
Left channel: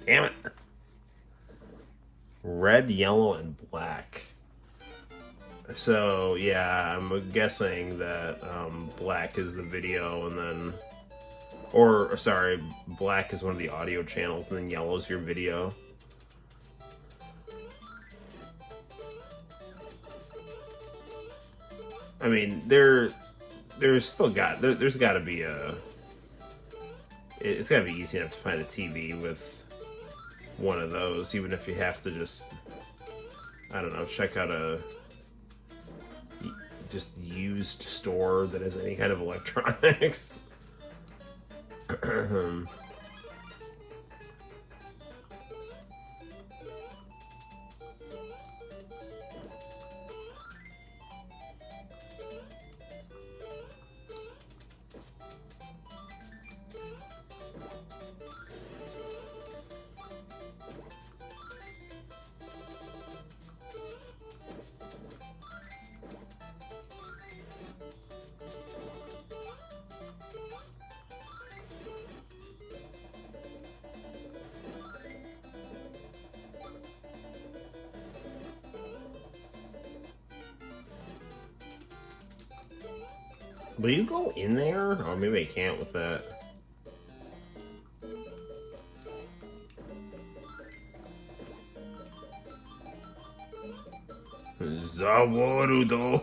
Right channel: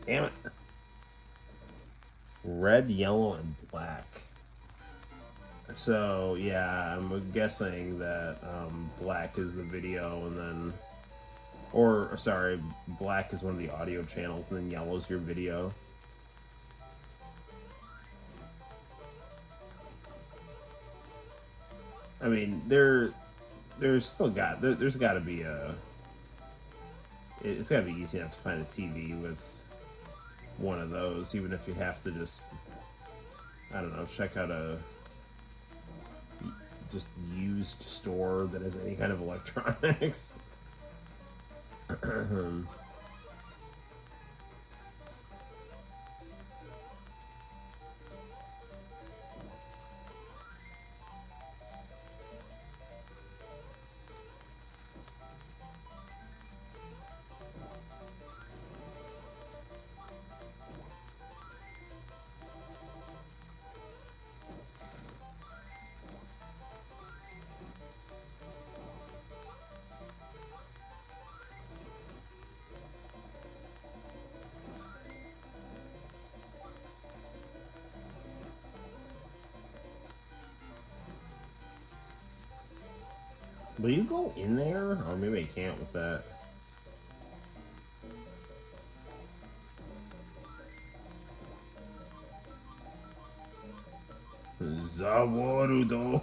Damn it. Red, yellow, and black. So, yeah, I'm guessing that black is the video, and then... Or, sorry, black is one of the audio channels, and then yellow is your video. I mean, there's got to be a... It's got to be easy enough to find a TV with one of those, even if you have to just, I don't know, check out a just used store that has any kind of electronics. Will you go in there? Oh, maybe I can't with that. Zawarudo.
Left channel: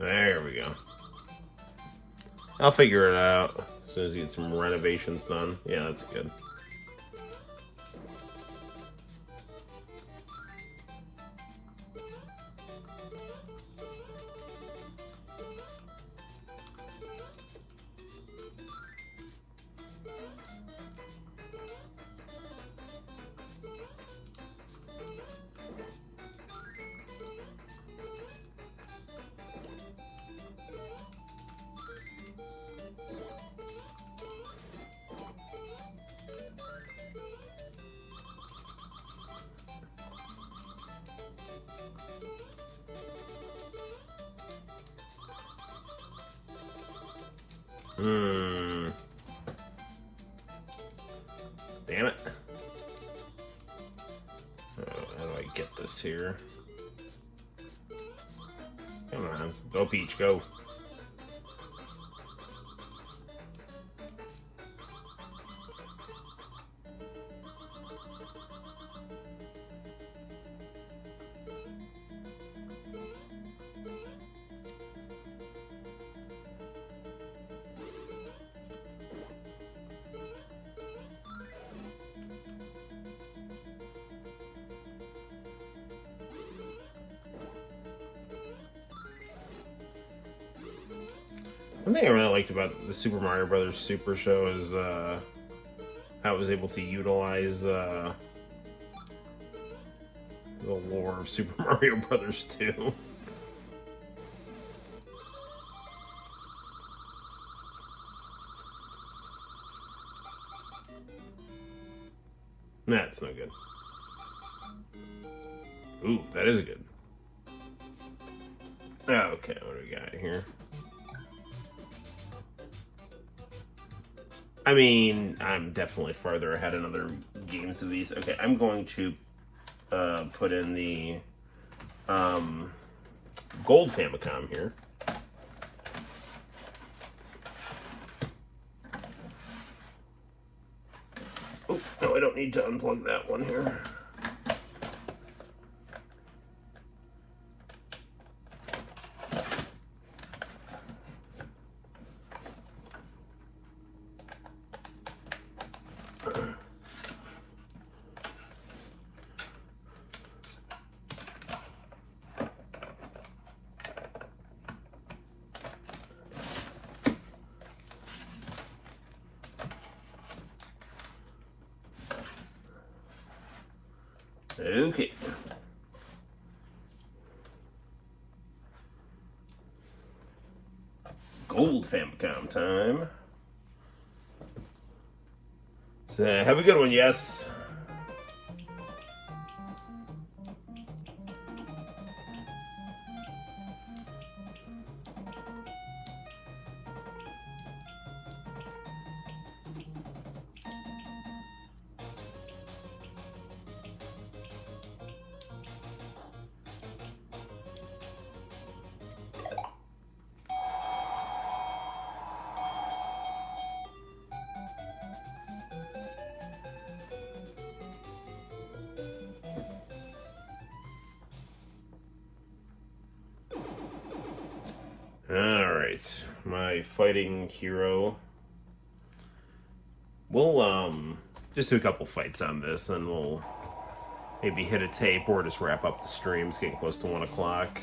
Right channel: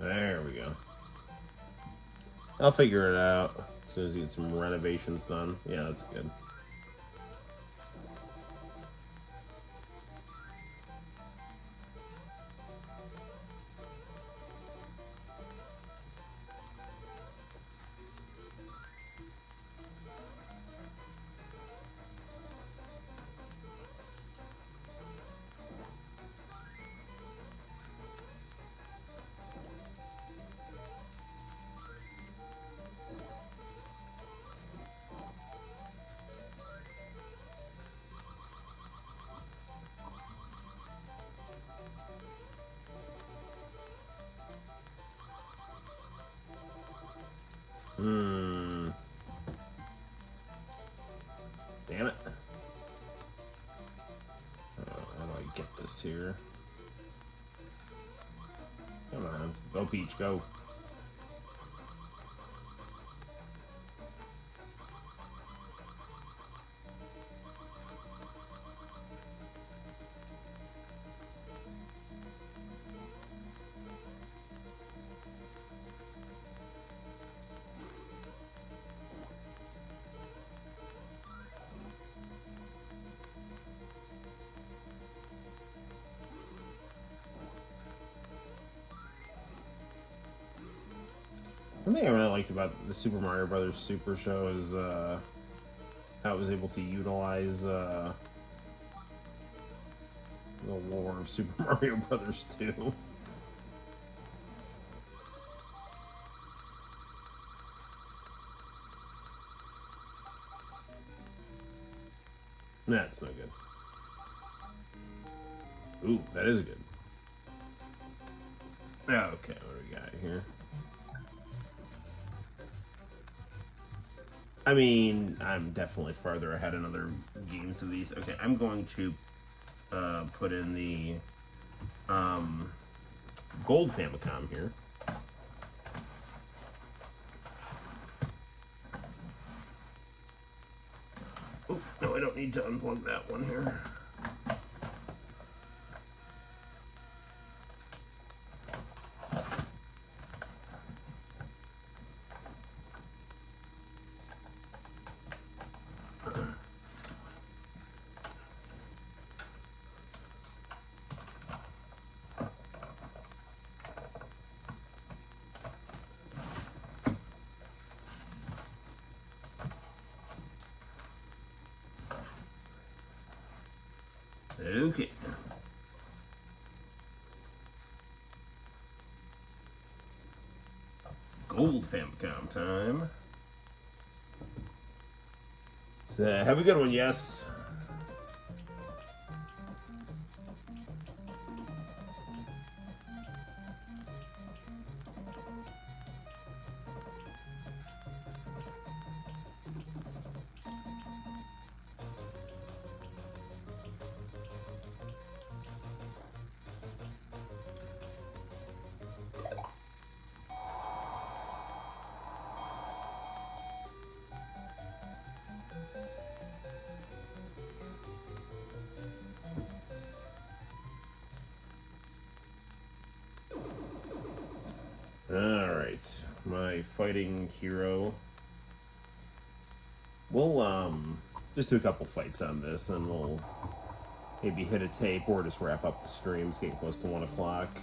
There we go. I'll figure it out as soon as you get some renovations done. Yeah, that's good. this here. Come on. Go, Peach, go. One thing I really liked about the Super Mario Brothers Super Show is how it was able to utilize the lore of Super Mario Brothers 2. That's no good. Ooh, that is good. Okay, what do we got here? I mean, I'm definitely farther ahead in other games of these. Okay, I'm going to put in the gold Famicom here. Oh, no, I don't need to unplug that one here. Okay. Gold Famicom time. So, have a good one, yes. My fighting hero. We'll just do a couple fights on this, then we'll maybe hit a tape or just wrap up the stream. It's getting close to 1 o'clock.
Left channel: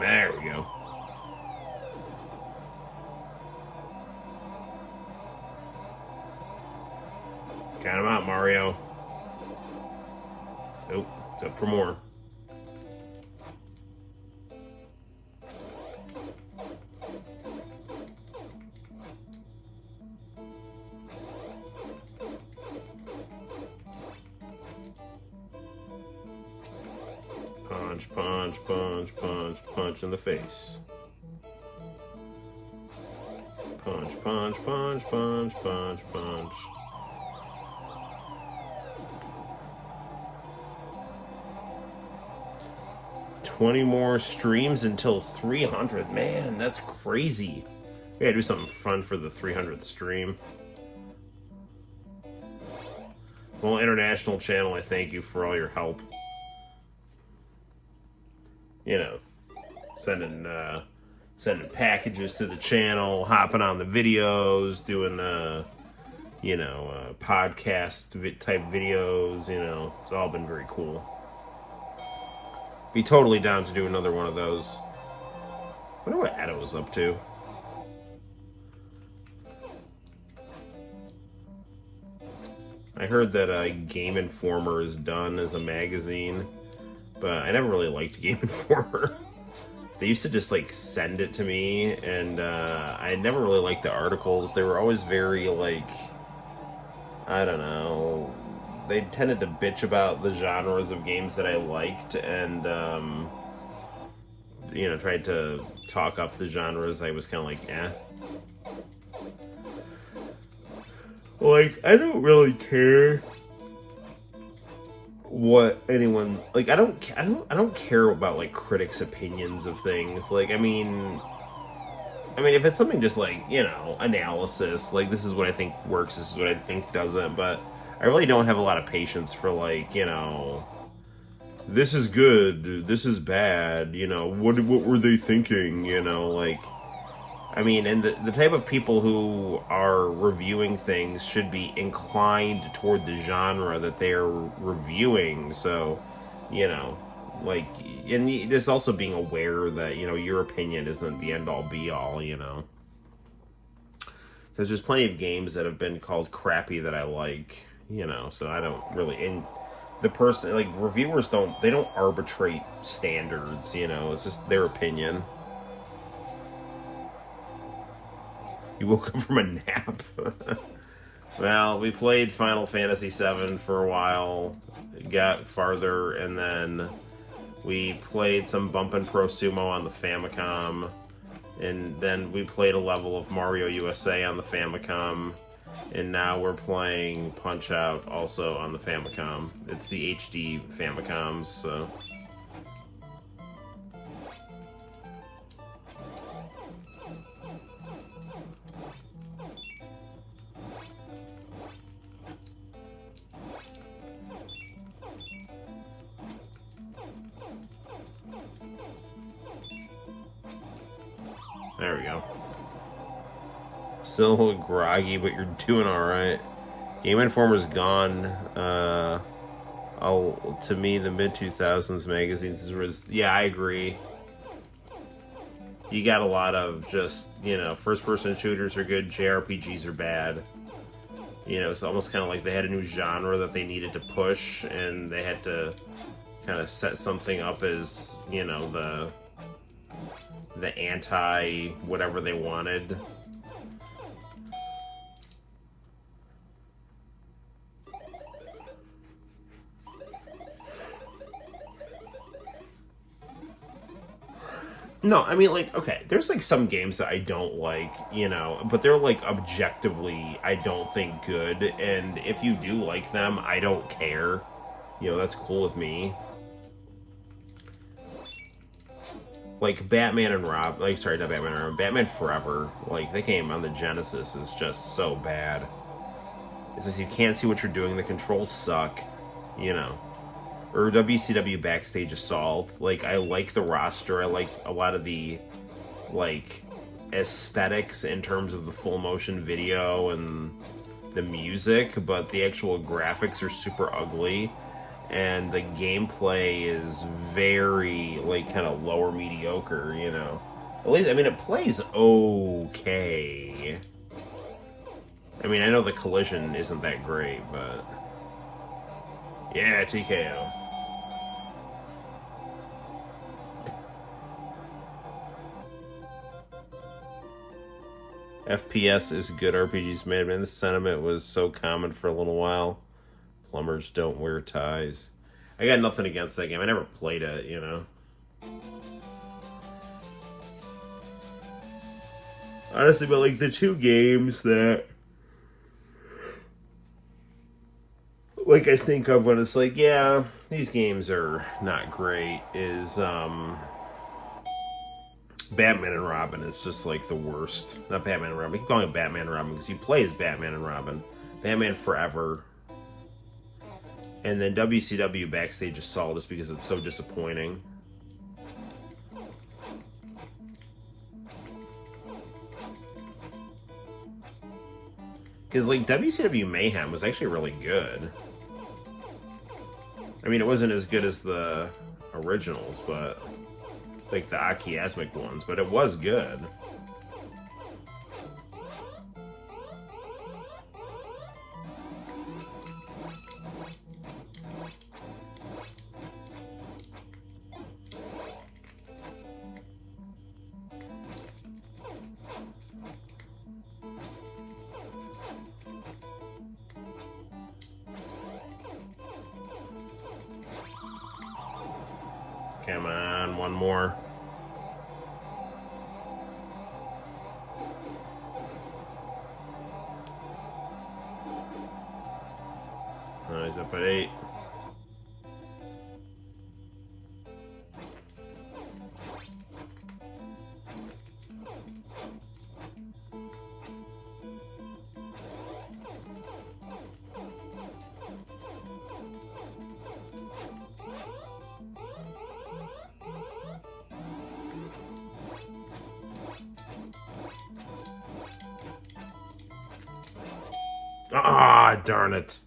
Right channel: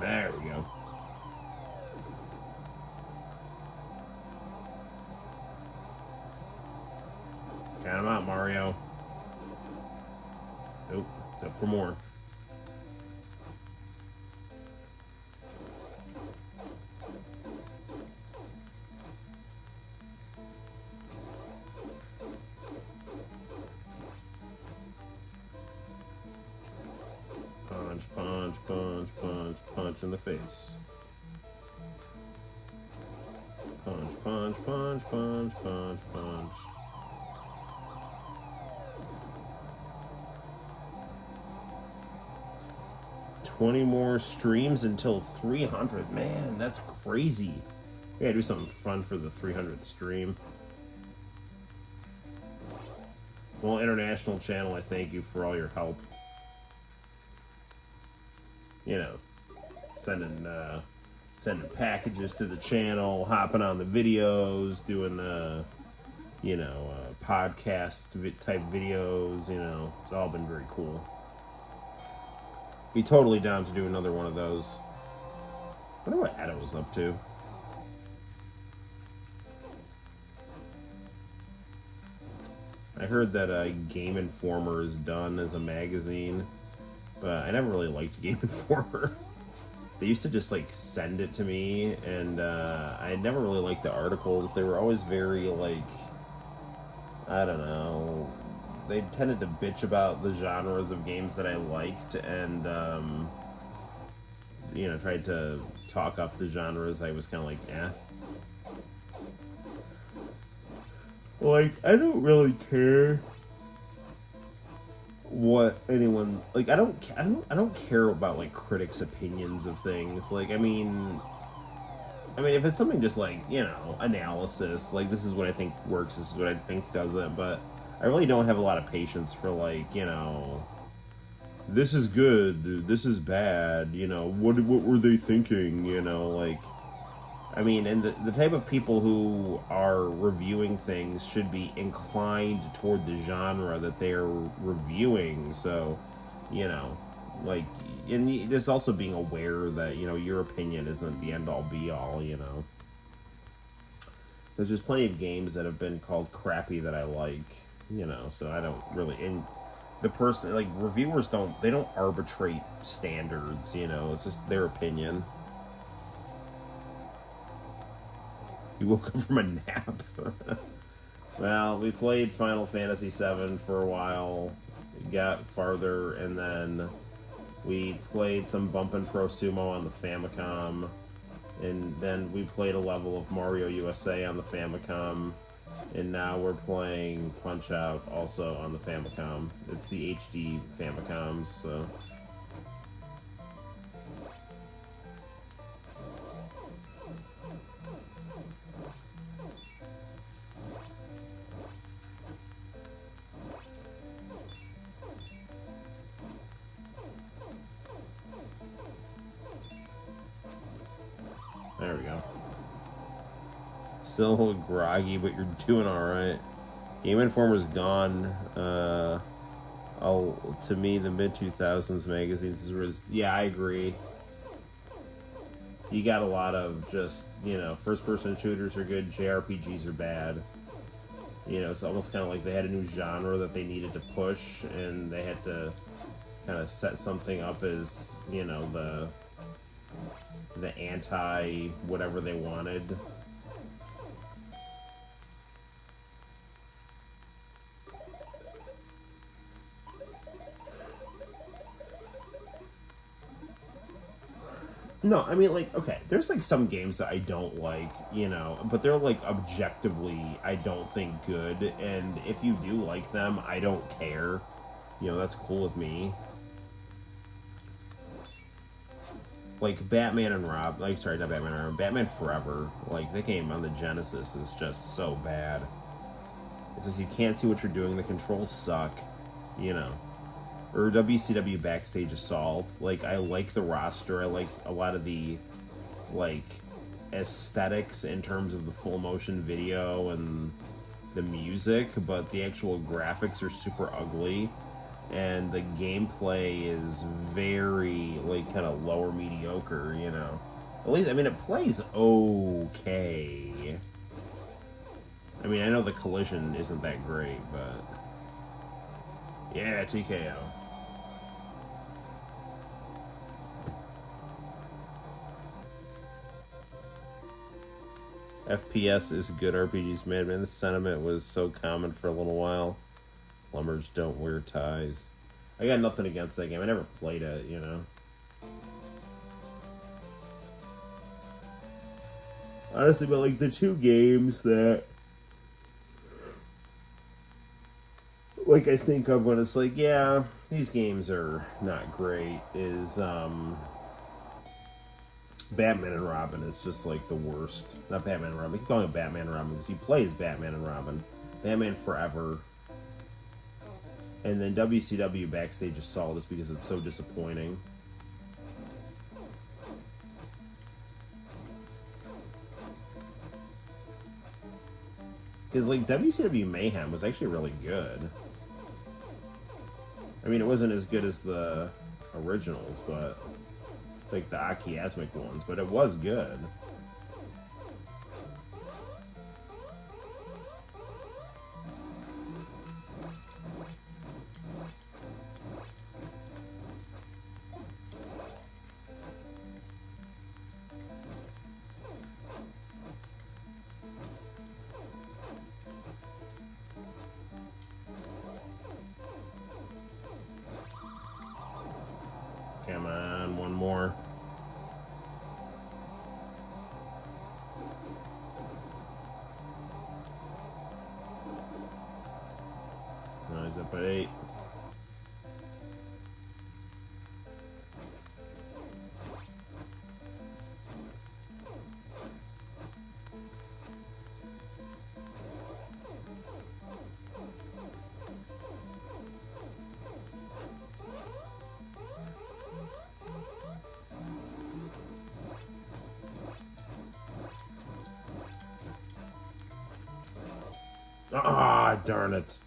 There we go. Count him out, Mario. Nope, it's up for more. Punch, punch, punch, punch, punch in the face. Punch, punch, punch, punch, punch, punch. $20 more streams until 300. Man, that's crazy. We gotta do something fun for the 300th stream. Well, International Channel, I thank you for all your help. You know, sending packages to the channel, hopping on the videos, doing you know, podcast type videos. You know, it's all been very cool. Be totally down to do another one of those. I wonder what Edda was up to. I heard that Game Informer is done as a magazine, but I never really liked Game Informer. They used to just like send it to me, and I never really liked the articles. They were always very like, I don't know. They tended to bitch about the genres of games that I liked, and you know, tried to talk up the genres. I was kind of like, eh. Like, I don't really care what anyone like. I don't care about like critics' opinions of things. Like, I mean, if it's something just like, you know, analysis, like this is what I think works, this is what I think doesn't. But I really don't have a lot of patience for like, you know, this is good, this is bad. You know, what were they thinking? You know, like. I mean, and the type of people who are reviewing things should be inclined toward the genre that they're reviewing. So, you know, like, and there's also being aware that, you know, your opinion isn't the end all be all, you know. Because there's plenty of games that have been called crappy that I like, you know, so I don't really. And the person, like, reviewers don't arbitrate standards, you know, it's just their opinion. You woke up from a nap. Well, we played Final Fantasy VII for a while, got farther, and then we played some Bumpin' Pro Sumo on the Famicom, and then we played a level of Mario USA on the Famicom, and now we're playing Punch-Out also on the Famicom. It's the HD Famicoms, so... There we go. Still a little groggy, but you're doing alright. Game Informer's gone. To me, the mid-2000s magazines is... Yeah, I agree. You got a lot of just, you know, first-person shooters are good, JRPGs are bad. You know, it's almost kind of like they had a new genre that they needed to push, and they had to kind of set something up as, you know, the anti-whatever they wanted. No, I mean, like, okay, there's, like, some games that I don't like, you know, but they're, like, objectively, I don't think good, and if you do like them, I don't care. You know, that's cool with me. Like, Batman and Rob, like, sorry, not Batman and Robin, Batman Forever, like, that game on the Genesis is just so bad. It's just, you can't see what you're doing, the controls suck, you know. Or WCW Backstage Assault. Like, I like the roster. I like a lot of the, like, aesthetics in terms of the full motion video and the music, but the actual graphics are super ugly, and the gameplay is very, like, kind of lower mediocre, you know. At least, I mean, it plays okay. I mean, I know the collision isn't that great, but... Yeah, TKO. FPS is good, RPGs made. Man, this sentiment was so common for a little while. Plumbers don't wear ties. I got nothing against that game. I never played it, you know. Honestly, but like the two games that like I think of when it's like, yeah, these games are not great, is Batman and Robin is just like the worst. Not Batman and Robin. I keep calling it Batman and Robin because you play as Batman and Robin. Batman Forever. And then WCW Backstage Assault is because it's so disappointing. Because, like, WCW Mayhem was actually really good. I mean, it wasn't as good as the originals, but... like, the Akiasmic ones, but it was good. Come on, one more. Oh, he's up at 8. Ah, darn it.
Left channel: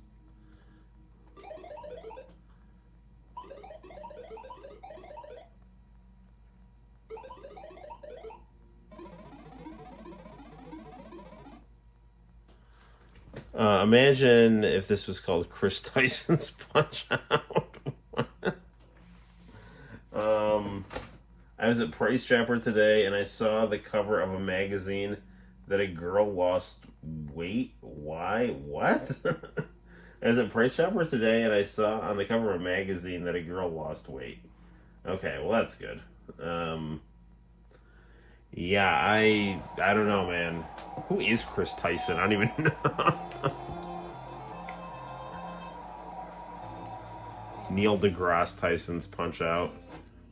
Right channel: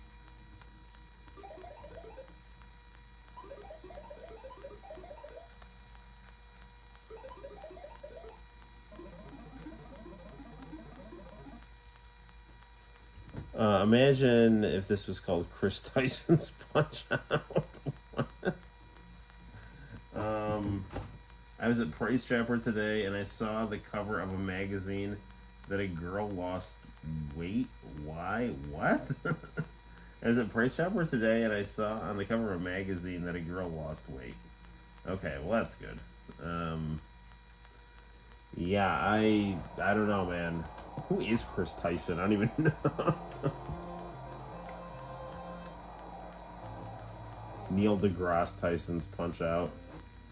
Imagine if this was called Chris Tyson's Punch-Out. I was at Price Chopper today and I saw the cover of a magazine that a girl lost weight. Why? What? I was at Price Chopper today and I saw on the cover of a magazine that a girl lost weight. Okay, well that's good. Yeah, I don't know, man. Who is Chris Tyson? I don't even know. Neil deGrasse Tyson's Punch-Out.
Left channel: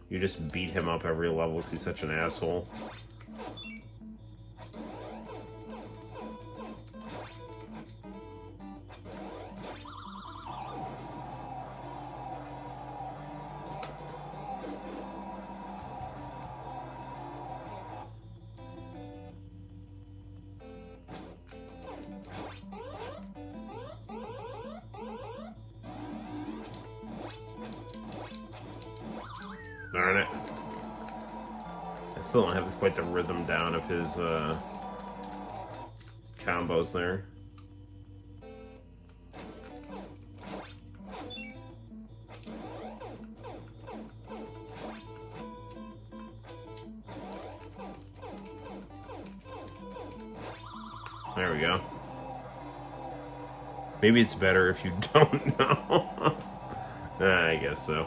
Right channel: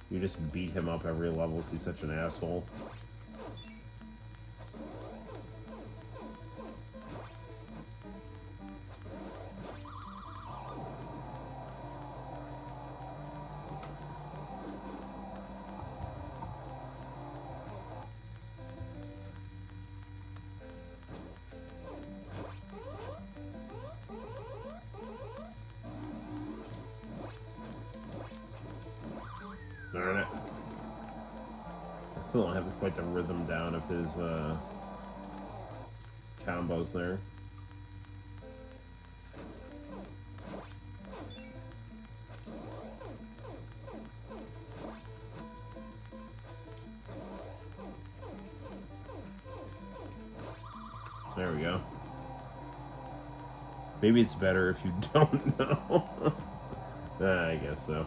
You just beat him up every level because he's such an asshole. Darn it. I still don't have quite the rhythm down of his combos there. There we go. Maybe it's better if you don't know. I guess so.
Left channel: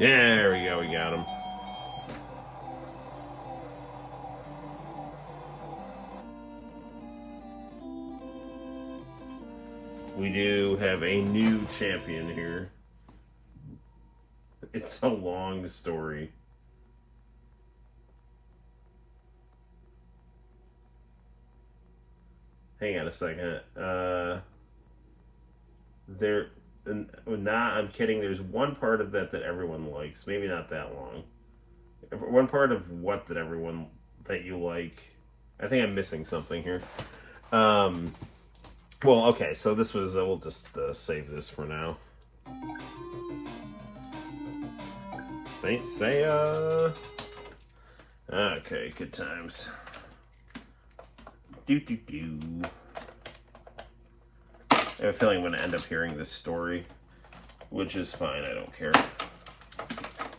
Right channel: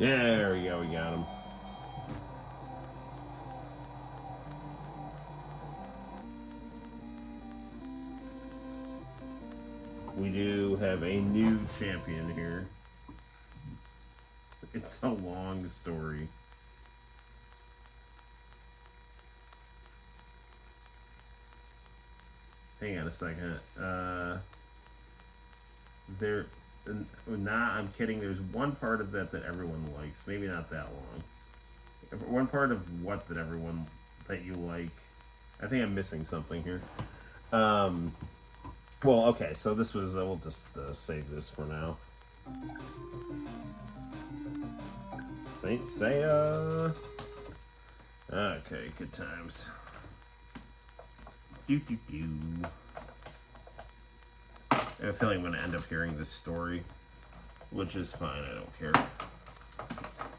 Yeah, there we go, we got him. We do have a new champion here. It's a long story. Hang on a second. Nah, I'm kidding. There's one part of that everyone likes. Maybe not that long. One part of what that you like. I think I'm missing something here. Well, okay. So this was. We'll just save this for now. Say. Okay. Good times. Do. I have a feeling I'm going to end up hearing this story, which is fine. I don't care.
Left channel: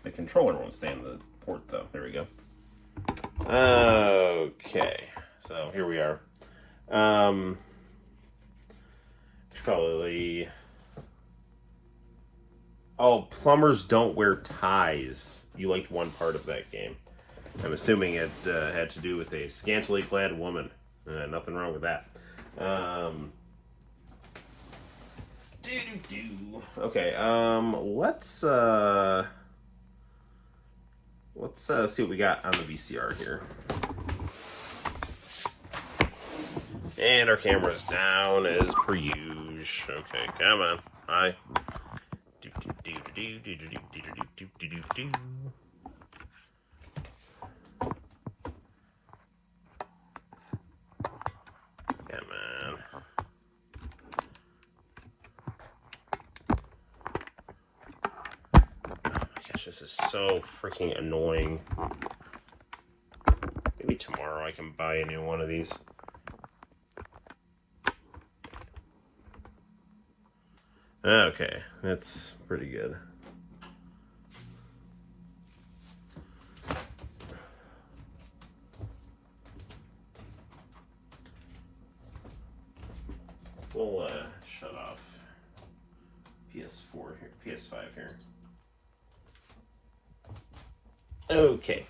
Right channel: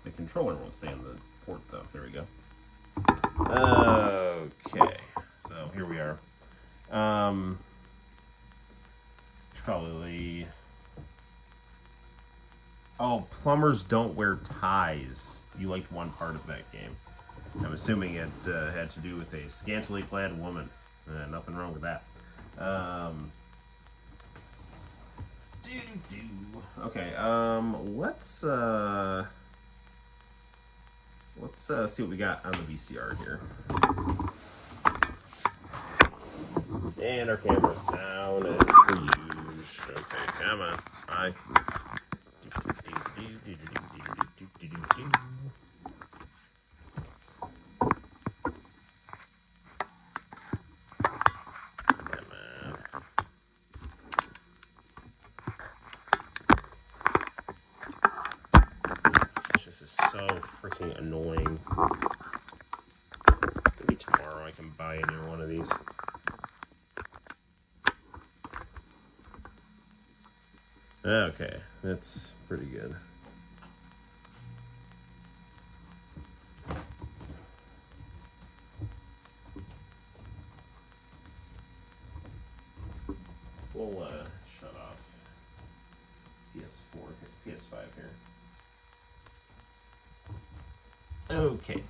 The controller won't stay in the port, though. There we go. Okay. So, here we are. Should probably... Oh, plumbers don't wear ties. You liked one part of that game. I'm assuming it had to do with a scantily clad woman. Nothing wrong with that. Okay, let's see what we got on the VCR here. And our camera's down as per usual. Okay, come on. Bye. This is so freaking annoying. Maybe tomorrow I can buy a new one of these. Okay, that's pretty good. We'll shut off PS4 here, PS5 here. Okay.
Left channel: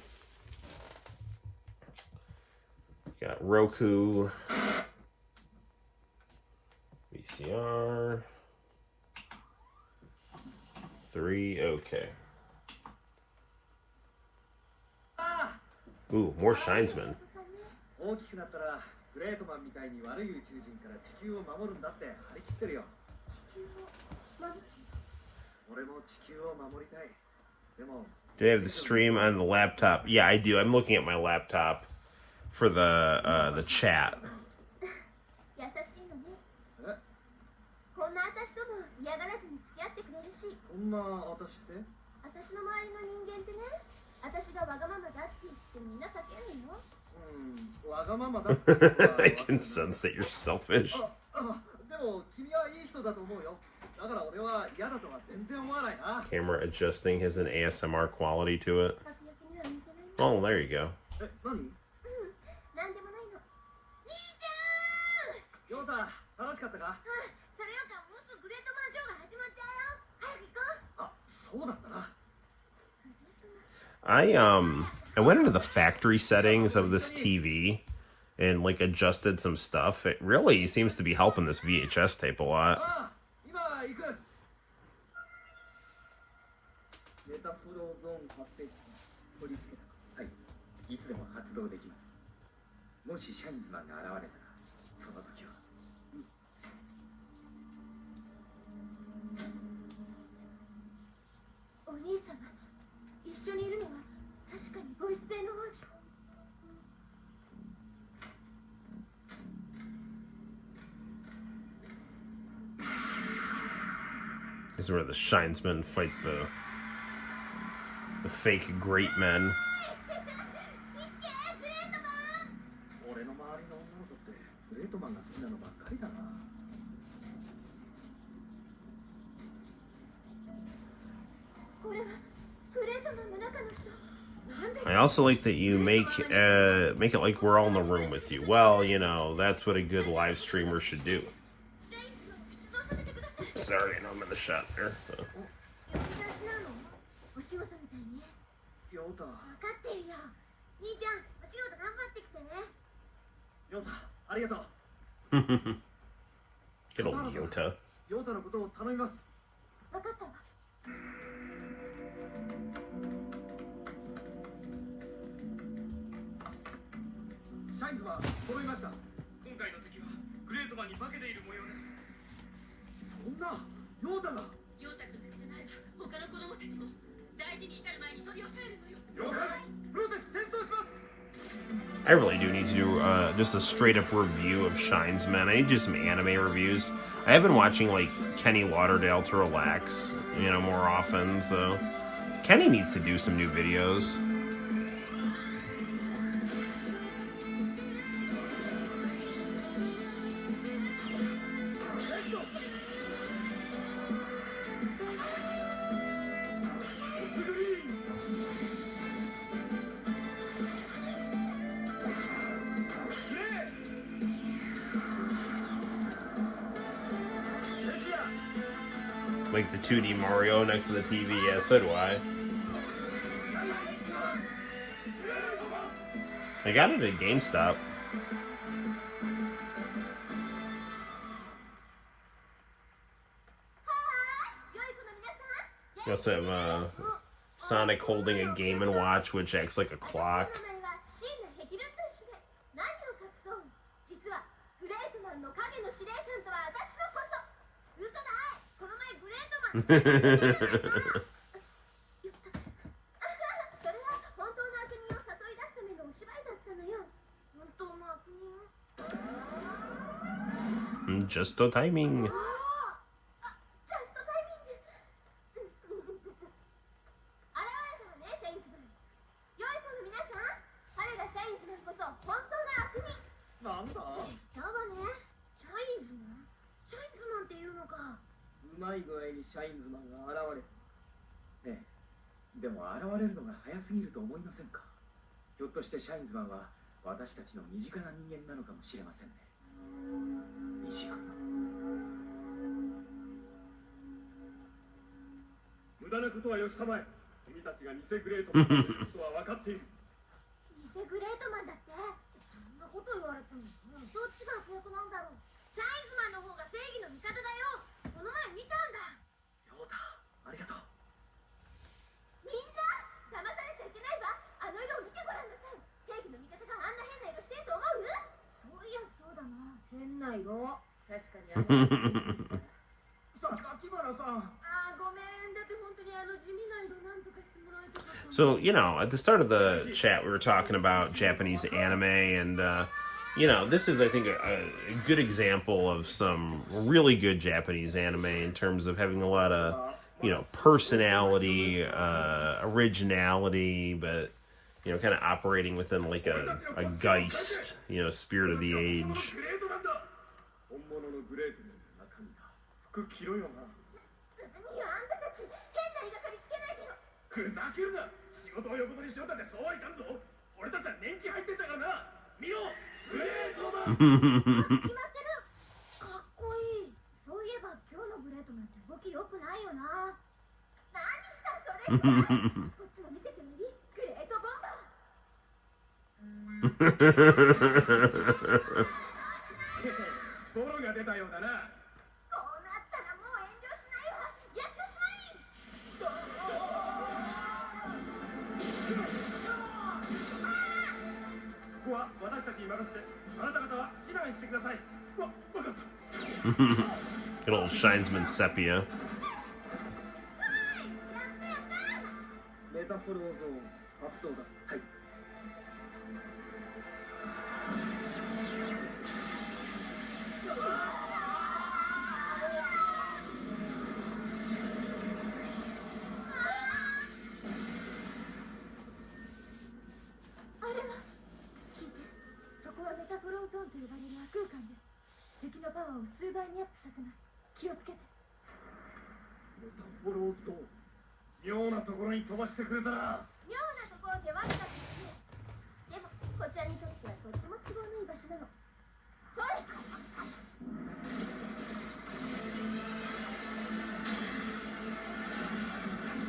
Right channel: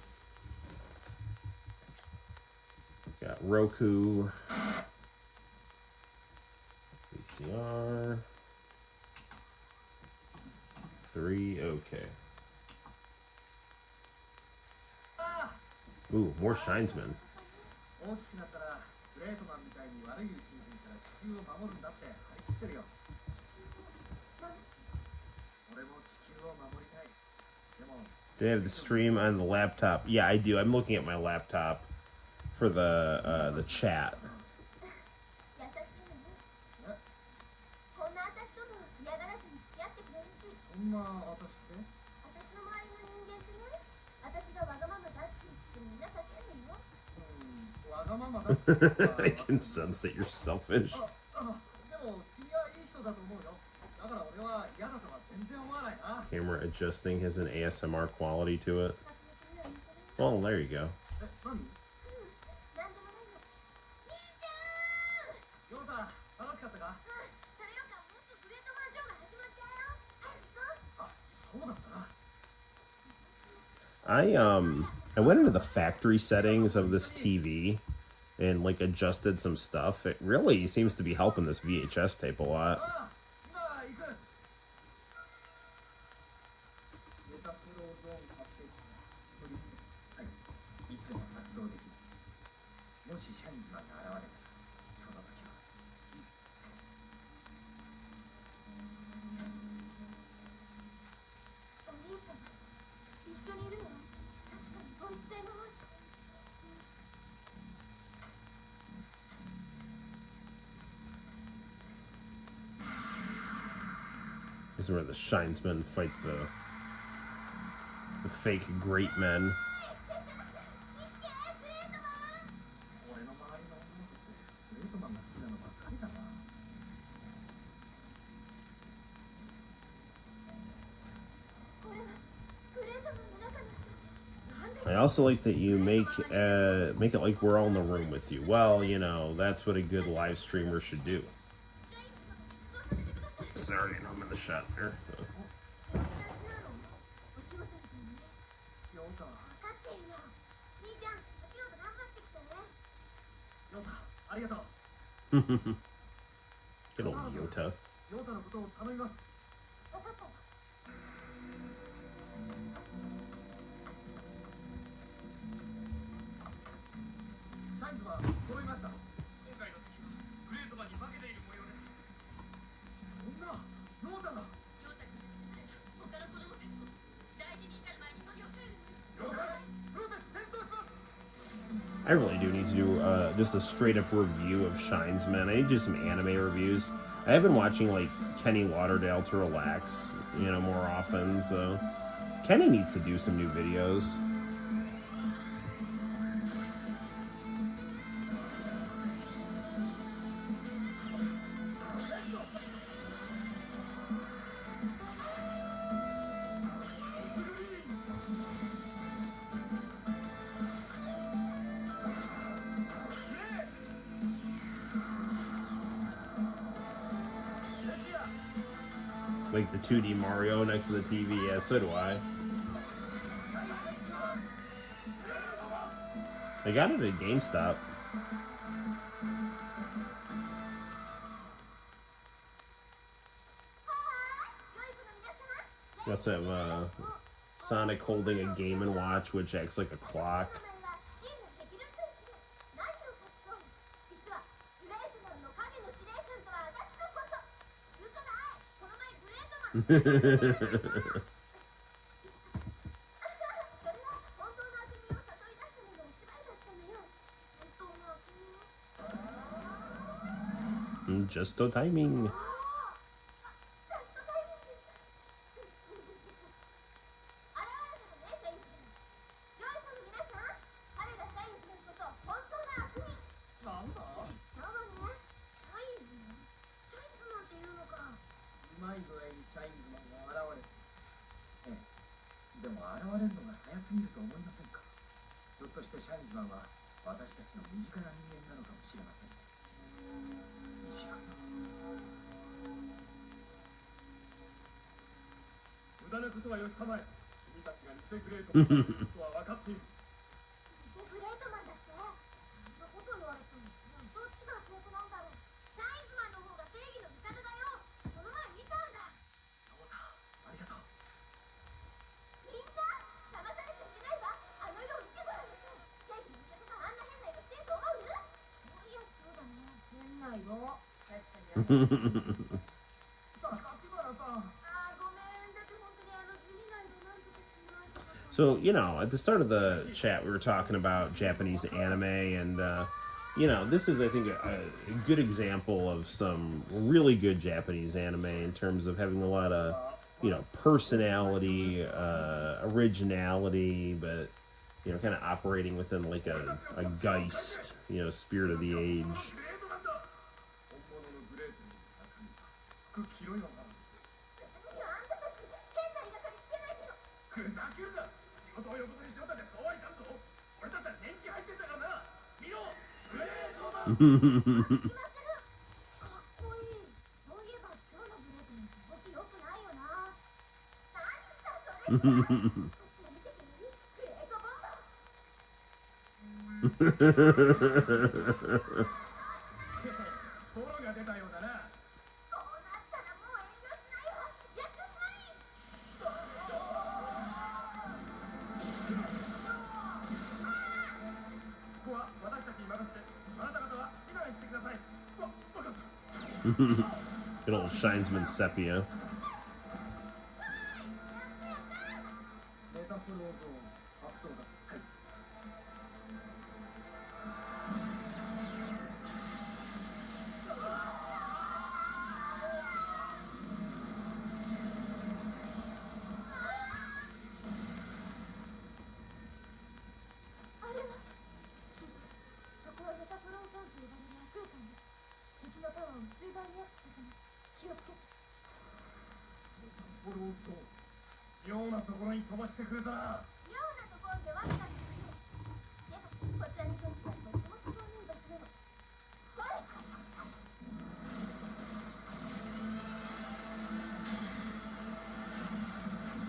Got Roku, VCR, 3, okay. Ooh, more Shinesman. Do you have the stream on the laptop? Yeah, I do. I'm looking at my laptop for the chat. I can sense that you're selfish. Camera adjusting has an ASMR quality to it. Oh, there you go. I went into the factory settings of this TV and like adjusted some stuff. It really seems to be helping this VHS tape a lot. This is where the Shinesmen fight the fake great men. I also like that you make it like we're all in the room with you. Well, you know, that's what a good live streamer should do. Sorry, I'm in the shot there. Good old Yota. I really do need to do just a straight up review of Shinesman. I need to do some anime reviews. I have been watching like Kenny Lauderdale to relax, you know, more often. So Kenny needs to do some new videos. Like the 2D Mario next to the TV, yeah, so do I. I got it at GameStop. We also have Sonic holding a Game & Watch, which acts like a clock. Just the timing. So, you know, at the start of the chat, we were talking about Japanese anime, and, you know, this is, I think, a good example of some really good Japanese anime in terms of having a lot of, you know, personality, originality, but, you know, kind of operating within, like, a Geist, you know, spirit of the age. Good old Shinesman sepia.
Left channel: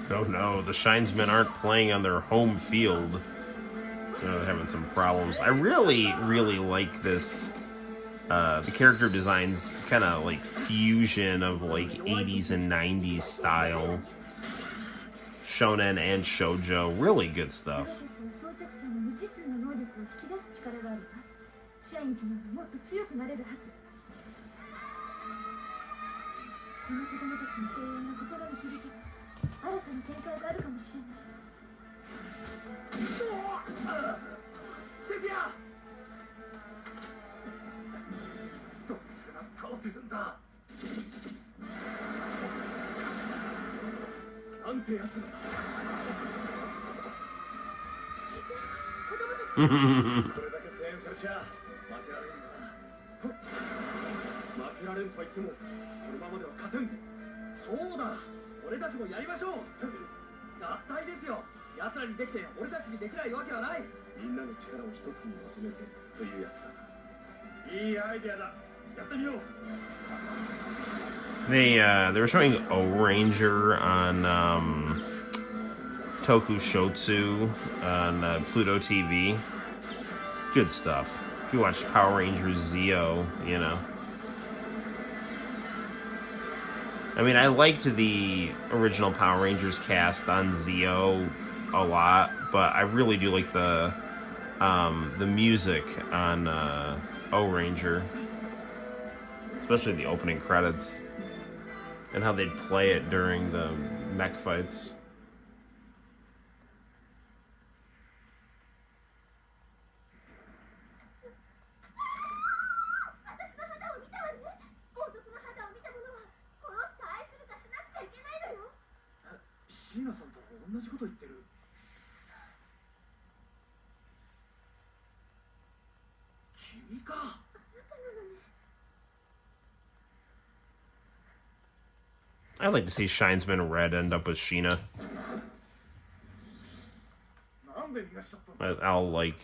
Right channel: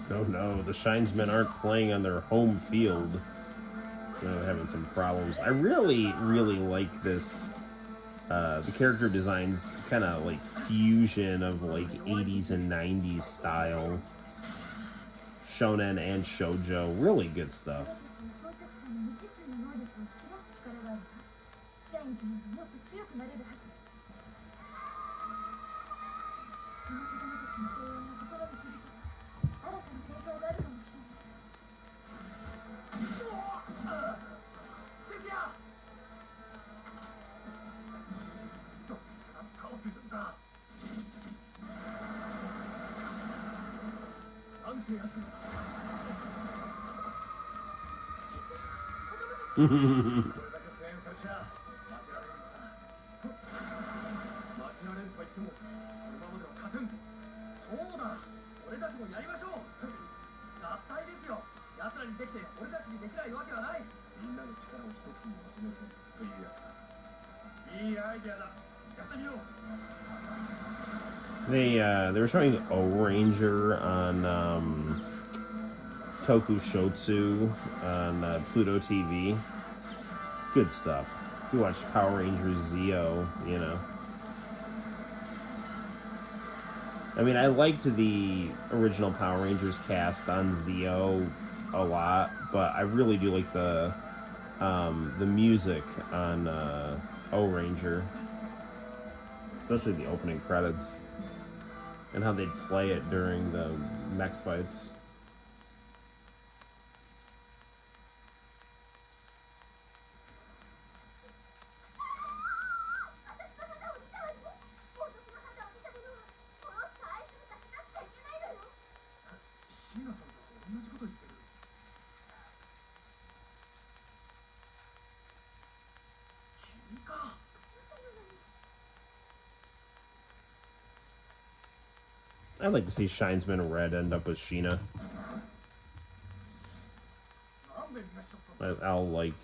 Oh no, the Shinesmen aren't playing on their home field. They're having some problems. I really like this. The character designs kind of like fusion of like 80s and 90s style. Shonen and shoujo, really good stuff. They were showing O-Ranger on Tokushotsu on Pluto TV. Good stuff. If you watched Power Rangers Zeo, you know. I mean, I liked the original Power Rangers cast on Zeo a lot, but I really do like the music on O-Ranger. especially the opening credits, and how they'd play it during the mech fights. I'd like to see Shinesman Red end up with Sheena. I'll like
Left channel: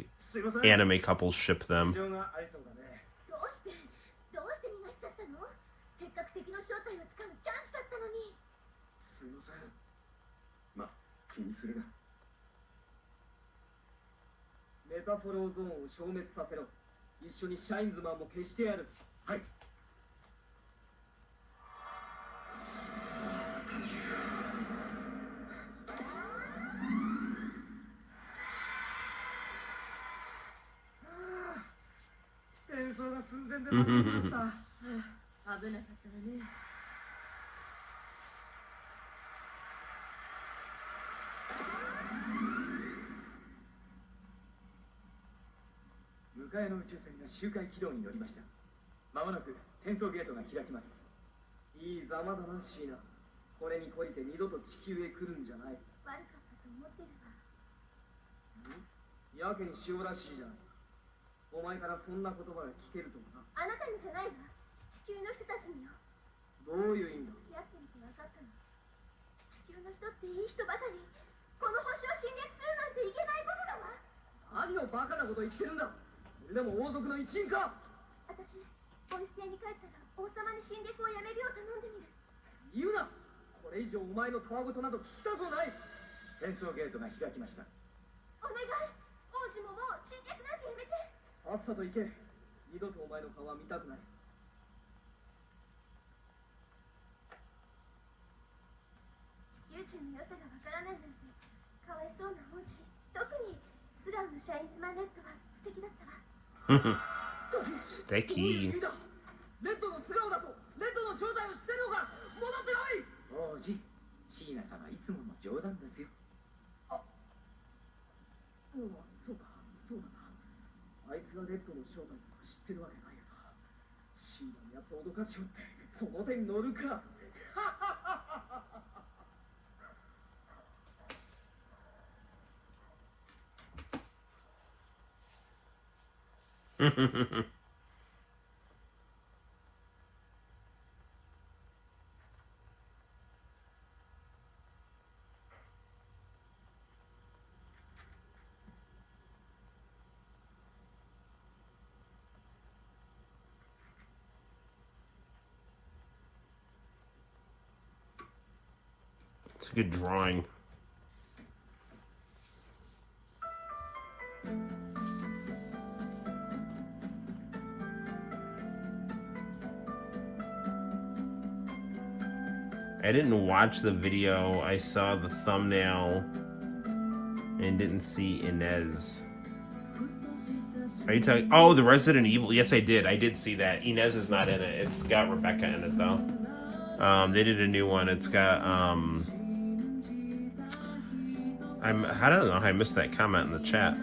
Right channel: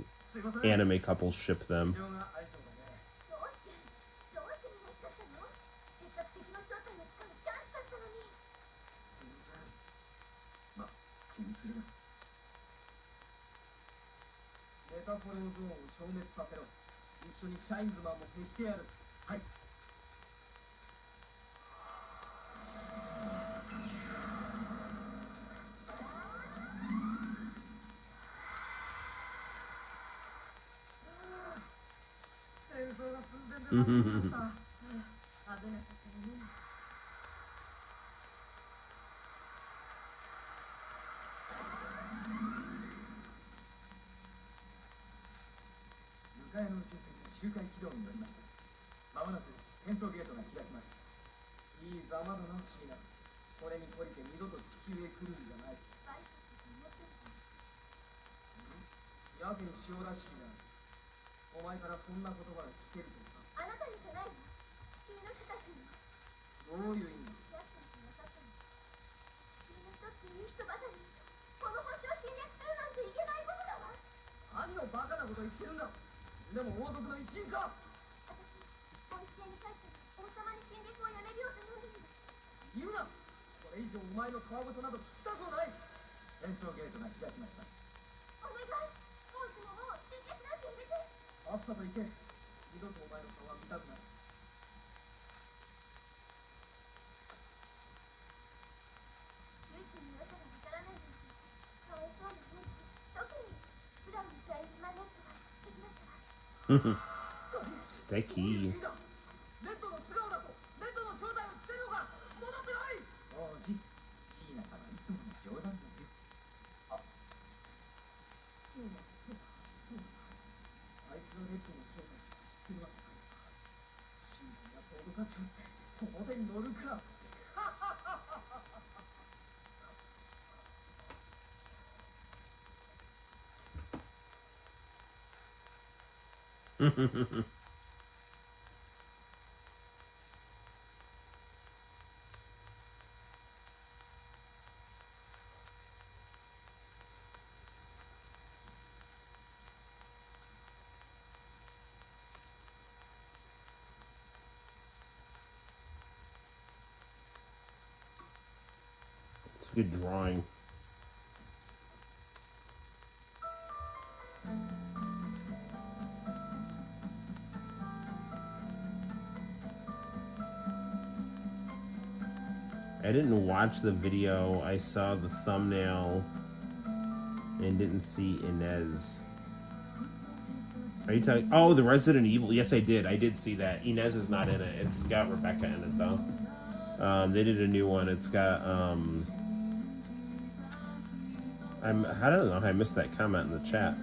anime couples ship them. Sticky. It's a good drawing. I didn't watch the video. I saw the thumbnail and didn't see Inez. Are you talking? Oh, the Resident Evil. Yes, I did. I did see that. Inez is not in it. It's got Rebecca in it though. They did a new one. It's got I don't know how I missed that comment in the chat.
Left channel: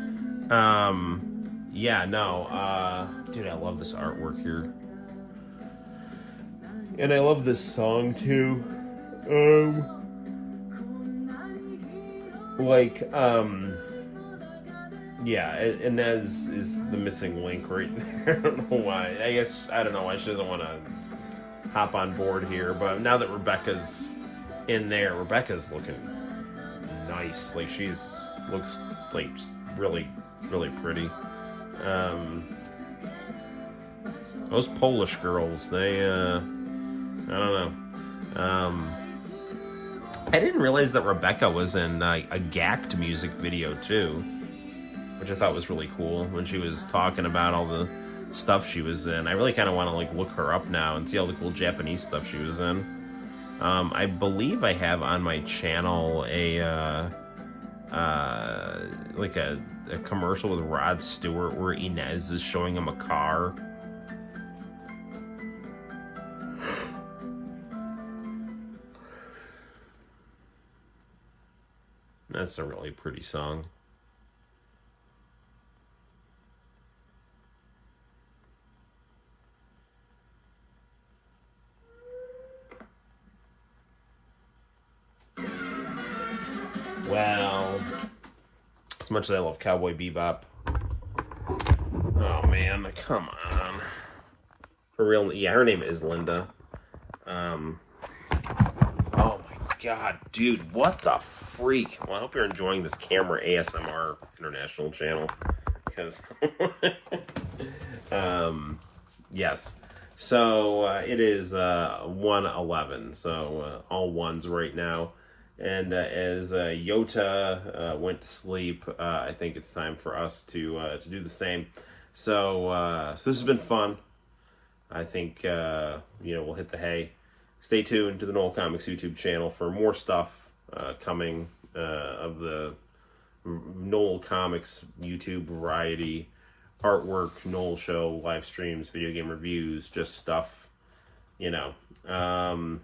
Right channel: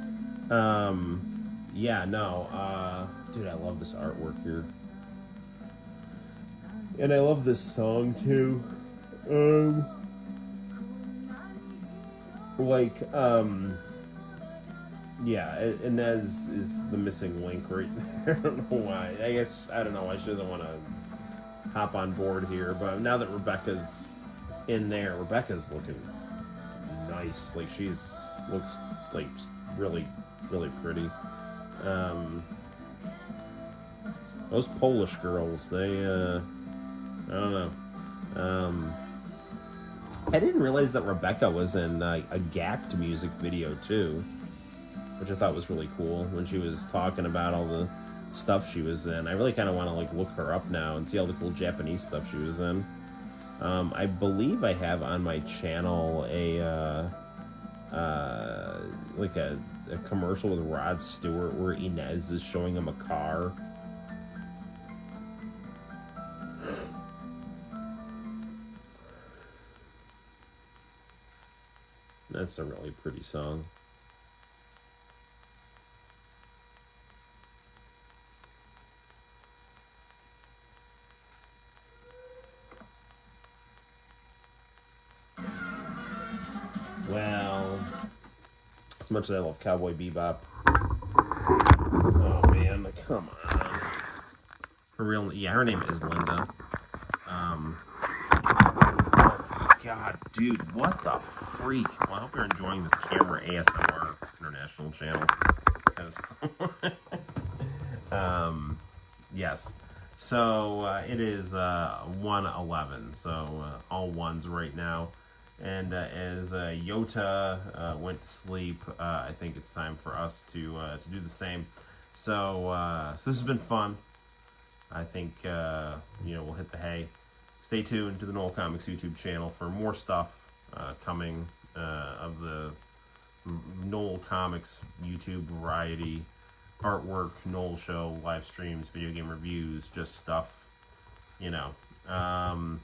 Yeah, no. Dude, I love this artwork here. And I love this song too. Yeah, Inez is the missing link right there. I don't know why. I don't know why she doesn't want to hop on board here. But now that Rebecca's in there, Rebecca's looking nice. Like looks like really, really pretty. Those Polish girls, they I don't know. I didn't realize that Rebecca was in a Gacked music video too, which I thought was really cool when she was talking about all the stuff she was in. I really kind of want to like look her up now and see all the cool Japanese stuff she was in. I believe I have on my channel a commercial with Rod Stewart where Inez is showing him a car. That's a really pretty song. Well, as much as I love Cowboy Bebop, oh man, come on. For real, yeah, her name is Linda. Oh God, dude, what the freak? Well, I hope you're enjoying this camera ASMR international channel, because, yes. So it is 1:11, so all ones right now. And as Yota went to sleep, I think it's time for us to do the same. So this has been fun. I think we'll hit the hay. Stay tuned to the Noel ComiX YouTube channel for more stuff coming of the Noel ComiX YouTube variety artwork, Noel show, live streams, video game reviews, just stuff, and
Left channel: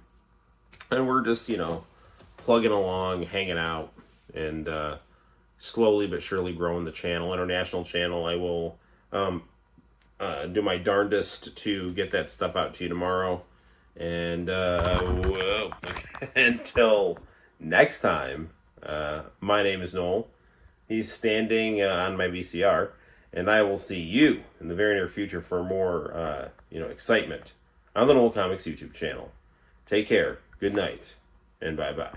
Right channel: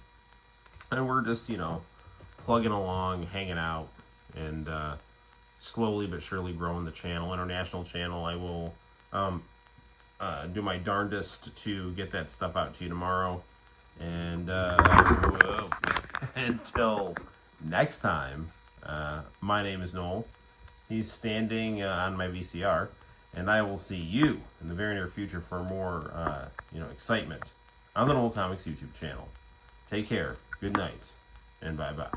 we're just plugging along, hanging out, and slowly but surely growing the channel. International channel, I will do my darndest to get that stuff out to you tomorrow. And until next time, my name is Noel. He's standing on my VCR, and I will see you in the very near future for more excitement on the Noel ComiX YouTube channel. Take care, good night, and bye-bye.